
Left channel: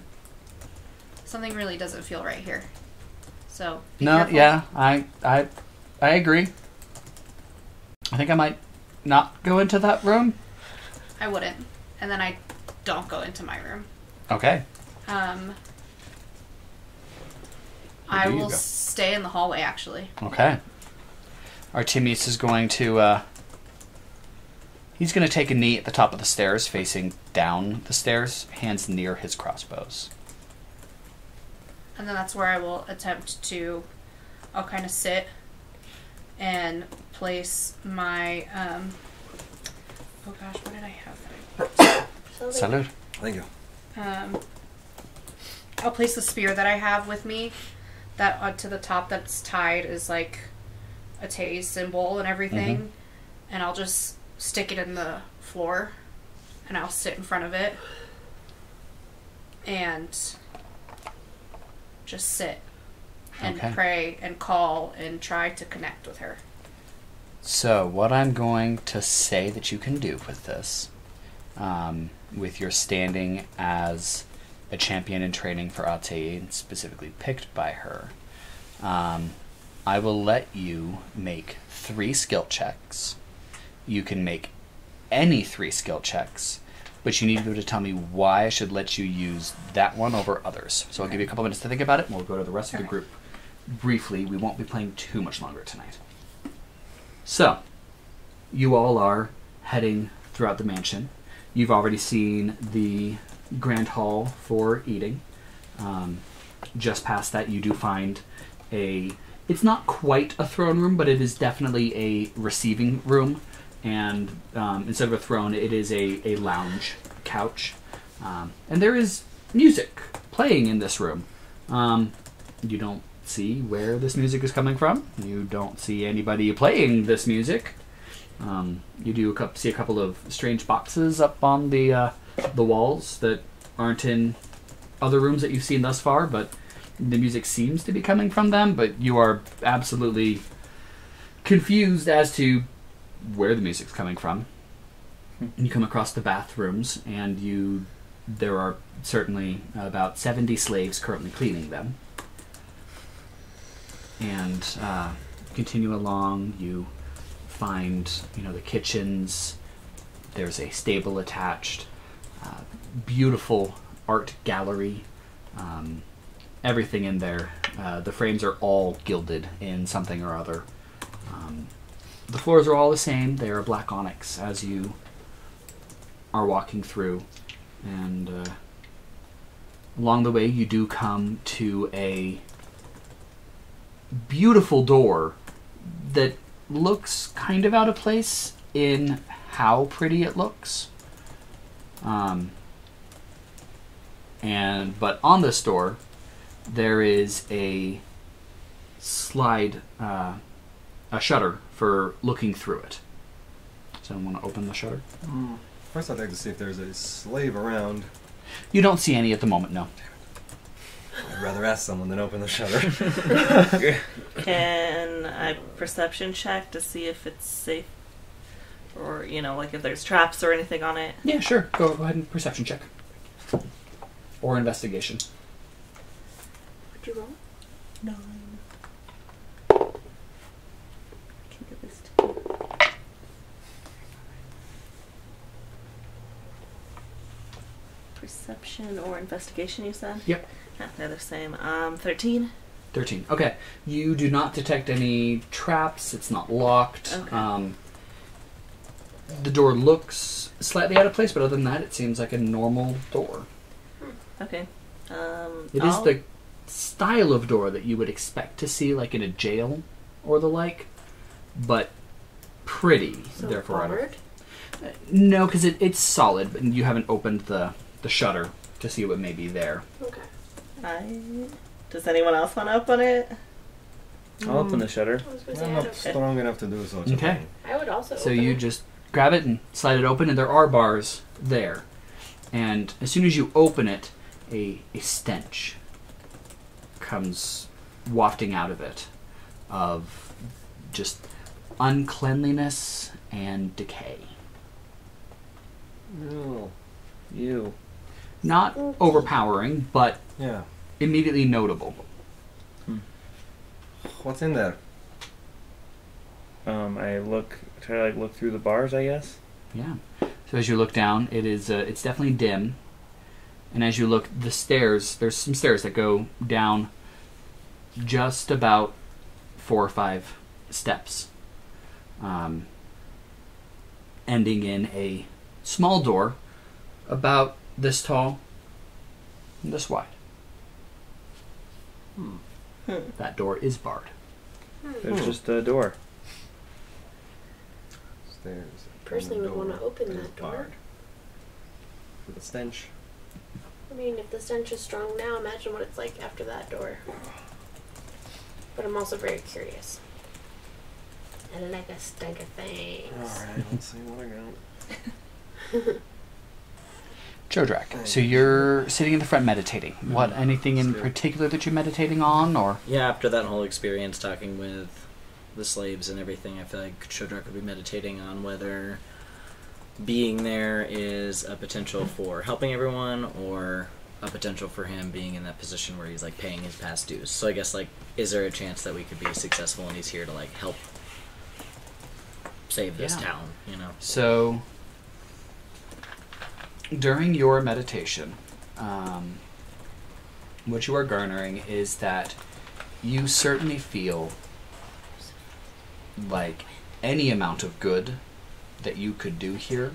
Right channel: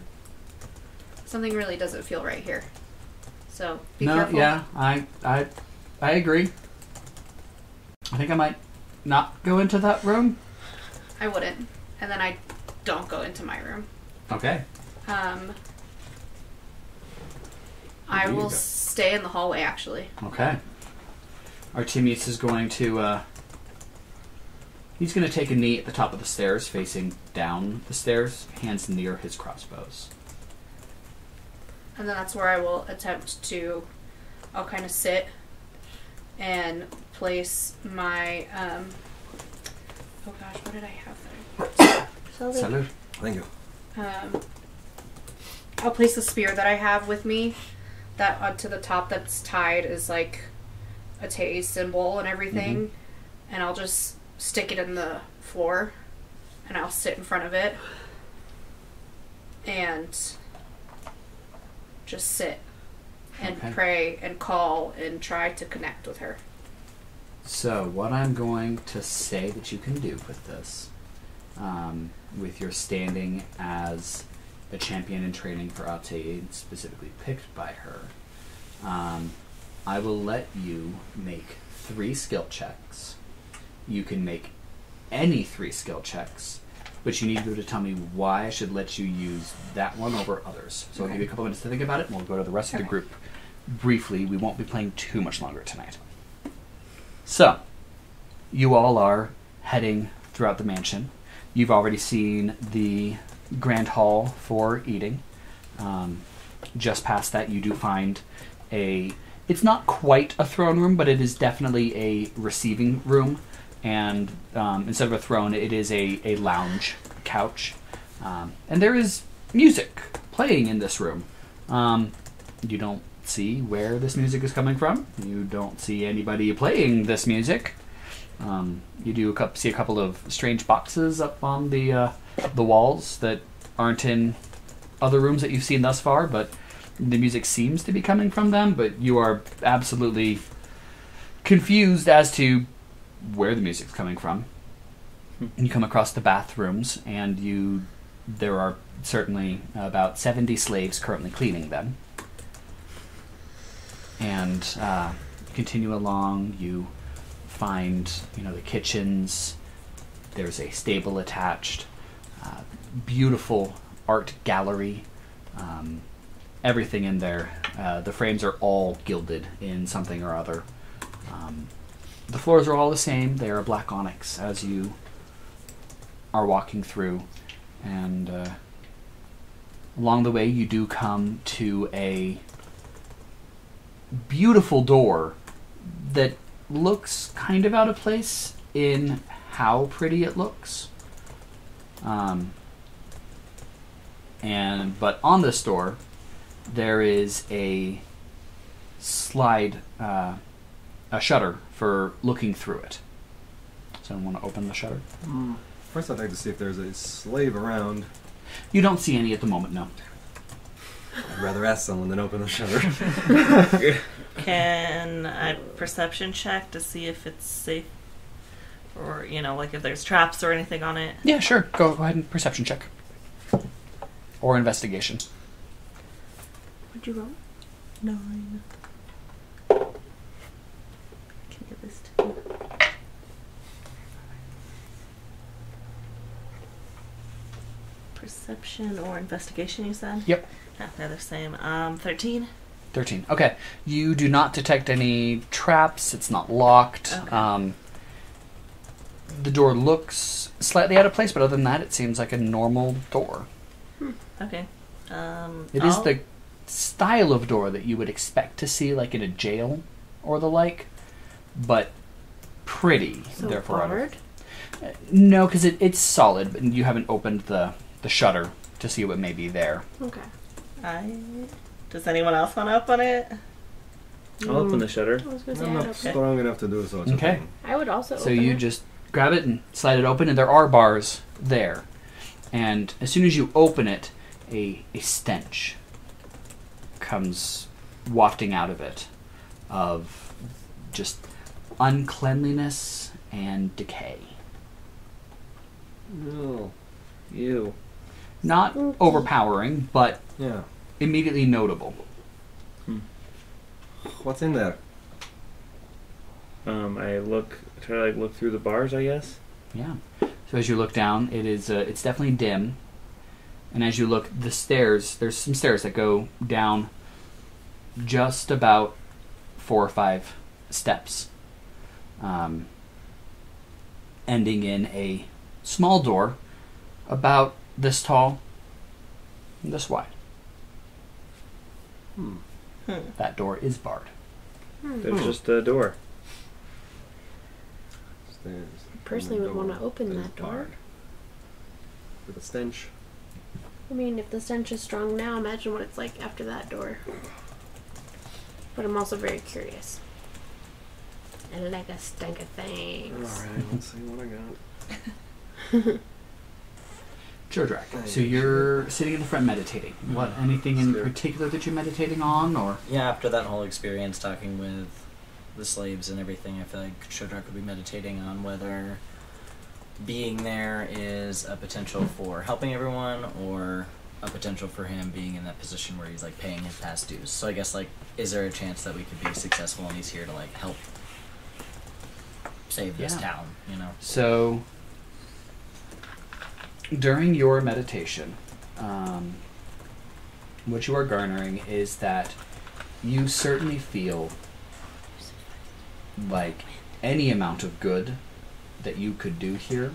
Something really doesn't feel right here. So, be No, careful. yeah, I agree. I think I might not go into that room. I wouldn't. And then I don't go into my room. Okay. I do you will go? stay in the hallway, actually. Okay. Artemius is going to, he's going to take a knee at the top of the stairs, facing down the stairs, hands near his crossbows. And then that's where I will attempt to, I'll kind of sit and place my, oh gosh, what did I have there? Salud. Thank you. I'll place the spear that I have with me, that up to the top that's tied is like a Tay symbol and everything, and I'll just stick it in the floor, and I'll sit in front of it, and just sit and Okay. pray and call and try to connect with her. So, what I'm going to say that you can do with this, with your standing as a champion in training for Abcde, specifically picked by her, I will let you make 3 skill checks. You can make any 3 skill checks, but you need to be able to tell me why I should let you use that one over others. So I'll give you a couple minutes to think about it, and we'll go to the rest of the group briefly. We won't be playing too much longer tonight. So, you all are heading throughout the mansion. You've already seen the grand hall for eating. Just past that, you do find it's not quite a throne room, but it is definitely a receiving room. And instead of a throne, it is a lounge couch. And there is music playing in this room. You don't see where this music is coming from. You don't see anybody playing this music. You do see a couple of strange boxes up on the walls that aren't in other rooms that you've seen thus far, but the music seems to be coming from them, but you are absolutely confused as to where the music's coming from. And you come across the bathrooms, and there are certainly about 70 slaves currently cleaning them. And continue along, you find, the kitchens. There's a stable attached. Beautiful art gallery. Everything in there. The frames are all gilded in something or other. The floors are all the same. They are black onyx as you are walking through. And along the way, you do come to a beautiful door that looks kind of out of place in how pretty it looks. But on this door, there is a slide, a shutter for looking through it. Does anyone want to open the shutter? First, I'd like to see if there's a slave around. You don't see any at the moment, no. I'd rather ask someone than open the shutter. Can I perception check to see if it's safe? Or, like if there's traps or anything on it? Yeah, sure. Go ahead and perception check. Or investigation. What'd you roll? 9. Can give this to me. Perception or investigation, you said? Yep. Yeah, they're the same. 13. 13. Okay. You do not detect any traps. It's not locked. Okay. The door looks slightly out of place, but other than that, it seems like a normal door. Okay. It is the style of door that you would expect to see, like in a jail or the like, but pretty. So therefore, barred? No, because it's solid, but you haven't opened the shutter to see what may be there. Okay. Does anyone else want to open it? I'll open the shutter. I was going to say I'm I'd not open it. strong enough to do so. It's Okay. I would also So open you it. just grab it and slide it open, and there are bars there. And as soon as you open it, a stench comes wafting out of it of just uncleanliness and decay. No. You. Not overpowering, but Yeah. immediately notable. What's in there? I try to look through the bars, I guess. Yeah. So as you look down, it's definitely dim. And as you look, the stairs, there's some stairs that go down just about 4 or 5 steps, ending in a small door about this tall and this wide. That door is barred. There's just a door. Stairs. Personally would Door want to open is that door. barred. With a stench. I mean, if the stench is strong now, imagine what it's like after that door. But I'm also very curious. And I like a stink of things. Alright, let's see what I got. Chodrak, so you're sitting in the front meditating. What, anything in particular that you're meditating on, or? Yeah, after that whole experience talking with the slaves and everything, I feel like Chodrak would be meditating on whether being there is a potential for helping everyone or a potential for him being in that position where he's like paying his past dues. So I guess like, is there a chance that we could be successful and he's here to like help save this town, So, during your meditation, what you are garnering is that you certainly feel like any amount of good that you could do here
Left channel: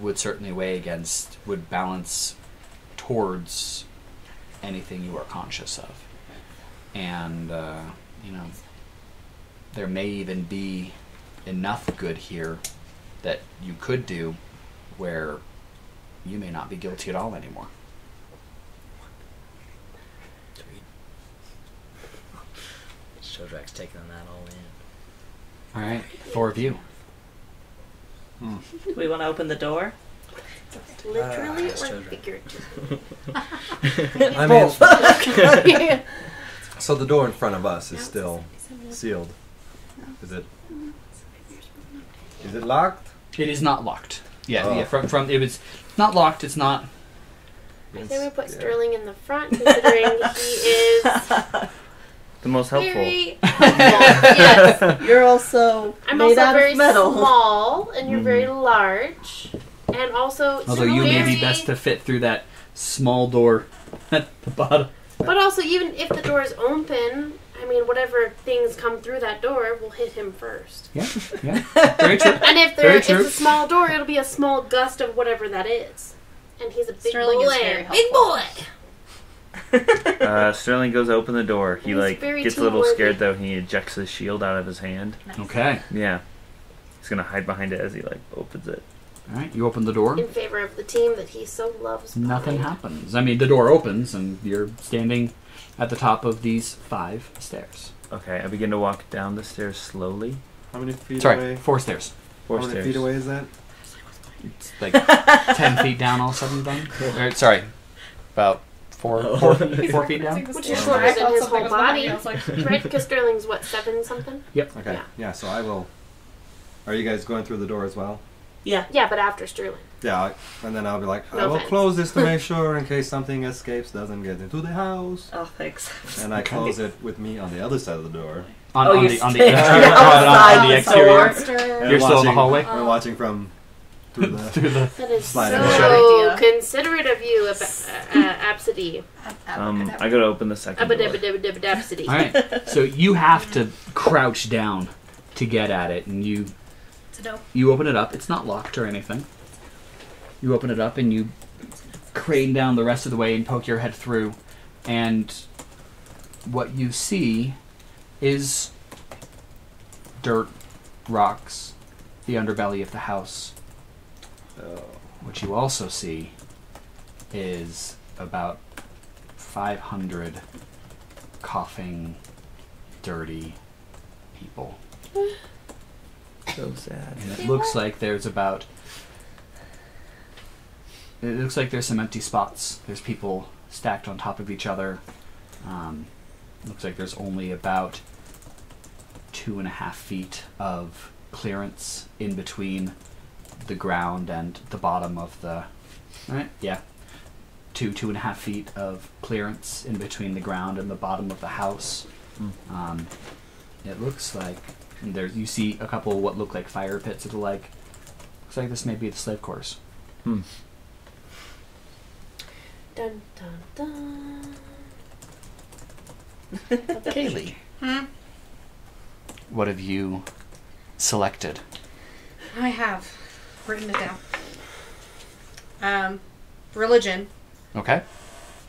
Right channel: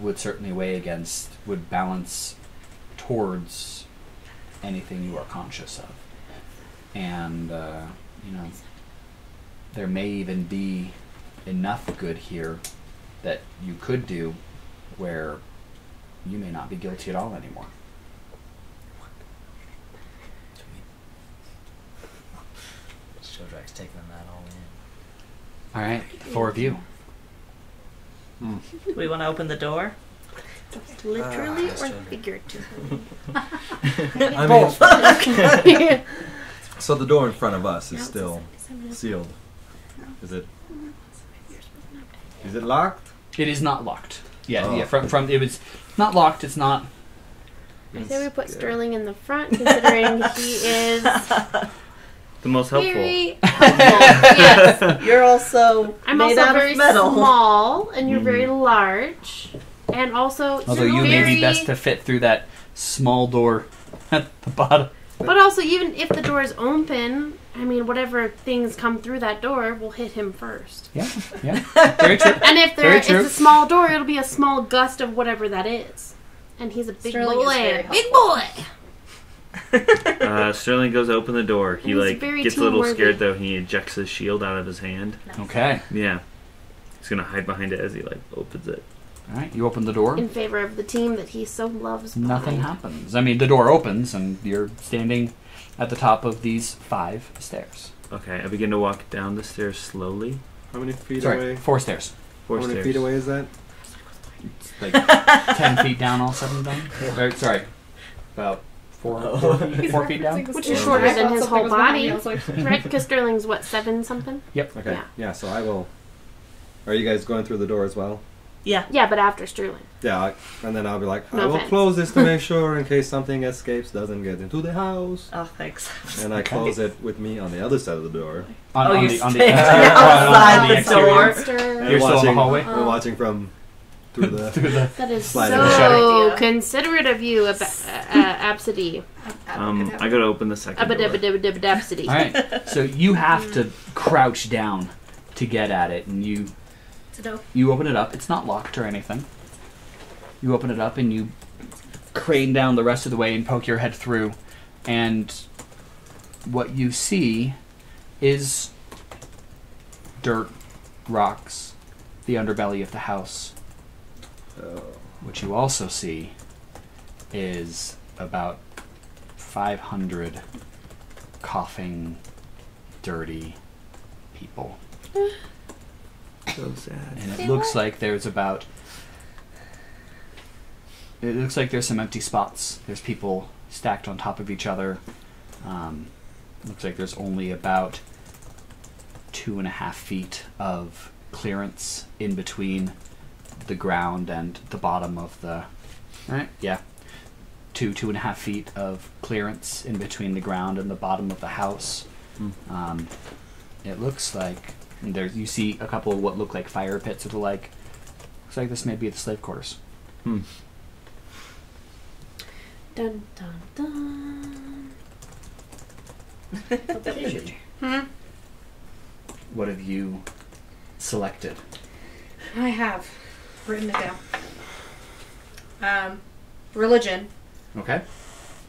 would certainly would balance towards anything you are conscious of. And, there may even be enough good here that you could do where you may not be guilty at all anymore. Chodrak's taking that all in. All right, 4 of you. Do we want to open the door? Literally Yes, or Chodrak. figuratively? I mean, so the door in front of us is still sealed. Is it locked? It is not locked. Yeah, Oh. yeah. From it was not locked. It's not. I say we put Sterling in the front, considering he is The most helpful. very helpful. Yes. You're also I'm made also out very of metal. small, and you're very large. And also, Although you may very, be best to fit through that small door at the bottom. But also, even if the door is open, I mean, whatever things come through that door will hit him first. Yeah, yeah. Very true. And if Very it's true. a small door, it'll be a small gust of whatever that is. And he's a big Sterling is very boy. Big boy! Sterling goes to open the door. He He's very gets a little team-worthy. scared though. He ejects his shield out of his hand. Okay. Yeah. He's gonna hide behind it as he opens it. All right. You open the door. In favor of the team that he so loves. Nothing behind. happens. I mean, the door opens, and you're standing at the top of these 5 stairs. Okay, I begin to walk down the stairs slowly. How many feet Sorry, away? 4 stairs. 4 How many stairs. feet away is that? It's like 10 feet down, all said and done. Or, sorry, about 4 feet down. Which is shorter than his whole body. Right? Because Sterling's, what, 7 something? Yep. Okay. Yeah. Yeah. So I will. Are you guys going through the door as well? Yeah. Yeah, but after Sterling. Yeah. And then I'll be like, No I will offense. close this to make sure in case something escapes, doesn't get into the house. Oh, thanks. And I close it with me on the other side of the door. On, Oh, on you're the standing exterior. outside on the the exterior. And You're still in the watching- hallway? We're watching from through the. Through the. That is Sliding so door. considerate of you, Absidee. I go to open the second door. Absidee. All right. So you have to crouch down to get at it, and you open it up. It's not locked or anything. You open it up and you crane down the rest of the way and poke your head through, and what you see is dirt, rocks, the underbelly of the house. What you also see is about 500 coughing, dirty people. So sad. And it looks like there's about... It looks like there's some empty spots. There's people stacked on top of each other. Looks like there's only about 2.5 feet of clearance in between the ground and the bottom of the... Right? Yeah. 2.5 feet of clearance in between the ground and the bottom of the house. It looks like... And there, you see a couple of what look like fire pits or the like. Looks like this may be the slave quarters. Dun, dun, dun. Caleigh, what have you selected? I have written it down. Religion, Okay.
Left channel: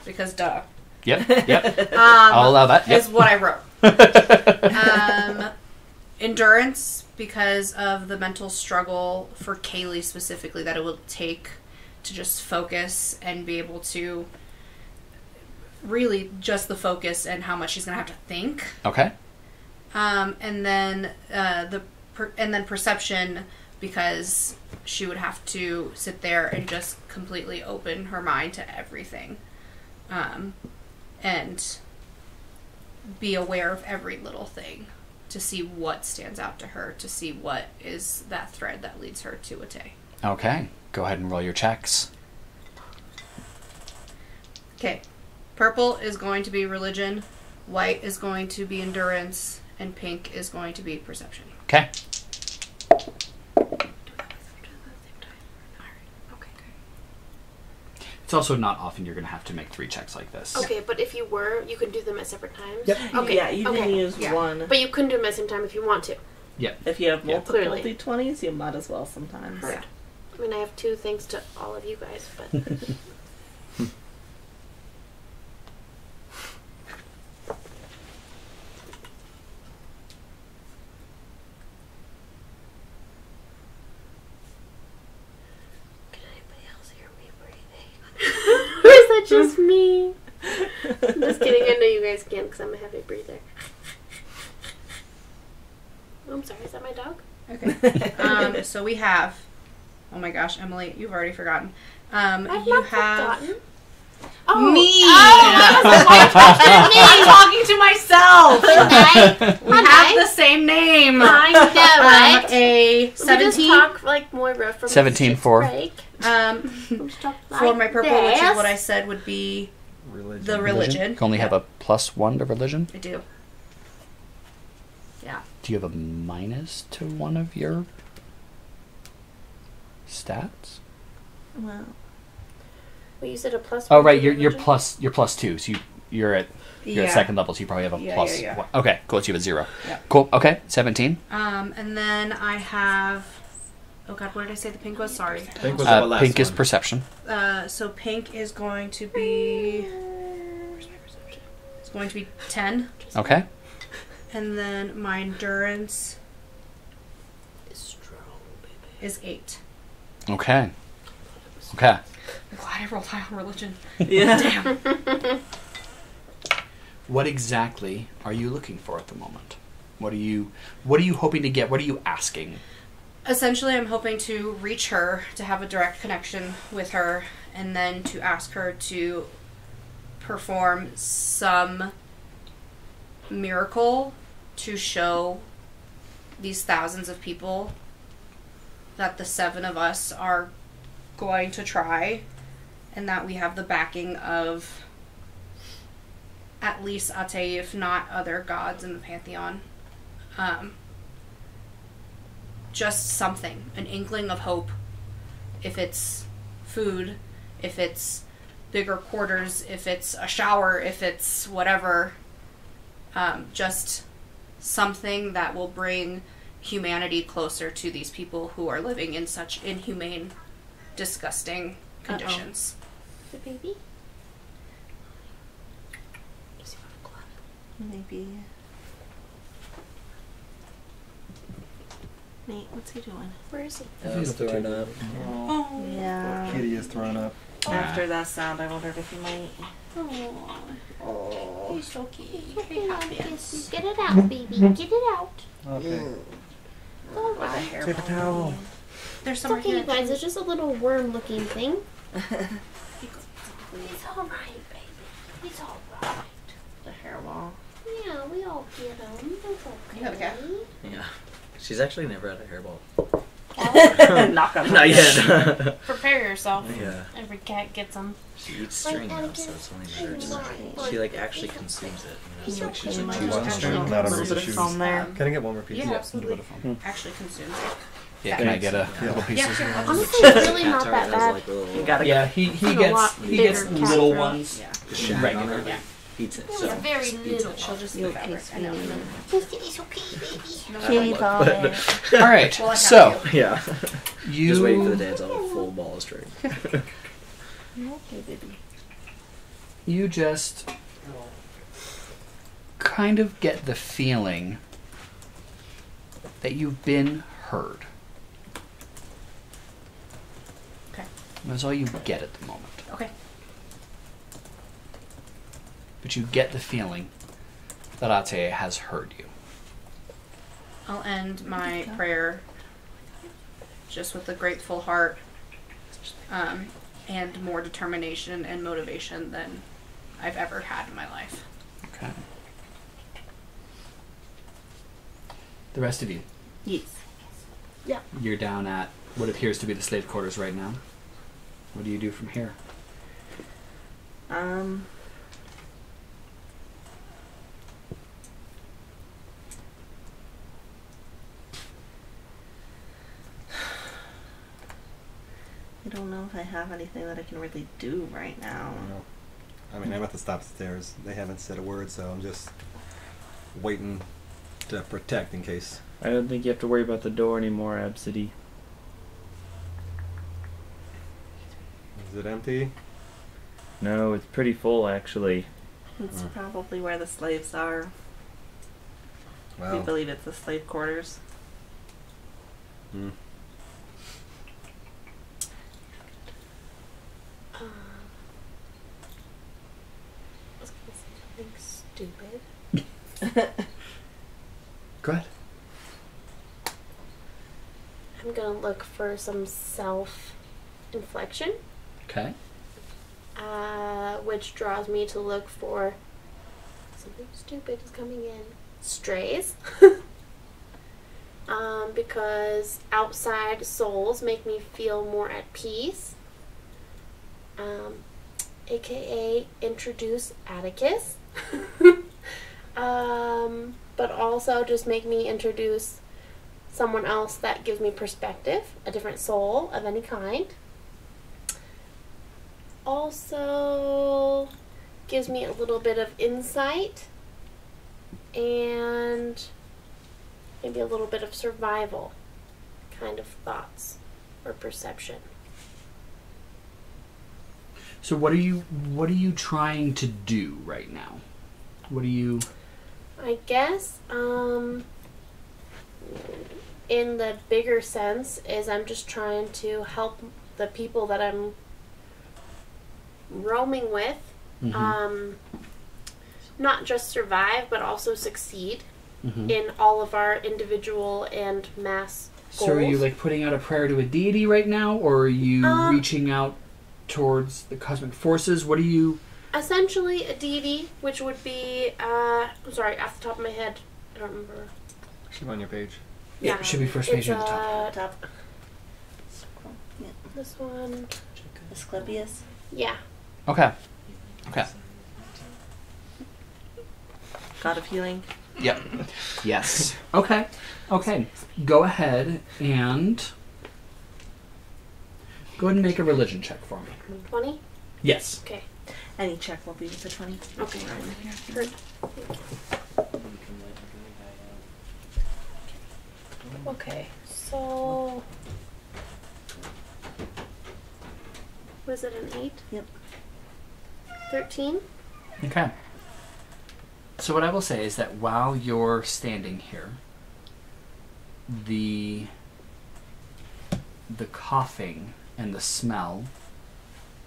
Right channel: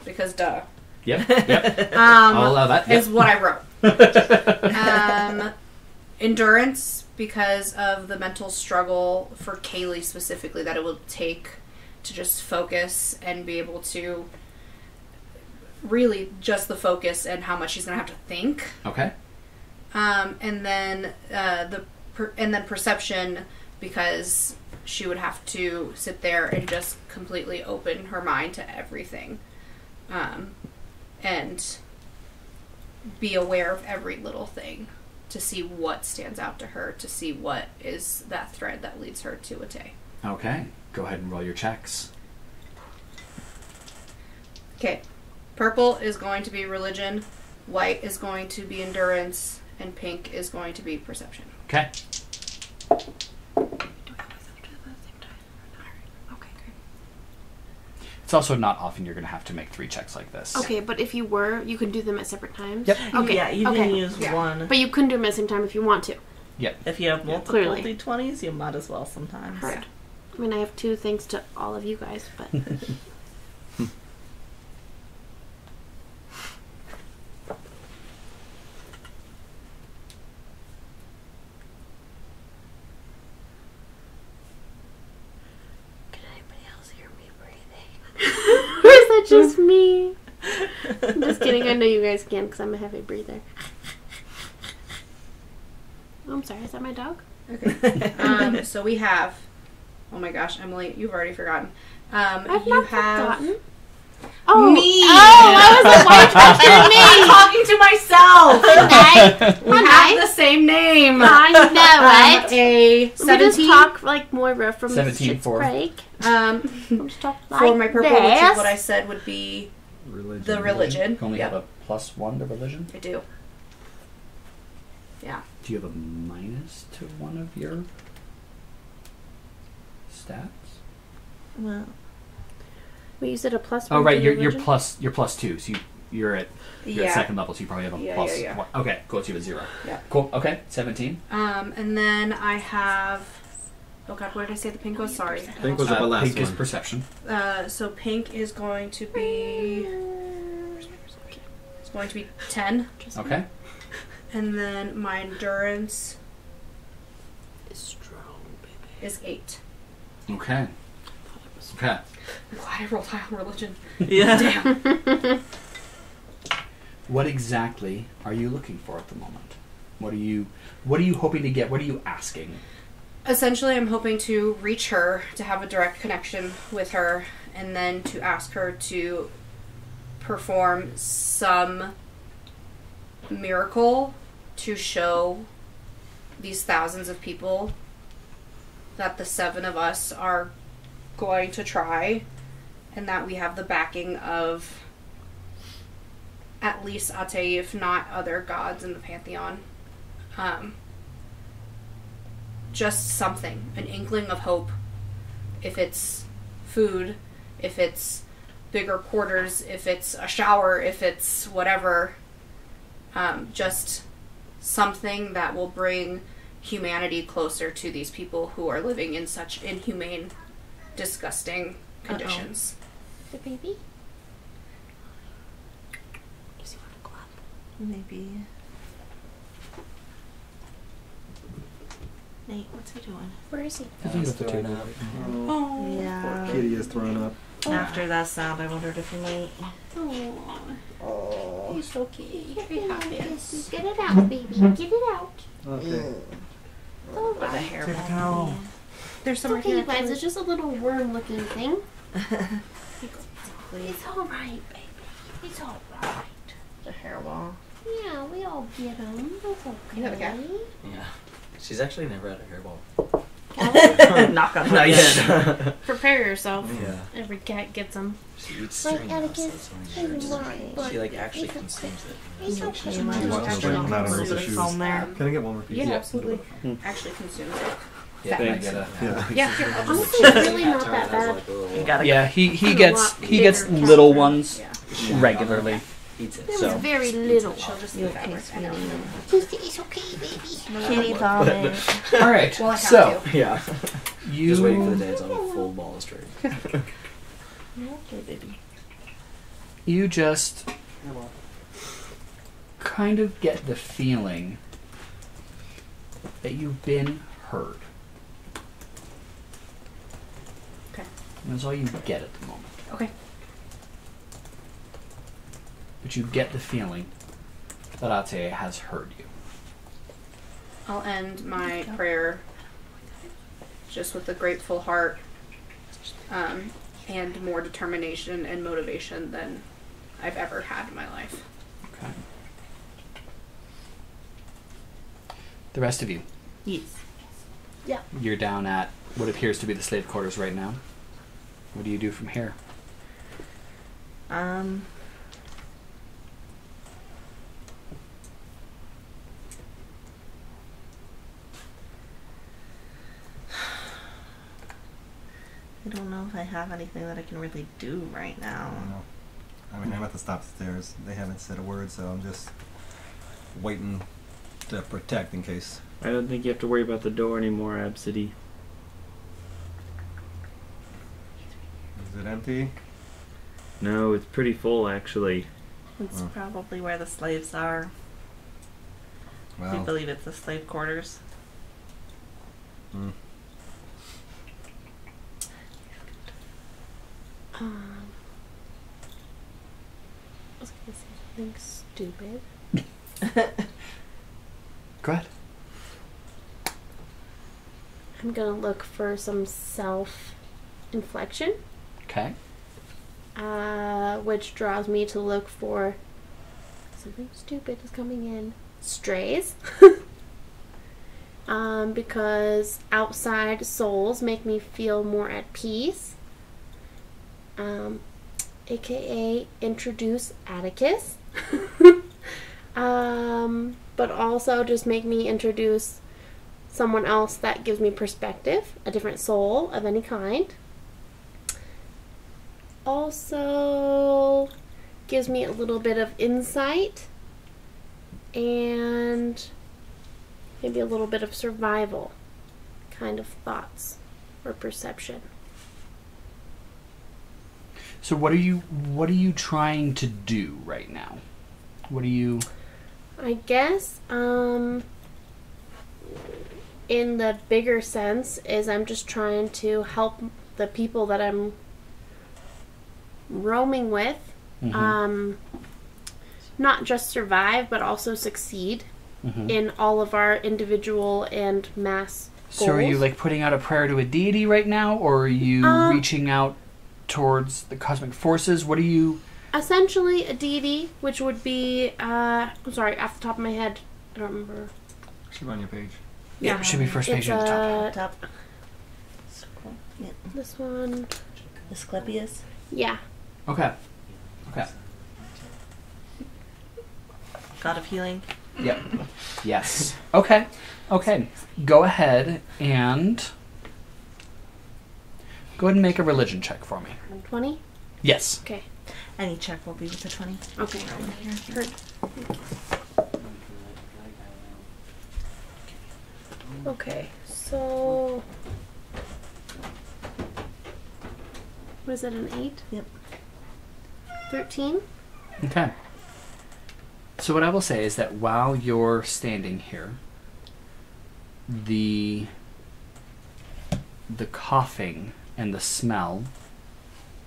because duh. Yep. Yep. I'll allow that. Is Yep. what I wrote. Endurance, because of the mental struggle for Caleigh specifically that it will take to just focus and be able to really just the focus and how much she's going to have to think. Okay. And then perception, because she would have to sit there and just completely open her mind to everything, and be aware of every little thing to see what stands out to her, to see what is that thread that leads her to a Tay. Okay. Go ahead and roll your checks. Okay. Purple is going to be religion, white is going to be endurance, and pink is going to be perception. Okay. It's also not often you're going to have to make 3 checks like this. Okay, but if you were, you could do them at separate times? Yep. Okay. Yeah, you can okay. use one. But you couldn't do them at the same time if you want to. If you have multiple Clearly. D20s, you might as well sometimes. Heard. I mean, I have 2 thanks to all of you guys, but... Can anybody else hear me breathe? just me. I'm just kidding. I know you guys can because I'm a heavy breather. Oh, I'm sorry. Is that my dog? Okay. So we have. Oh my gosh, Emily, you've already forgotten. I've you not have forgotten. Oh, me. Oh, I was like, why are you I'm talking to me? talking to myself. We have the same name. I know, right? A Let me just 17. talk like Moira from 17 for. break. For my purple, which is what I said would be the religion. You only have a +1 to religion. I do. Yeah. Do you have a minus to one of your stats? Well, Wait, you said a +1. Oh right, to you're religion? +2, so you're at second level, so you probably have a plus. Yeah. One. Okay, cool. So you have a 0. Yeah. Cool. Okay, 17. And then I have. Oh God, where did I say the pink was? Sorry. Pink was the last Pink is one. perception. So pink is going to be. It's going to be 10, Okay. and then my endurance It's strong, baby. is 8. Okay. Okay. I'm glad I rolled high on religion. yeah. Damn. What exactly are you looking for at the moment? What are you hoping to get? What are you asking? Essentially, I'm hoping to reach her, to have a direct connection with her, and then to ask her to perform some miracle to show these thousands of people that the 7 of us are going to try, and that we have the backing of at least Abcde, if not other gods in the pantheon. Just something, an inkling of hope. If it's food, if it's bigger quarters, if it's a shower, if it's whatever. Just something that will bring humanity closer to these people who are living in such inhumane, disgusting conditions. The baby? Does he want to clap? Maybe. Nate, what's he doing? Where is he? I was throwing up. Oh. Yeah. Kitty is thrown up. After that sound, I wondered if he might. Oh, he's so cute. Get it out, baby. Get it out. Okay. With a hairball. Take a towel. There's It's some right okay, here. you guys. It's just a little worm-looking thing. It's all right, baby. It's all right. The hairball. Yeah, we all get them. It's okay. You have a cat? Yeah. She's actually never had a hairball. Knock on Not wood. yet. Prepare yourself. Yeah. Every cat gets them. She eats Like string house. etiquette, That's one of hers. She like actually consumes it. It's like she's You a might juice want to string. put Not on a Rhys' little shoes. foam there. Can I get one more piece? Yeah, absolutely. Actually consumes it. Yeah, can I get a? Yeah, sure. Honestly, it's really Cat not turd that has, bad. like, a little- You gotta Yeah, he Kinda gets lot he gets bigger little cat. ones Yeah. regularly. Eats it. It So- was very little. She'll just You look okay, at it. I know. sweetie? It's okay, baby. Kitty ball. All right, Well, I have so Yeah. you Just waiting for the day it's all full ball of string. Okay, baby. you just kind of get the feeling that you've been heard. Okay. That's all you get at the moment. Okay. But you get the feeling that Abcde has heard you. I'll end my prayer just with a grateful heart, and more determination and motivation than I've ever had in my life. Okay. The rest of you, Yes. you're down at what appears to be the slave quarters right now. What do you do from here? I don't know if I have anything that I can really do right now. I mean, I'm at the top stairs. They haven't said a word, so I'm just waiting to protect in case. I don't think you have to worry about the door anymore, Absidee. Is it empty? No, it's pretty full actually. It's probably where the slaves are. We Wow. believe it's the slave quarters. Hmm. something stupid. Go ahead. I'm gonna look for some self-inflection, Okay. which draws me to look for something stupid is coming in. Strays. Because outside souls make me feel more at peace. AKA introduce Atticus. But also just make me introduce someone else that gives me perspective, a different soul of any kind. Also gives me a little bit of insight and maybe a little bit of survival kind of thoughts or perception. So what are you trying to do right now? What are you... I guess, in the bigger sense, is I'm just trying to help the people that I'm roaming with, not just survive, but also succeed in all of our individual and mass goals. So are you like putting out a prayer to a deity right now, or are you reaching out towards the cosmic forces? What are you... Essentially a deity, which would be, I'm sorry, off the top of my head, I don't remember. Should be on your page. Yeah, it should be first page It's, at the top. Top. Yeah. This one. Asclepius. Yeah. Okay. Okay. God of healing. Yep. Yes. Okay. Okay. Go ahead and make a religion check for me. 20? Yes. Okay. Any check will be with the 20. Okay. Heard. Okay, so... What is it, an 8? Yep. 13? Okay. So what I will say is that while you're standing here, the coughing and the smell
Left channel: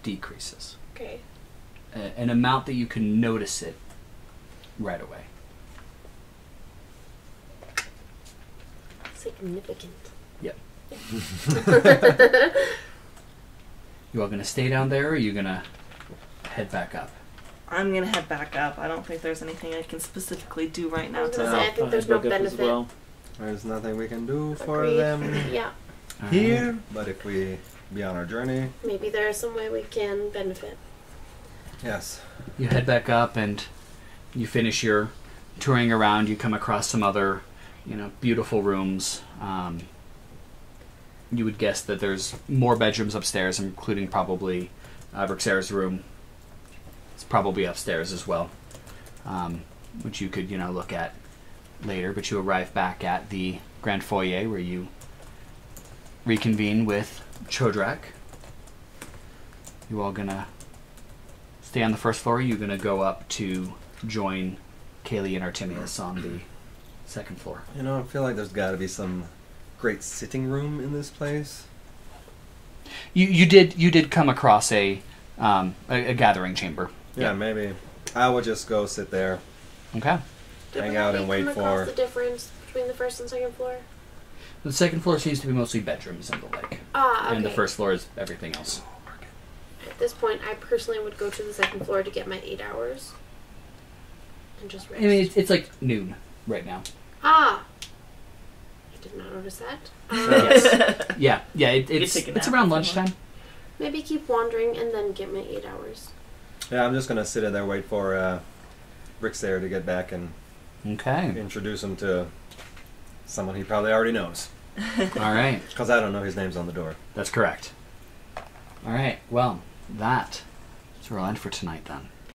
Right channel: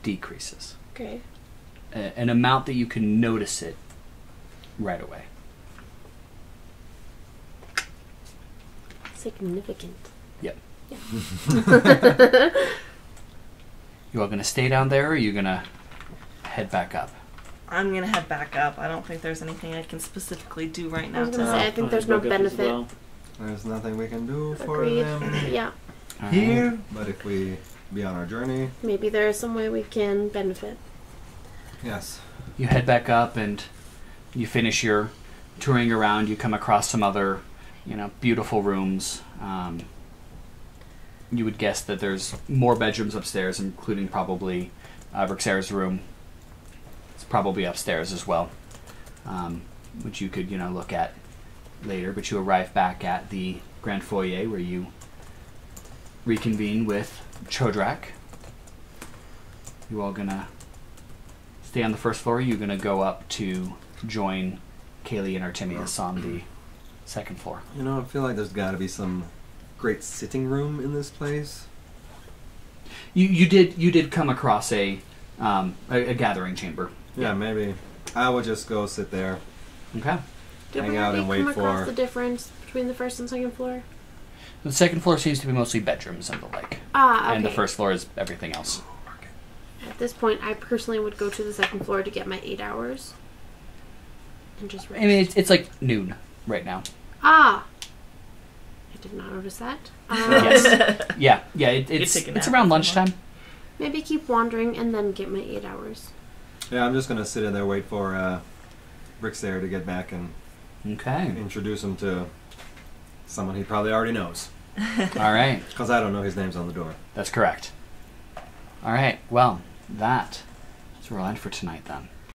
decreases. Okay. An amount that you can notice it right away. Significant. Yep. Yeah. You all going to stay down there, or are you going to head back up? I'm gonna head back up. I don't think there's anything I can specifically do right I now was gonna to say, I help. think there's no benefit. There's nothing we can do for Agreed. them Yeah. here, but if we be on our journey, Maybe there is some way we can benefit. yes. You head back up and you finish your touring around. You come across some other, beautiful rooms. You would guess that there's more bedrooms upstairs, including probably Rixara's room. It's probably upstairs as well, which you could, look at later. But you arrive back at the grand foyer where you reconvene with Chodrak. You all gonna stay on the first floor? Or are you gonna go up to join Caleigh and Artemius on the second floor? I feel like there's got to be some great sitting room in this place. You did come across a gathering chamber. Yeah, maybe. I will just go sit there. Okay. Did Hang we out already and wait come across for- the difference between the first and second floor? The second floor seems to be mostly bedrooms and the like. Ah, okay. And the first floor is everything else. At this point, I personally would go to the second floor to get my 8 hours. And just rest. I mean, it's like noon right now. Ah! I did not notice that. Yes. Yeah. It's take a nap around or lunchtime. Maybe keep wandering and then get my 8 hours. Yeah, I'm just going to sit in there, wait for Rixara to get back and Okay. introduce him to someone he probably already knows. All right. Because I don't know his name's on the door. That's correct. All right. Well, that is where I'll end for tonight then.